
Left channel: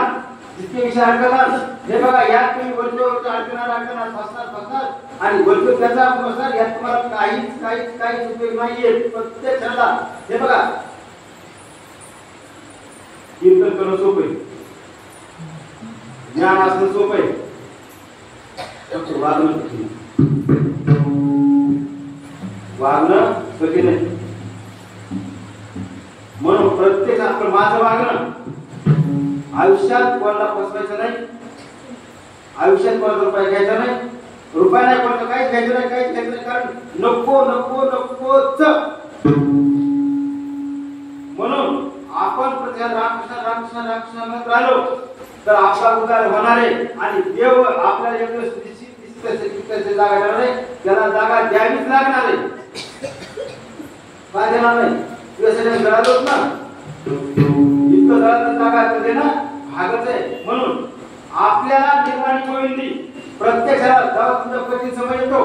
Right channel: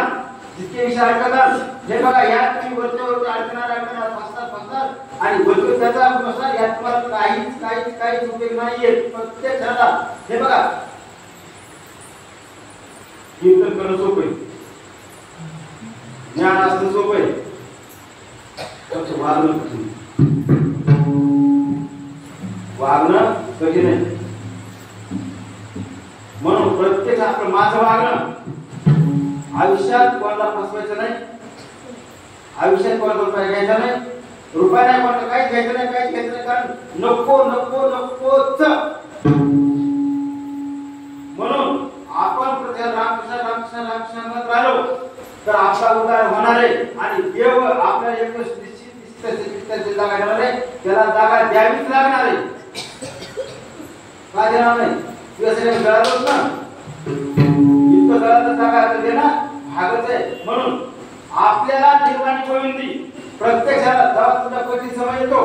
जितके विषय अडकतात, हे बघा यात तुम्ही वरती अडकणार फसणार आणि वरती त्याचा फसणार, यात तुम्हाला काहीच उपयोग नाहीये. प्रत्येक क्षणाला हे बघा, कीर्तन करणं सोपं आहे, ज्ञान असणं सोपं आहे, वागणं कठीण आहे. वागणं कठीण आहे. म्हणून प्रत्येक आपलं माझं वागणं, आयुष्यात कोणाला फसवायचं नाही, आयुष्यात कोणाला रुपया घ्यायचा नाही, रुपया नाही कोणाला काहीच घ्यायचं नाही, काहीच घ्यायचं नाही, कारण नकोच. म्हणून आपण प्रत्येक रामकृष्ण म्हणत राहिलो तर आपला उद्धार होणार आहे. आणि देव आपल्याला एक निश्चित जागा देणार आहे, त्याला जागा द्यावीच लागणार आहे. का देणार नाही? तुझ्या गळालोच ना, इतकं गळाचं जागा देणं भागच आहे. म्हणून आपल्याला निर्वाणी गोविंदी प्रत्येक क्षणाला जेव्हा तुझा कठीण समय येतो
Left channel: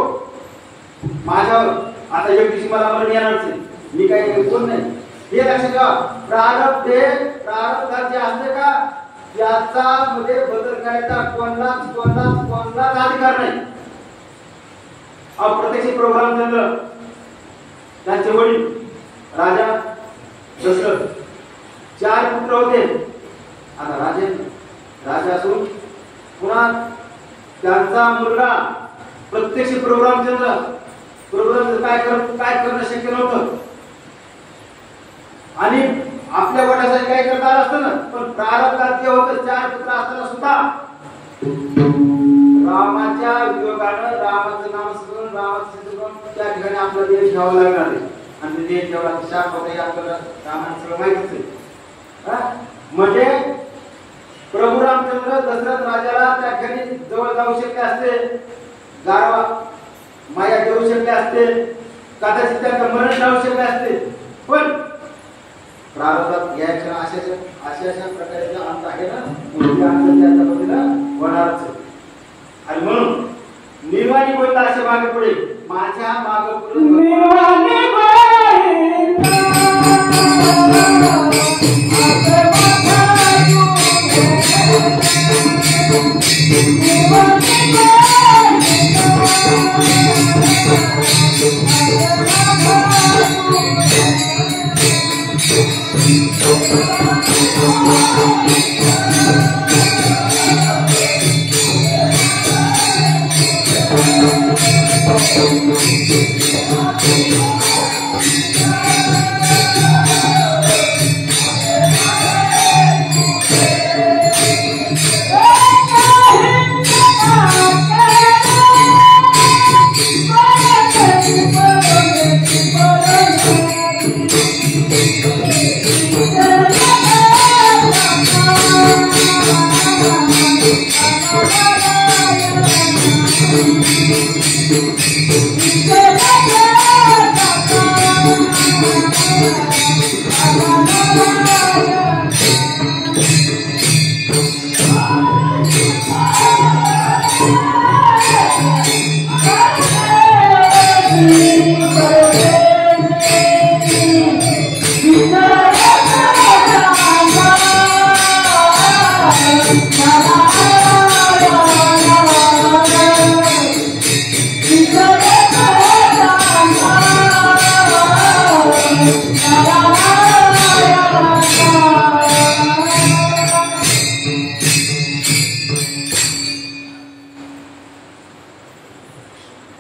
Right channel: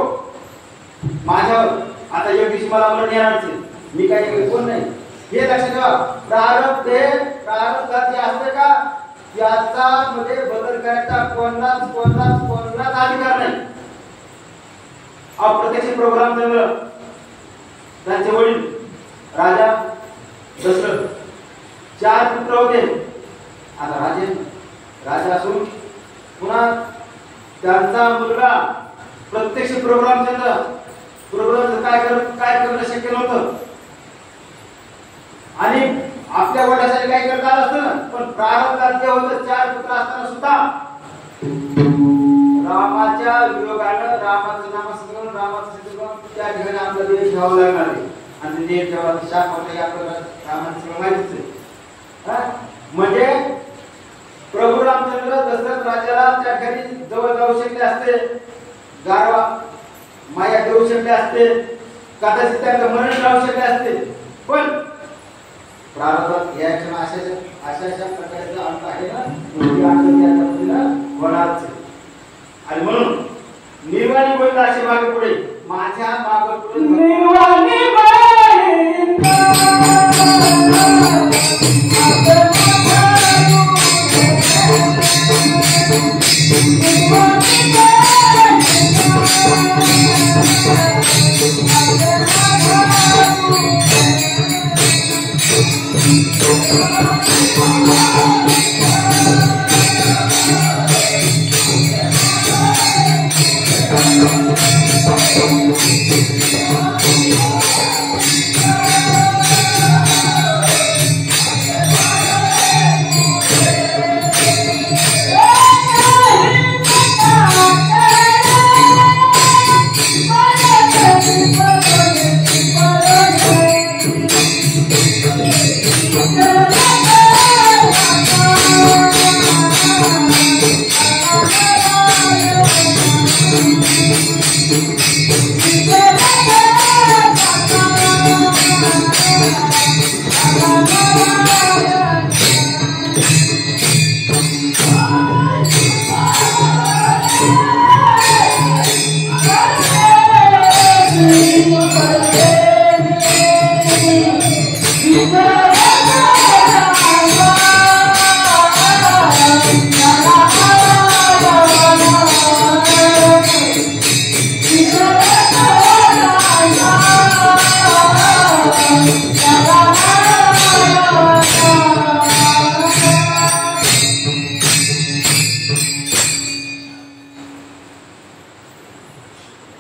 माझ्यावर, आता एक दिवशी मला मरण येणारच आहे, मी काही कोण नाही हे लक्षात ठेवा. प्रारब्ध जे असते का याचा मध्ये बदल करायचा कोणालाच अधिकार नाही. अप्रत्यक्ष प्रोग्राम चंद्र त्यांचे वडील राजा दशरथ 4 पुत्र होते. आता राजा असून पुन्हा त्यांचा मुलगा प्रत्यक्ष प्रोग्राम काय करणं शक्य नव्हतं. आणि आपल्या वडिलांसाठी काय करता आलं असतं ना, पण प्रारब्धात ते होतं 4 पुत्र असताना सुद्धा रामाच्या वियोगानं रामाचं नाम स्मरण, रामाचं चिंतन त्या ठिकाणी आपला देव ठेवावा लागणार आहे. आणि ते देव ठेवायचं शाप होतं हे आपल्याला रामाचं सगळं माहितीच आहे. म्हणजे प्रभू रामचंद्र दशरथ राजाला त्या ठिकाणी जवळ जाऊ शकले असते, गारवा माया देऊ शकले असते, कदाचित त्यांचं मरण टाळू शकले असते, पण प्रारब्धात या क्षण अशा प्रकारचा अंत आहे ना, मोठी अंत त्या पद्धतीला होणारच. आणि म्हणून निर्वाणी बोलला असे मागे पुढे, माझ्या मागे पुढे निर्वाणी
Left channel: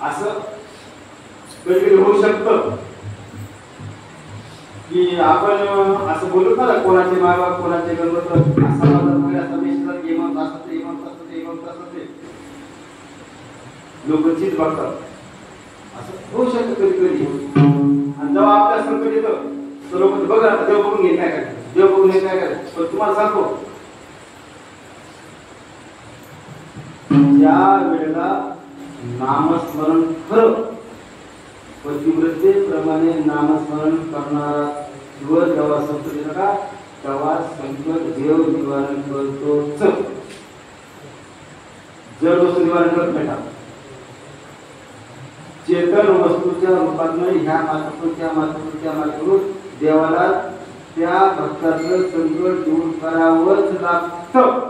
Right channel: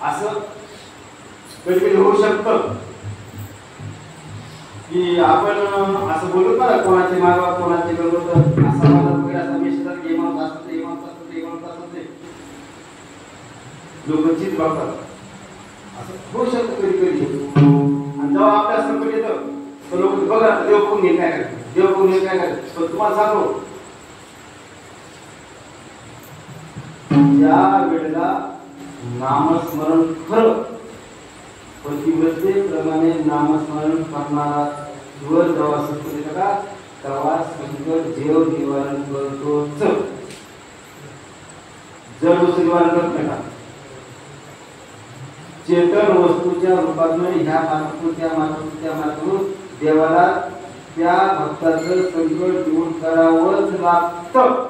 असं कधी होऊ शकतं की आपण असं बोलत ना, कोणाचे मागा कोणाचे गंगत असा माझा वगैरे असा मेसेज गेमत असत ते लोक चित बघतात. असं होऊ शकतं कधी कधी. आणि जेव्हा आपल्या संकट येतं तर लोक बघा देव बघून घेत काय करतात, देव बघून घेत काय करतात. पण तुम्हाला सांगतो, ज्या वेळेला नामस्मरण खरं पतिव्रतेप्रमाणे नामस्मरण करणारा जीवन जेव्हा संकट येतं का, तेव्हा संकट देव निवारण करतोच. जड वस्तू निवारण करत नाही का? चेतन वस्तूच्या रूपात ह्या मार्गातून त्या मार्गातून देवाला त्या भक्ताचं संकट दूर करावंच लागतं.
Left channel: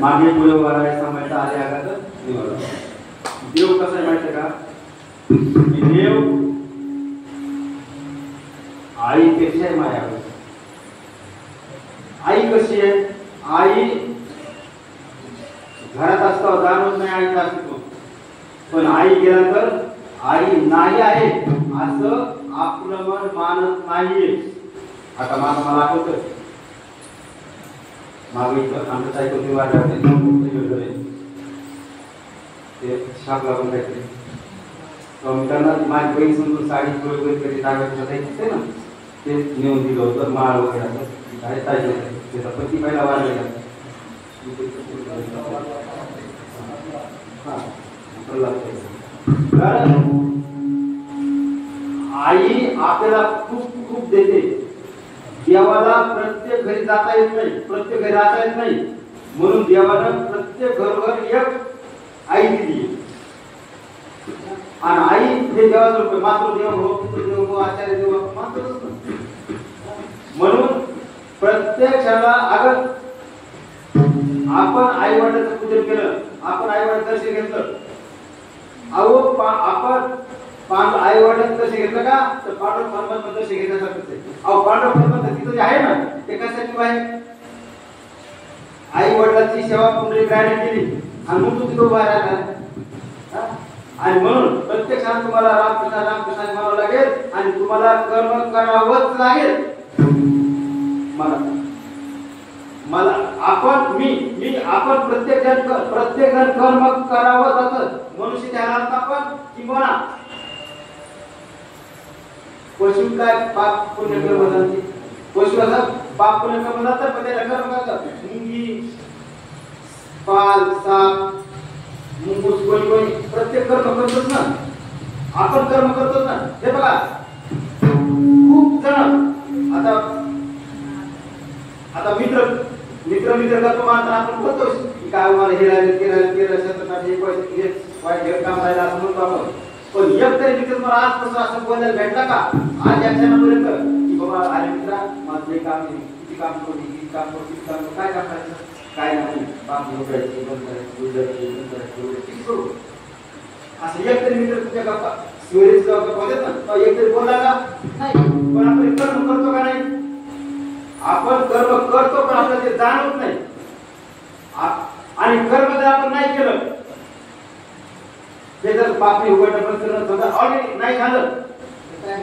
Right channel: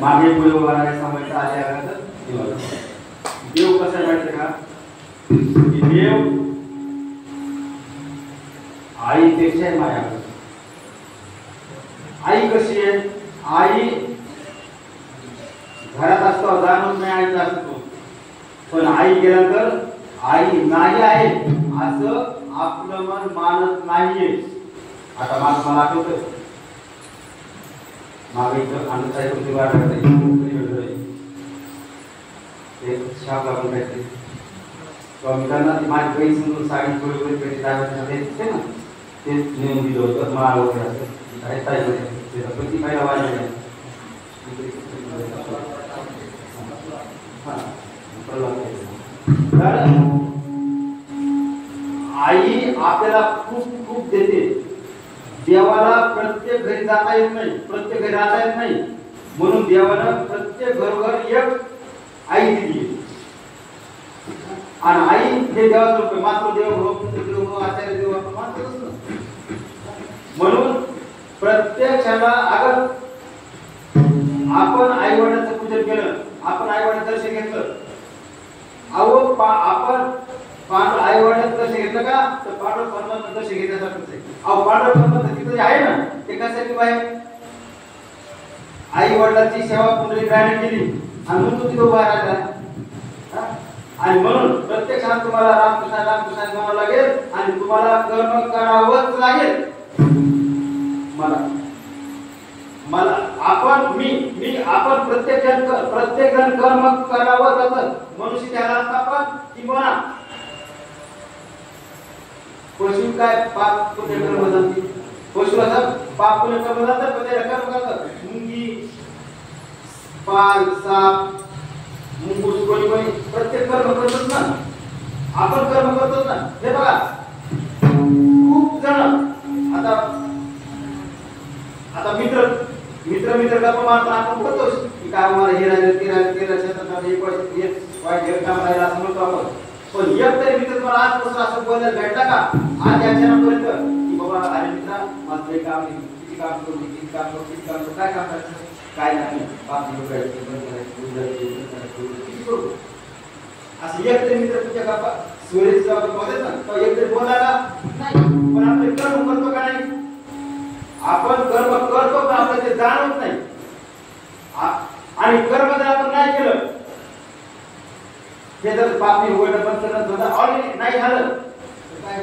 मागे पुढे वाराय समाजचा आले आघात निवाला. देव कसा आहे माहिती का? की देव आईपेक्षा माया. आई कशी आहे? आई घरात असतो जाणवत नाही आई असतो, पण आई गेल्यानंतर आई नाही आहे असं आपलं मन मानत नाहीये. आता मला आठवतं मागे आमच्या तुम्ही वाटते ते छाप लागून काहीतरी त्यांना माझी बहीण समजून साडी वगैरे कधी दाखवते ना, ते नेऊन दिलं होतं. माळ वगैरे असं प्रति पहिला वाढलेला आई आपल्याला खूप खूप देते. देवाला प्रत्येक घरी जाता येत नाही, प्रत्येक घरी राहता येत नाही, म्हणून देवानं प्रत्येक घरोघर एक आई दिली. आणि आई हे देवाचं रूप आहे. मातृदेव भव, पितृदेव भव, आचार्य देव आपण मानतोच ना. म्हणून प्रत्येक क्षणाला अगर आपण आई वडिलांचं पूजन केलं, आपण आई वडिलांचं दर्शन घेतलं, आपण आई वडिलांचं दर्शन घेतलं का तर पांडव परमात्मा दर्शन घेण्यासारखंच आहे. पांडव परमात्मा तिथं जे आहे ना ते कशासाठी आहे? आई वडिलांची सेवा पुंडलिक रायने केली आणि तू तिथं उभा राहिला. आणि म्हणून प्रत्येक क्षणात तुम्हाला रामकृष्ण रामकृष्ण म्हणावं लागेल आणि तुम्हाला कर्म करावंच लागेल. मला आपण प्रत्येक जण कर्म करावं जातं. मनुष्य त्याला आपण किंवा पशु काय पाप पुण्य कर्म जाते. पशु असं पाप पुण्य कर्म जातं पण त्याला कर्म करतात. मुंगी, पाल, साप, मुंगूस कोणी प्रत्येक कर्म करतोच ना. आपण कर्म करतोच ना. हे बघा खूप जण आता मित्र गप्पा मारताना आपण बोलतो की काय मला हे राहिले ते राहिले ते क्षेत्रात हे वाईट काम राहिलं असं म्हणतो आपण. पण एक तरी मित्र मला आजपासून असं बोलायला भेटला का आज या क्षणापर्यंत की बाबा अरे मित्रा माझं हे काम नाही, किती काम करू, किती काम करू, काय काम करायचं, काय नाही, बाप करायचं, किती करू. असं एक तरी मित्र तुझ्या गप्पा सोयरीच गप्पा देत ना, एक तरी बोलला का नाही. पण आपण कर्म करतो का नाही? आपण कर्म करतो पण आपल्याला ते जाणवत नाही. आणि कर्म जर आपण नाही केलं ते जर पापी उघडणं पण करणं ऑलरेडी नाही झालं तर काय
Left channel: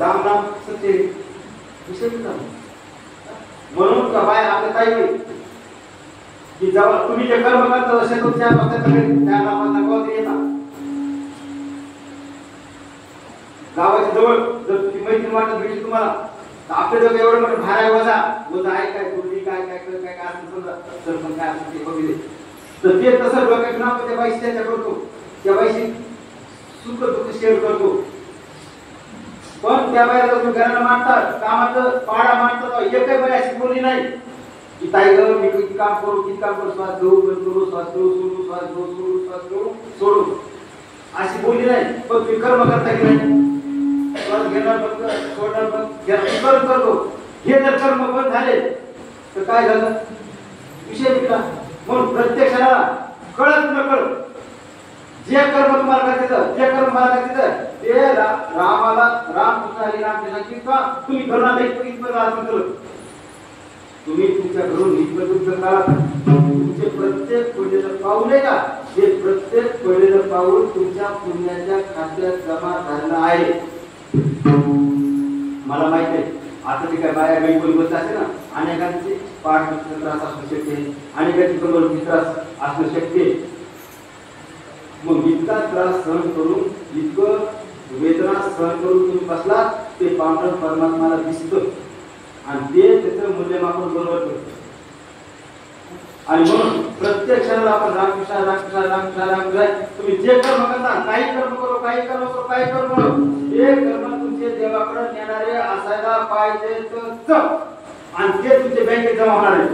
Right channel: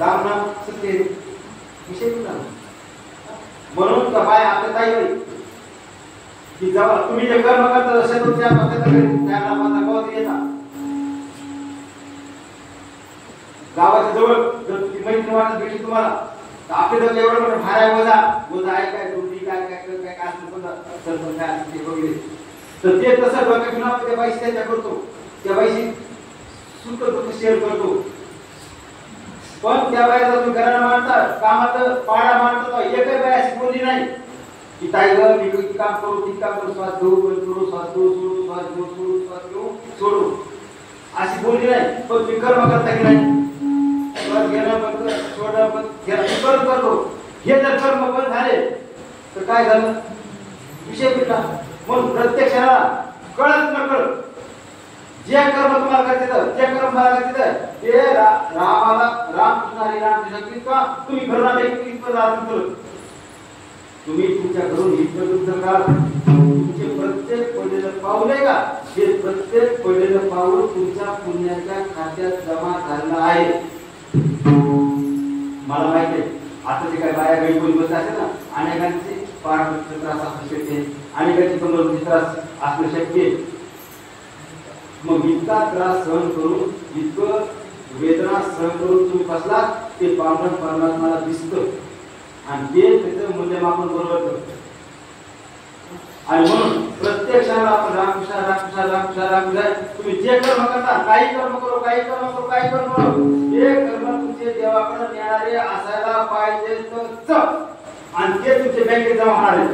राम नाम सत्य विषय नाही. म्हणून का बाय आपल्या ताई की जेव्हा तुम्ही जे कर्म करता तसे तुमच्या त्या नामाचा बोध येतात. गावाच्या जवळ जर ती मैत्रीण वाटत भेटली तुम्हाला तर आपल्या जवळ एवढं मोठं भारा वजा आहे काय गुरुजी काय असं सरपंच काय असं ते वगैरे तर ते तसं डोक्यात घेऊन आपण त्या बाईशी चर्चा करतो, त्या बाईशी सुख दुःख शेअर करतो. पण त्या बाईला तुम्ही घराला मानतात, कामाचं पाडा मानतात, एकही बाई अशी बोलली नाही की ताई ग मी किती काम करू श्वास घेऊ बंद करू, श्वास घेऊ सोडू, श्वास घेऊ सोडू, श्वास घेऊ सोडू अशी बोलली नाही. पण तुम्ही कर्म करता की नाही? श्वास घेणं बंद सोडणं बंद करतो. हे जर कर्म बंद झाले तर काय झालं? विषय कुठला? म्हणून प्रत्येक क्षणाला कळत नकळत जे कर्म तुम्हाला करायचं ते कर्म मला करायचं ते रामाला रामकृष्ण हरी रामकृष्ण किंवा तुम्ही घराला इतकं अर्पण केलं. तुम्ही तुमच्या घरून इतकं युद्ध करा. तुमचे प्रत्येक पडलेलं पाऊल आहे का ते प्रत्येक पडलेलं पाऊल तुमच्या पुण्याच्या खात्यात जमा झालं आहे. मला माहिती आहे आता ते काय बाया गाई कोणी बसत असेल ना अनेकांचे पाठचा त्रास असणं शक्य आहे, अनेकांचे कमरचा त्रास असणं शक्य आहे. मग इतका त्रास सहन करून इतकं वेदना सहन करून तुम्ही बसला ते पांडव परमात्माला दिसतं आणि ते त्याचं मूल्यमापन बरोबर करतं. आणि म्हणून प्रत्येक क्षणाला आपण रामकृष्ण रामकृष्ण रामकृष्ण रामकृष्ण तुम्ही जे कर्म करता काही कर्म करो काही कर्म करो काही कर्म करो हे कर्म तुमचे देवाकडे नेणारे असायला पाहिजे आणि ते तुमचे बँकेत जमा होणार आहे.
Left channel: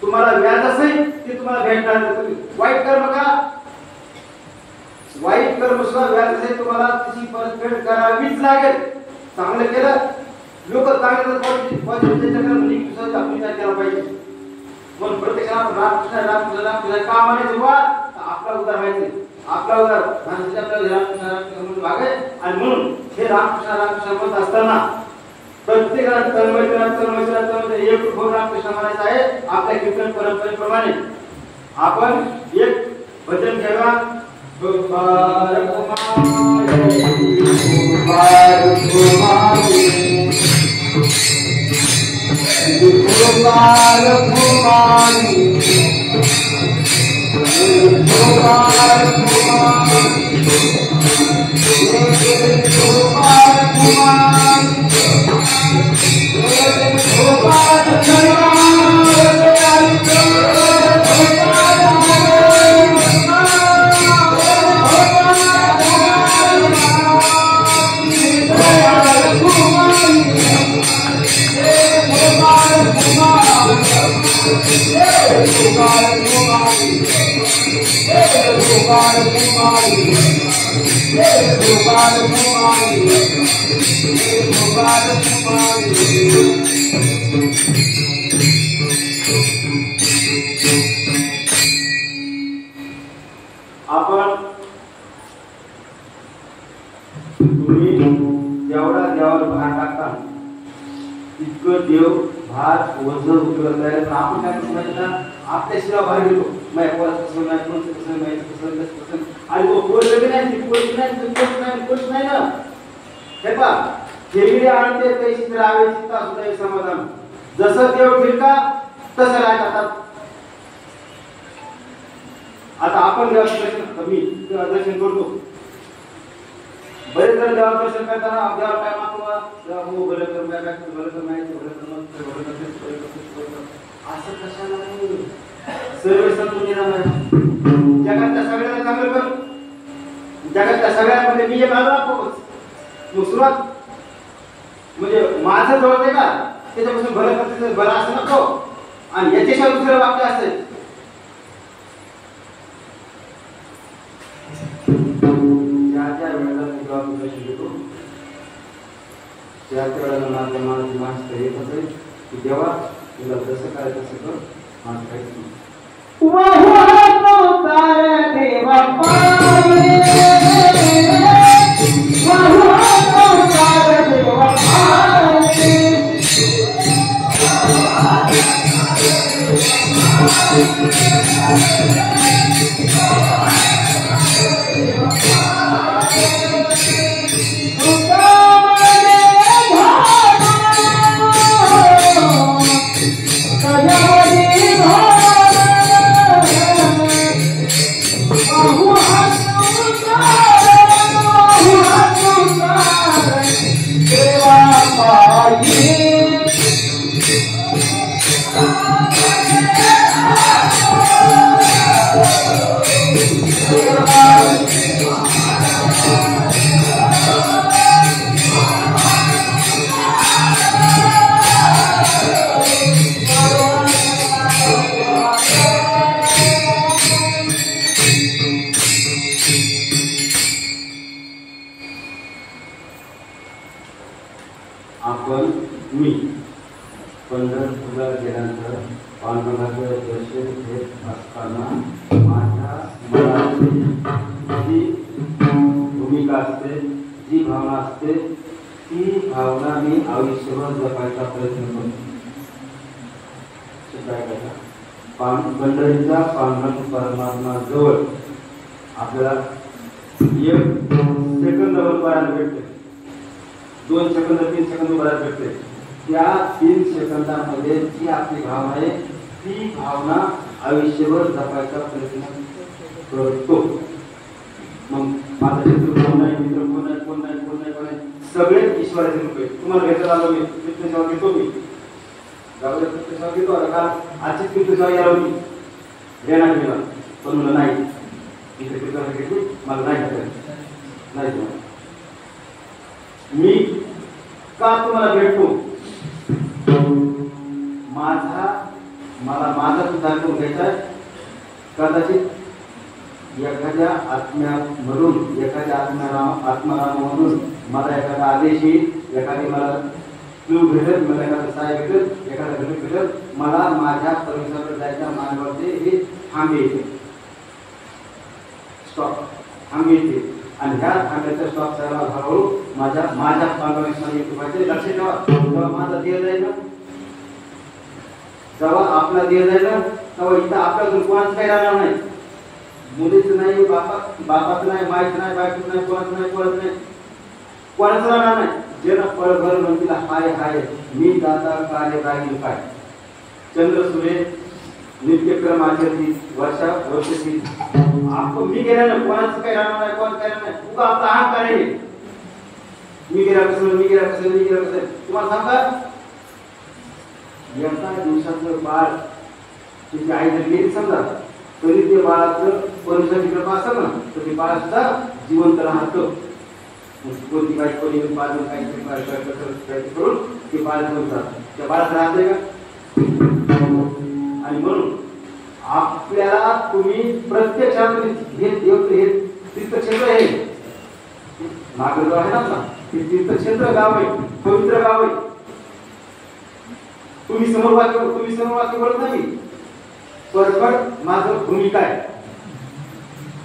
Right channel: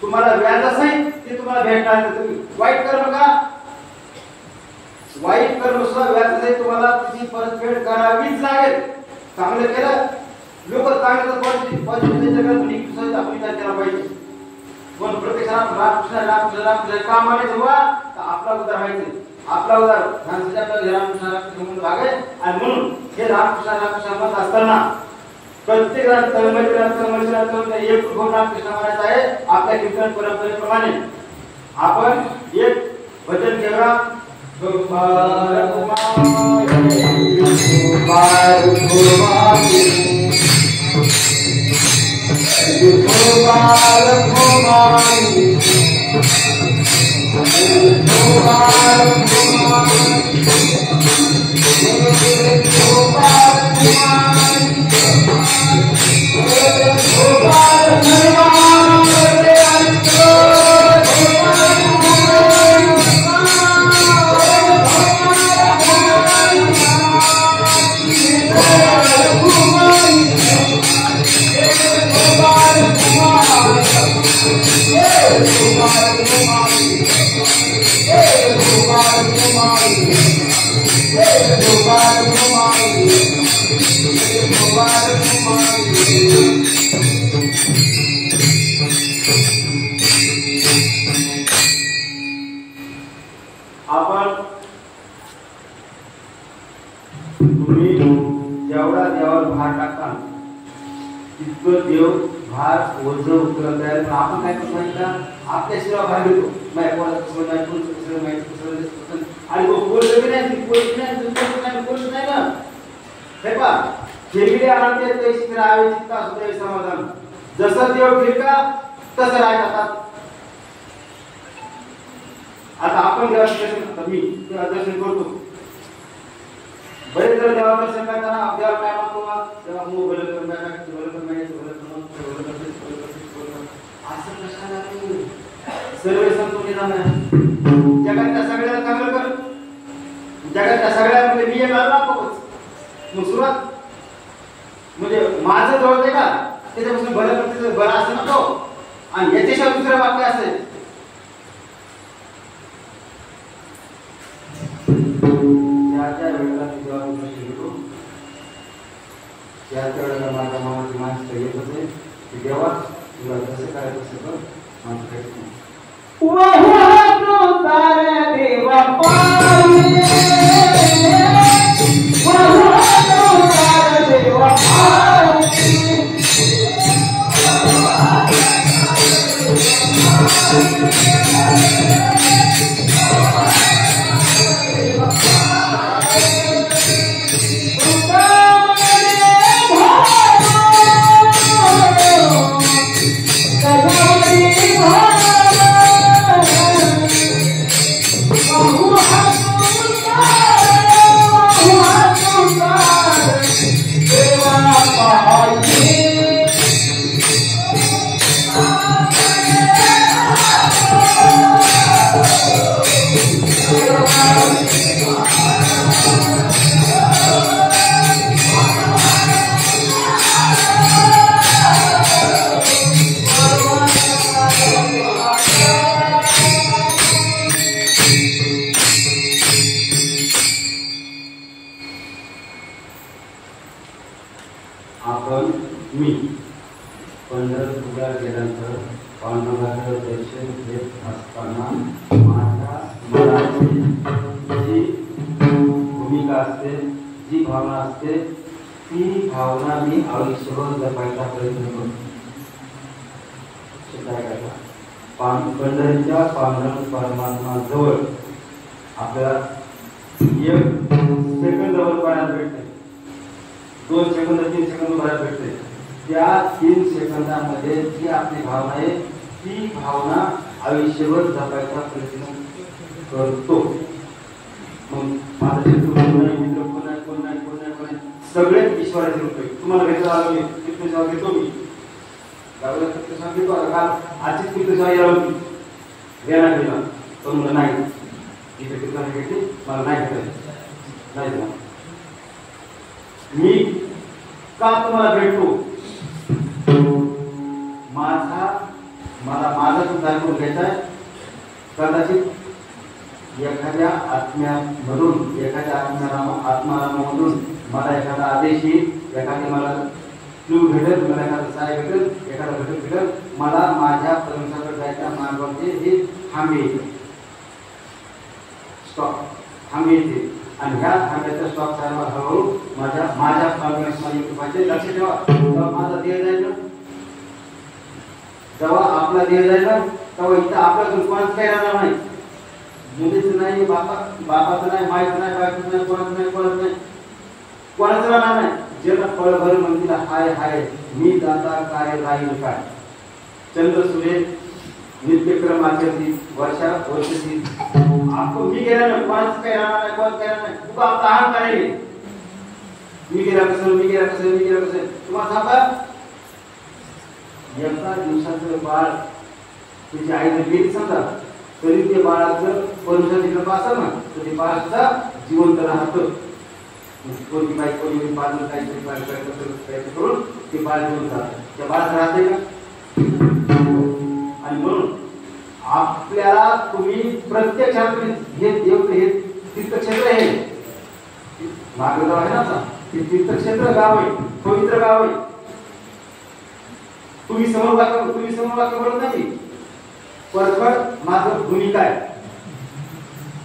तुम्हाला व्याज असेल ते तुम्हाला भेटणार. तुम्ही वाईट कर्म का वाईट कर्म सुद्धा व्याज असेल तुम्हाला त्याची परतफेड करावीच लागेल. चांगलं केलं लोक चांगलं केला पाहिजे. म्हणून प्रत्येकाला रामकृष्ण रामकृष्ण रामकृष्ण का म्हणायचं बा आपला उद्धार व्हायचे आपला उद्धार माणसाच्या आपल्याला रामकृष्ण रामकृष्ण म्हणून वागे. आणि म्हणून हे रामकृष्ण रामकृष्ण म्हणत असताना प्रत्येकाला तळमळीला एक रूप रामकृष्ण म्हणायचं आहे. आपल्या कीर्तन परंपरेप्रमाणे आपण एक भजन घेऊया. आपण तुम्ही जेवढा देवावर भार टाकता तितकं देव भार ओझ उतरत आहे. आपण काय समजायचं आपल्या शिवाय भार घेतो नाही कोणाचं कसं नाही कोणचं कसं नाही कसं आणि तो कोण नाही कोणी नाही तुमचं नाही कोणी नाही ना हे पा खेळी आणते तशी राहावे चित्ता सुद्धा समाधान जसं देव फिरका तसं राहतात. आता आपण देवाचं दर्शन मी तेव्हा दर्शन करतो बरेच जण देवाचं दर्शन करताना देवाला काय मागतो तेव्हा मग भलं कर भलं कर असं कशाला नाही सर्व संपून येणार नाही. जगातल्या सगळ्याला चांगलं कर जगातल्या सगळ्यामध्ये मी एक आलो मग सुरुवात म्हणजे माझं जवळ आहे का त्याच्यापासून भलं करते भलं असं नको आणि याच्याशिवाय दुसरं वाक्य असेल ज्या वेळेला तुझ्या शिकतो त्या वेळेला माझ्या मनाची माणसं येत असेल की देवा तुला जसं करायचं तसं कर माझं काहीच नाही. आपण मी पंढरपूरला गेल्यानंतर पांडुरंगाचं दर्शन घेत असताना माझ्या मनाची जी भूमिका असते जी भावना असते ती भावना मी आयुष्यभर जपायचा प्रयत्न करतो. पंढरीच्या पांडुरंग परमात्मा जवळ आपल्याला एक सेकंदावर पडायला भेटते 2 सेकंद 3 सेकंद उभारायला भेटते. त्या 3 सेकंदामध्ये जी आपली भावना आहे ती भावना आयुष्यभर जपायचा प्रयत्न करतो. मग माझा शत्रू कोण नाही मित्र कोण नाही कोण नाही कोण नाही कोण नाही सगळे ईश्वराचे रूप आहे. तुम्हाला भेटायला आलो मी पितृसेवा घेतो मी गावाला पितृसेवा घेतो आता काल आजची पितृसेवा यायला होती देणार गेला पण मला नाही इथे पितृसेवा घेतली मला नाही भेटायचं नाही देणार. मी का तुम्हाला भेटतो मला माझा सुधार करून घ्यायचा कदाचित एखाद्या आत्म्यामधून एखाद्या आत्मारामामधून मला एखादा आदेश येईल एखादी मला क्लू भेटेल मला एखादा सहाय्य भेटेल एखादा घटक भेटेल मला माझ्या परमेश्वराकडे जायच्या मार्गावरचे हे थांबे येते स्टॉप थांबे येते आणि ह्या थांब्याच्या स्टॉप करायला हळूहळू माझ्या पांडुरंगाचे लक्ष ठेवा. जेव्हा माझा देह जाईल ना जेव्हा आपला देह जाईल ना तेव्हा इथं आपल्याकडून कोणाचं काही राहणार नाही. मुलीचं नाही बापाचं नाही माहीत नाही बायकोचं नाही कोणाचं नाही कोणाचं राहणार नाही. जेव्हा पळभर म्हणतील हाय हाय मी दाता कार्य राहील काय. चंद्र सूर्य नित्यक्रम आचरती वर्षी आपण मी गेल्यानं कोणाचं काही राहणार नाही कोणाचं काही राहणार नाही. तुला आपला अहंकार आहे मी गेला कसं तुम्हाला सांगा एका दिवसाचं बाळ तुझी आई जर गेली समजा तरी ते बाळाचं परमेश्वराची कृपा असेल ना तर ते बाळ सुद्धा जिवंत राहतं. कोणती काही कोणी बाजून काहीतरी करून ते बाळ जिवंत राहतं. त्या बाळात राहते का प्रत्येक क्षणात हे देव हे तीर्थक्षेत्र आहे, नागगाव आहे ना, ते तीर्थक्षेत्र गाव आहे, पवित्र गाव आहे. तुम्ही समोर वाक्य बोलत नाही, परखड माझं भूमिका आहे.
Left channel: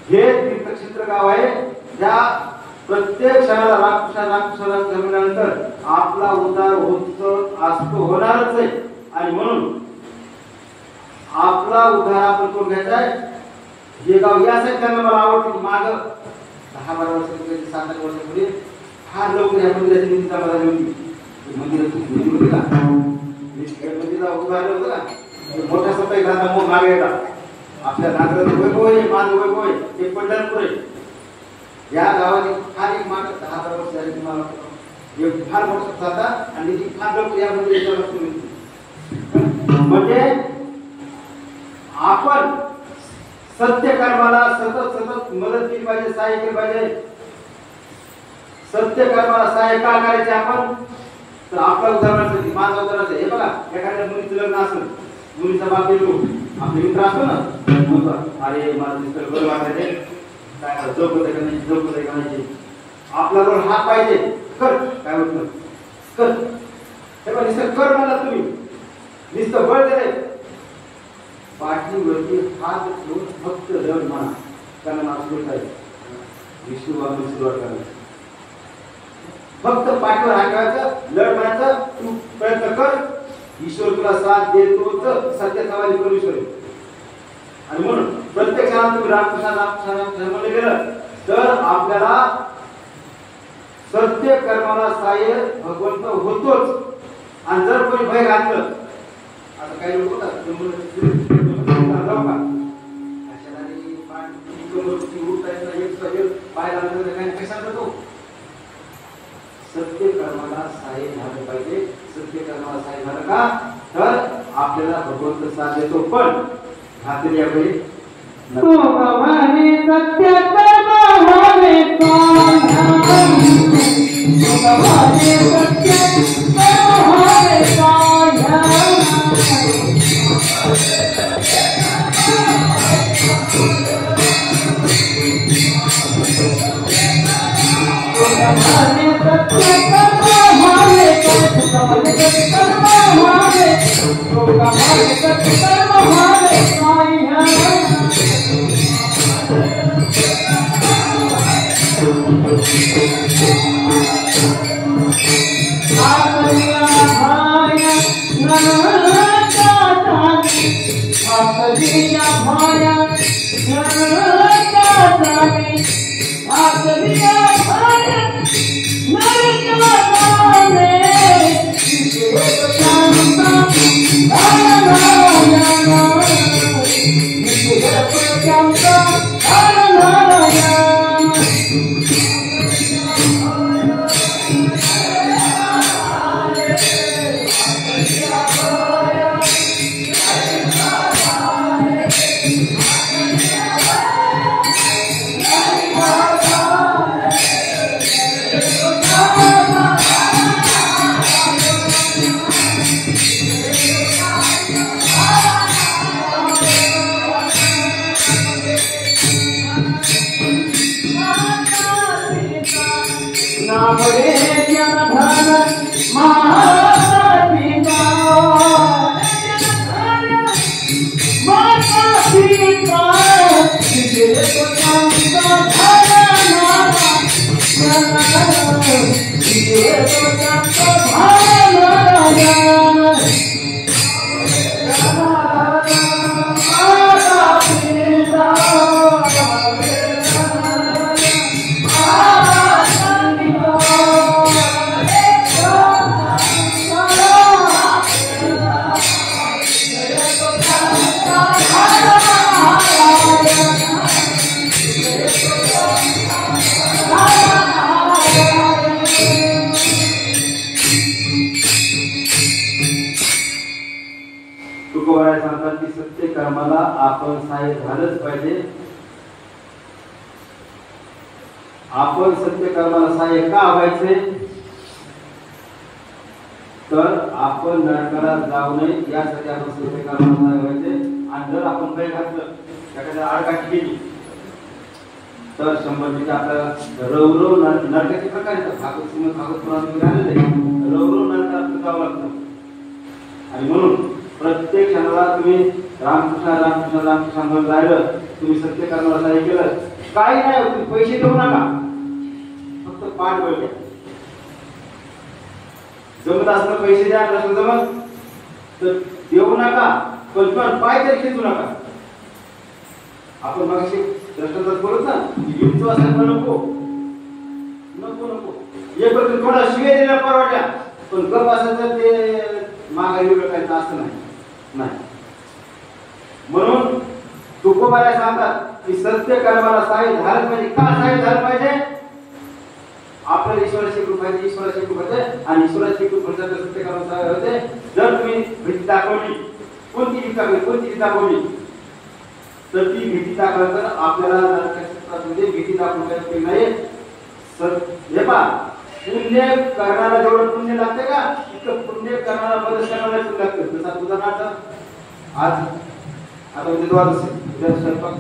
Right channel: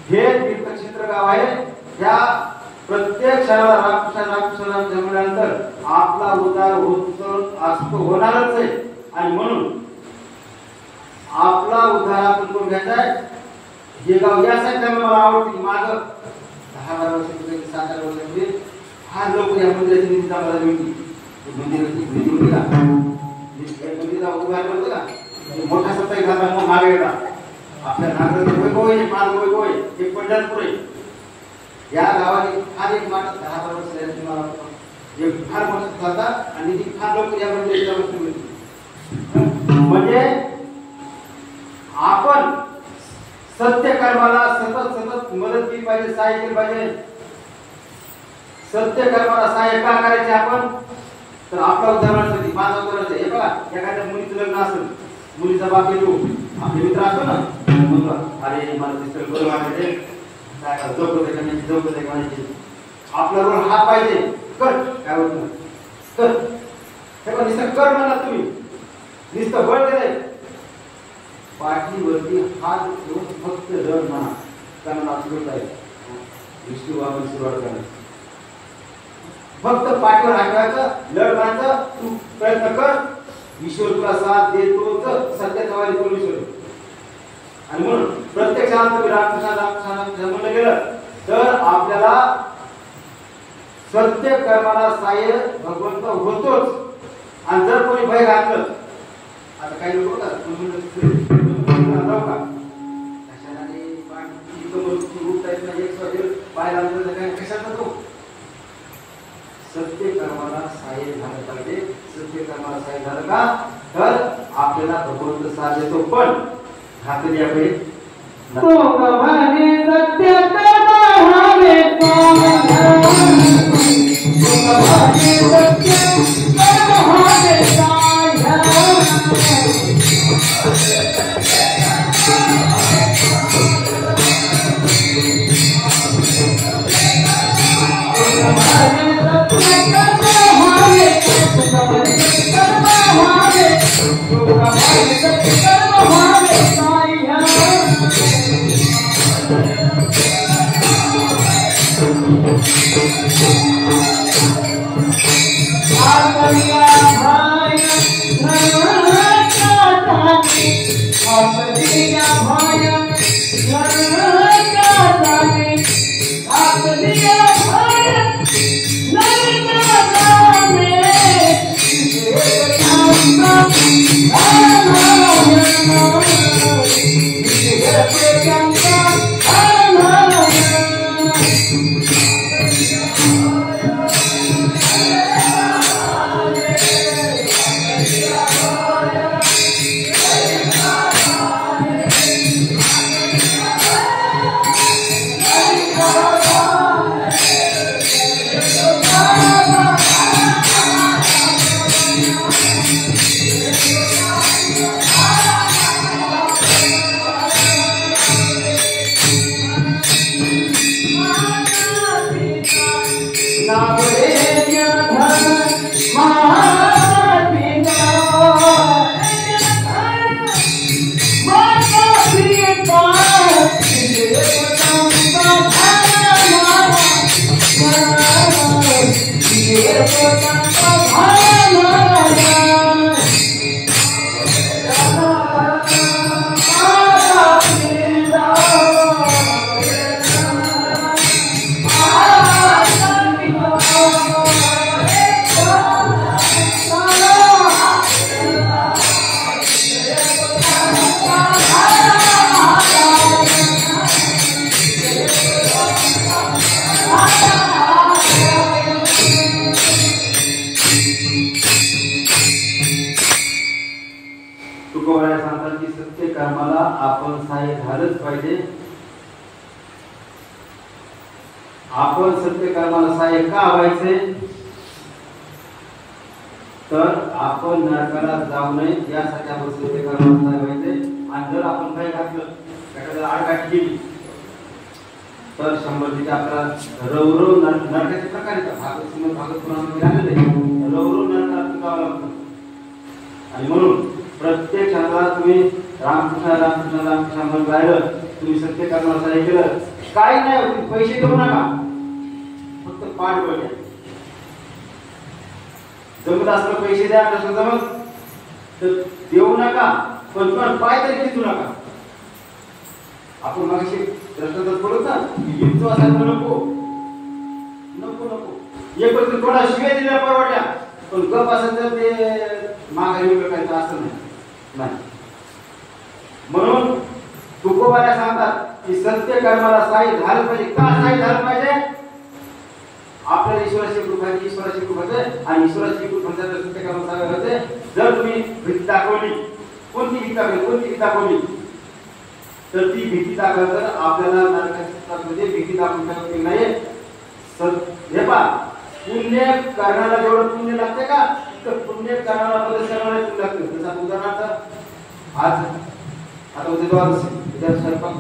हे तीर्थक्षेत्र गाव आहे. त्या प्रत्येक क्षणाला रामकृष्ण जन्मल्यानंतर आपला उद्धार असतो होणारच आहे. आणि म्हणून आपला उद्धार आपण करून घ्यायचा आहे. हे गाव यासाठी त्यांना मला आवडते. माग 10-12 वर्षापूर्वी 7-8 वर्षापूर्वी फार लोक या मंदिराची निष्ठा मला मिळते. मंदिराची निधी होती का, या मंदिराला उभारलं होतं का, मोठा सत्ता झाला मग मागे येता. आपल्या नागराचं वैभव आहे, माझं वैभव आहे, हे पंढरपूर आहे. या गावाने फार एक माट 10-12 वर्ष झाली तुम्हाला एक फार मोठा जाता आणि ती फार लोक या मंदिराच्या वस्तू मिळते. म्हणजे आपण सत्य कर्माला सतत मदत केली पाहिजे, सहाय्य केलं पाहिजे. सत्य कर्माला सहाय्य का करायचे आपण, तर आपला उदाहरणासाठी माझा उदाहरण हे बघा, एखाद्या मुलीचं लग्न असेल, मुलीचा बाप येतो, आपले मित्र असतो ना, अरे मला दिसतं घर वाटायचे, चौकत करायची, आपला रोल हा पाहिजे, कर काय होतं कर. हे बघा नुसतं कर म्हणा तुम्ही, नुसतं बळ दिलंय, पाठीवरती हात ठेवून फक्त जड म्हणा, कारण असं काय विष्णू बाबा सुरुवात करायची. फक्त पाठीवर हात ठेवायचं, लढ म्हणायचं, तू प्रयत्न कर, ईश्वर तुला साथ देतोच, सत्याचा वाली परमेश्वर आहे. आणि म्हणून प्रत्येक तुम्ही रामकृष्ण म्हणलं गेलं तर आपल्याला सत्य कर्माला सहाय्य भगवंत होतोच. आणि जर कोणी भय घातलं, आता काही लोक सत्य कर्माला सहाय्य झालं पाहिजे. सत्य कर्माला सहाय्य झालं का तर आपल्याला भगवंत साथ देतो. पण घातली यावेळी आपण सहाय्य झालंच पाहिजे. आपण सत्य कर्माला सहाय्य का व्हायचे तर आपण नरकाला जाऊ नये यासाठी आपण सत्य कर्माला सहाय्य व्हायचे. आणि जर आपण काही घातलं एखाद्या आडकाठी केली तर 100 आपल्याला रवरव नरकाचे प्रकार येतात. भागवत पुराणामध्ये आलेलं आहे, रवरव नरकात जावं लागतं. आणि म्हणून प्रत्येक क्षणाला तुम्ही रामकृष्ण रामकृष्ण रामकृष्ण म्हणून राहिलं, तुम्ही सत्य कर्माला हे केलं, काही नाही होत. पैसे देऊ नका, फक्त पाठ बळ. जमत असलं पैसे द्या, नसलं जमत तर देऊ नका, पण पाय तरी खेचू नका. आपण मागशी दृष्टांतात बोलत ना की विंचू असायला नको नको नको, एक वेळ थोडा शिव्या दिल्या परवडल्या, पण गप असेल तर ते माघारी वेगळं काही असं नाही. म्हणून तुकोबाला सांगतात की सत्य कर्माला साई झालं पाहिजे. का साई झालं पाहिजे? आपल्याला ईश्वराची कृपा आहे, ईश्वराची कृपा आहे, आणि ईश्वराची कृपा जर सत्य कर्माला होते. जर तुम्ही भीती दाखवली, कोणती भीती दाखवली तर ती भीती दाखवलं आपल्याला नरकामध्ये भीती दाखवून उपयोग नाही. हे पहा, पुण्य करणारा जेवढं पुण्य लागते का, तिथं पुण्य करणारा मदत करणारा पुण्य लागतं. जसं उदाहरणार्थ आज आता उद्या द्वादशी, उद्या स्वयंपाक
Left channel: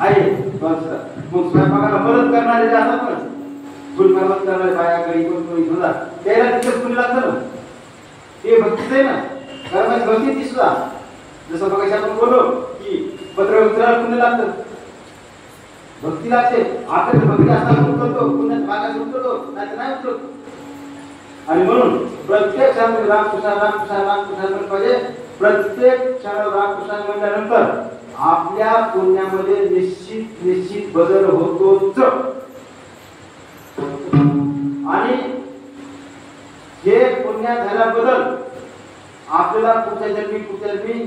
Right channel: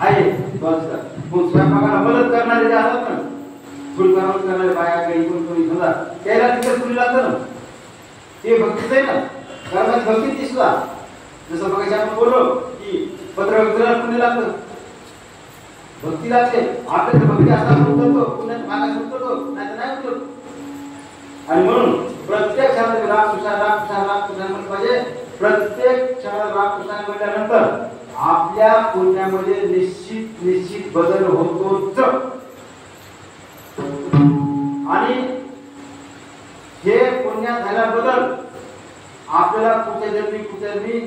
आहे द्वादशीला, मग स्वयंपाकाला मदत करणारे जे असतात ना, गुण करणारे बाया काही कोणी समजा त्याला तिथं पुण्य लागतं ना, ते भक्तीच आहे ना. कारण भक्ती ती सुद्धा जसं बघायचं आपण बोललो की पत्रव्यक्तीला पुण्य लागतं, भक्ती लागते. आपल्याला भक्ती असताना उतरतो, पुण्यात मागास उतरतो, नाही तर नाही उतरत. आणि म्हणून प्रत्येक क्षणाला रामकृष्ण रामकृष्ण रामकृष्ण म्हणलं पाहिजे. प्रत्येक क्षणाला रामकृष्ण म्हटल्यानंतर आपल्या पुण्यामध्ये निश्चित बदल होतोच. आणि हे पुण्यात झाला बदल आपल्याला पुढच्या जन्मी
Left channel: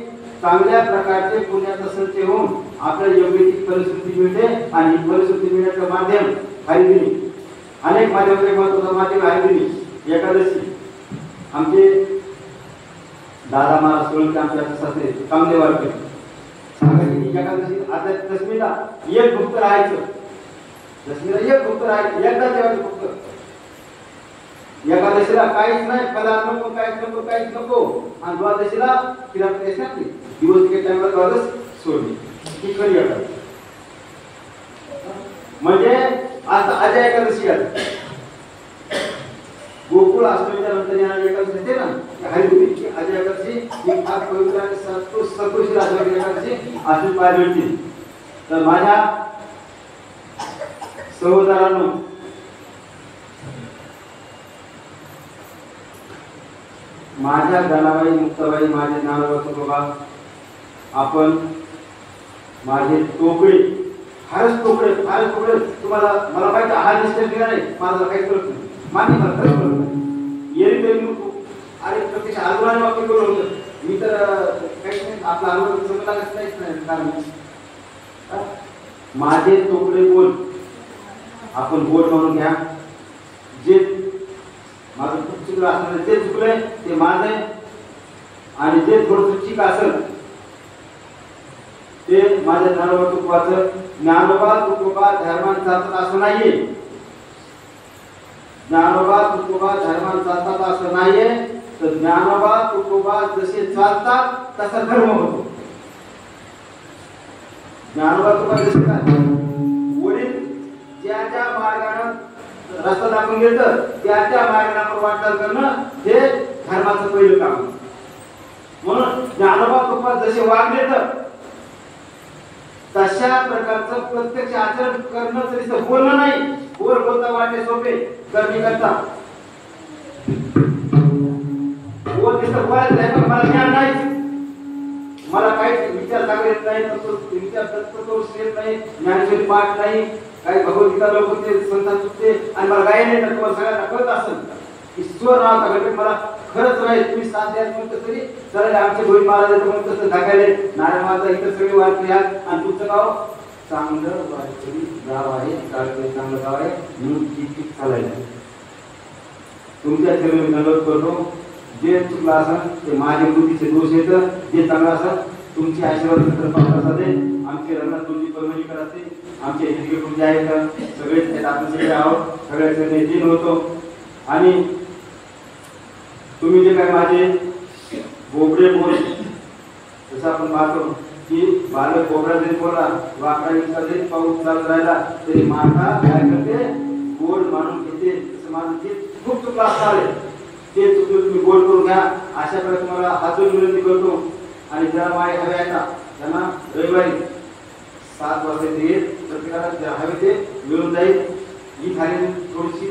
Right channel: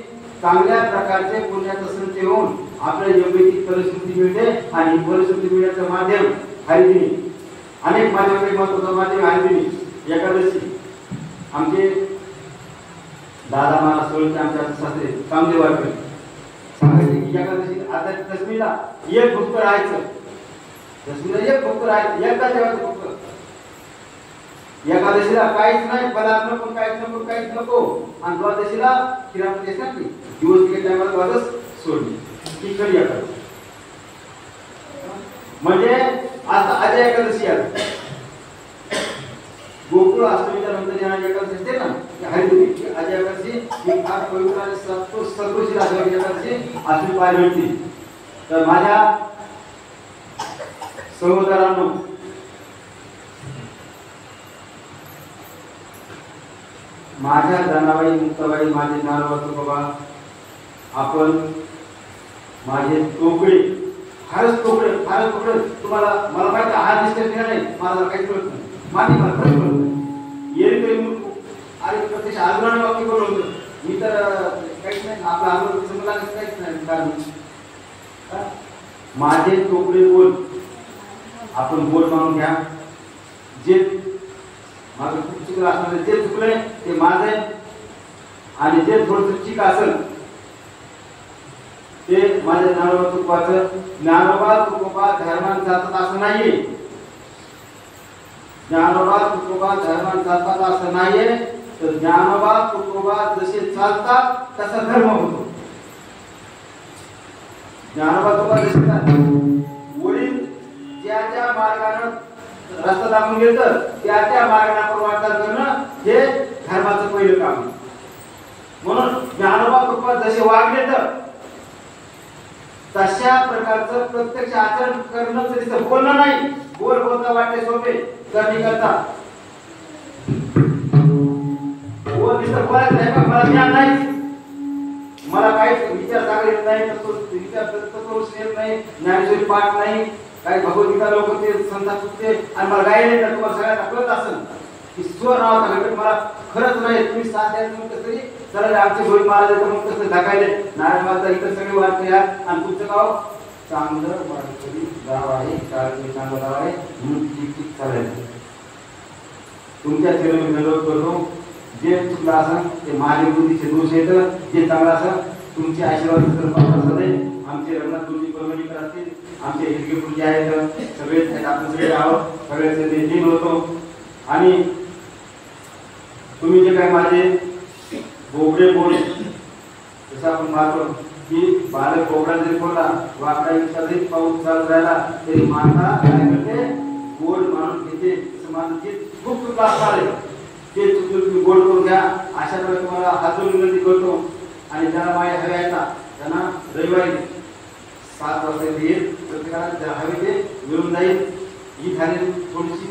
चांगल्या प्रकारचे पुण्याचा संचय होऊन आपल्याला योग्य ती परिस्थिती मिळते. आणि परिस्थिती मिळण्याचं माध्यम हरिदिनी, अनेक माध्यम, महत्वाचं माध्यम हरिदिनी एकादशी. आमचे दादा महाराज सोळके आमच्या सासरे कामदेव वारकरी सांगायचे की एकादशी आता दशमीला एक भक्त राहायचं, दशमीला एक भक्त राहायचं, एकदा जेवायचं फक्त. एकादशीला काहीच नाही, पदार्थ नको, काहीच नको. आणि द्वादशीला खिरापती असते, दिवस टायमाला द्वादश सोडली, ही खरी एकादशी. म्हणजे आता अजय एकादशी आहे, गोकुळ अष्टमीच्या नंतर येणारी एकादशी असते ना, हरिदिनी अजय एकादशी ही फार पवित्र आणि सत्वशील आजवारी एकादशी अशी पाहायला मिळते. तर माझ्या सहोदरांनो, माझ्या जनाबाई मुक्ताबाई, माझे नारवत बाबा, आपण माझे तोकडे, फारच तोकडे तुम्हाला मला माहिती हा निश्चय केला नाही, मला काहीच कळत नाही. मान्य मला खरंच कळत नाही. येरी तरी मूर्ख आणि प्रत्यक्ष आजोबाने वाक्य करून होतं मी तर काहीच नाही, आपला अनुभव कसं मला काहीच नाही. कारण माझे तोकडे बोल, आपण बोल म्हणून घ्या. जे माझं खूप चुकलं असणार, जे चुकलंय ते माझं आहे. आणि जे थोडंसं चीक असेल ते माझ्या ज्ञानोबा तुकोबाचं. ज्ञानोबा तुकोबा धर्मान जातात असं नाहीये, ज्ञानोबा तुकोबा धर्मान जातात असं नाहीये. तर ज्ञानोबा तुकोबा जसे चालतात तसा धर्म होतो. ज्ञानोबा तुकोबा जसे वडील ज्या मार्गाने रस्ता दाखवून घेतं त्या मार्गाने आपण वाटचाल करणं हे धर्माचं पहिलं काम. म्हणून ज्ञानोबा तुकोबा जसे वागले तर तशा प्रकारचं प्रत्यक्ष आचरण करणं तरी बोलणं नाही. बोलता वाटते सोपे, करणे करता बोलायचं नाही. मला ज्ञान नाही, मला काहीच विचार चांगले येत नाही, विचार तत्वदर्शी येत नाही, ज्ञानेश्वरी पाठ नाही, काही भगवद्गीता लोक ते संतान चुकते आणि मला गाय नाही. तर तुम्हाला सगळ्यांना कळत असेल की स्वर नावाचा घटक मला खरंच नाही. तुम्ही साथ द्यायचं म्हणत तरी चला आमचे गोविंद महाराज येतं म्हणून तसं दाखवले. नारायण माझा इथं सगळे वारकरी आहेत आणि तुमचं गाव चांगलं वारकरी गाव आहे, चांगलं गाव आहे म्हणून ठीक चालायचं. तुमच्या चरण मी दंडवत करतो. जे चुकलं असेल ते माझे बुद्धीचे दोष येतं, जे चांगलं असेल तुमचे आशीर्वाद दे. आमचे रंगनाथ तुमची परमेश्वर असतील, आमचे हिरगे पूजे आहेत, सगळेच आहेत, आपण सगळे आहोत, सगळ्याचे दिन होतो. आणि तुम्ही जे काय माझे बोबडे बोल जसं आपण पाहतो की बालक बोकडा जरी बोला वाकडा इतका जरी पाऊस चालत राहिला तरी माता काय करते गोड मानून घेते. तसं माझं गीत खूप चुकलं असणार आहे ते चुकलं तुम्ही गोड करून घ्या अशा प्रकारे तुम्हाला हात जोडून विनंती करतो. आणि ज्याला माय हवे आहेत ना त्यांना रविवारी 7 वाजता येईल प्रत्येकाला ज्या हवे ते मिळून जाईल. ही झाली थोडीशी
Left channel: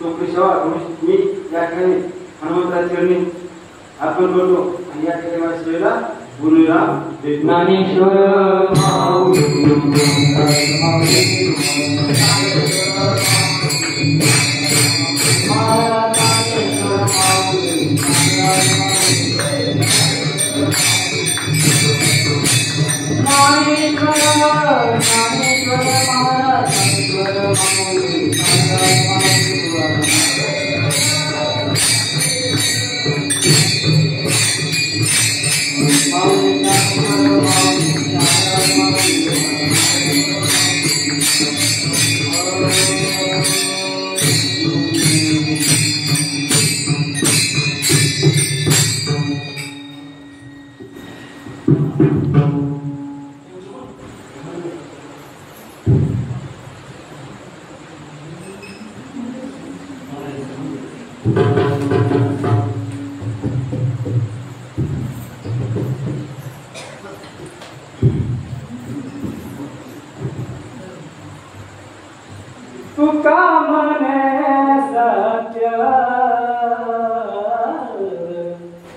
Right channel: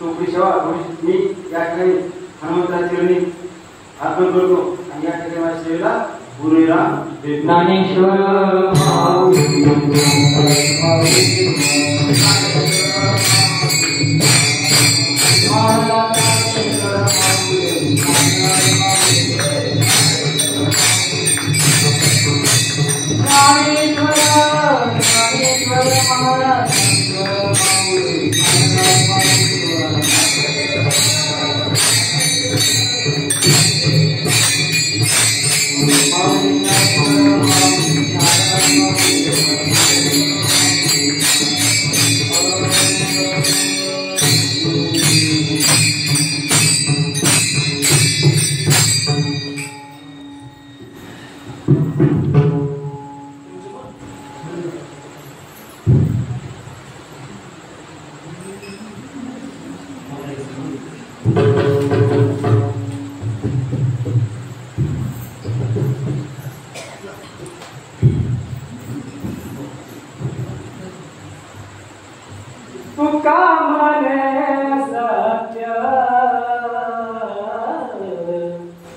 चोपडी सेवा थोडीशी मी या ठिकाणी हनुमंतराची चरणी अर्पण करतो आणि या ठिकाणी माझ्या सेवेला पूर्णविराम देतो. ज्ञानेश्वर तुका मने सत्य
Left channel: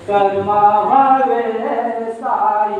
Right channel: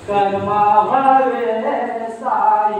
कर्मा भवे साई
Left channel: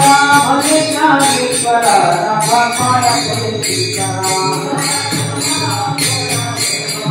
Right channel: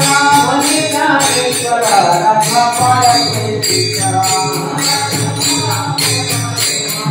Bye.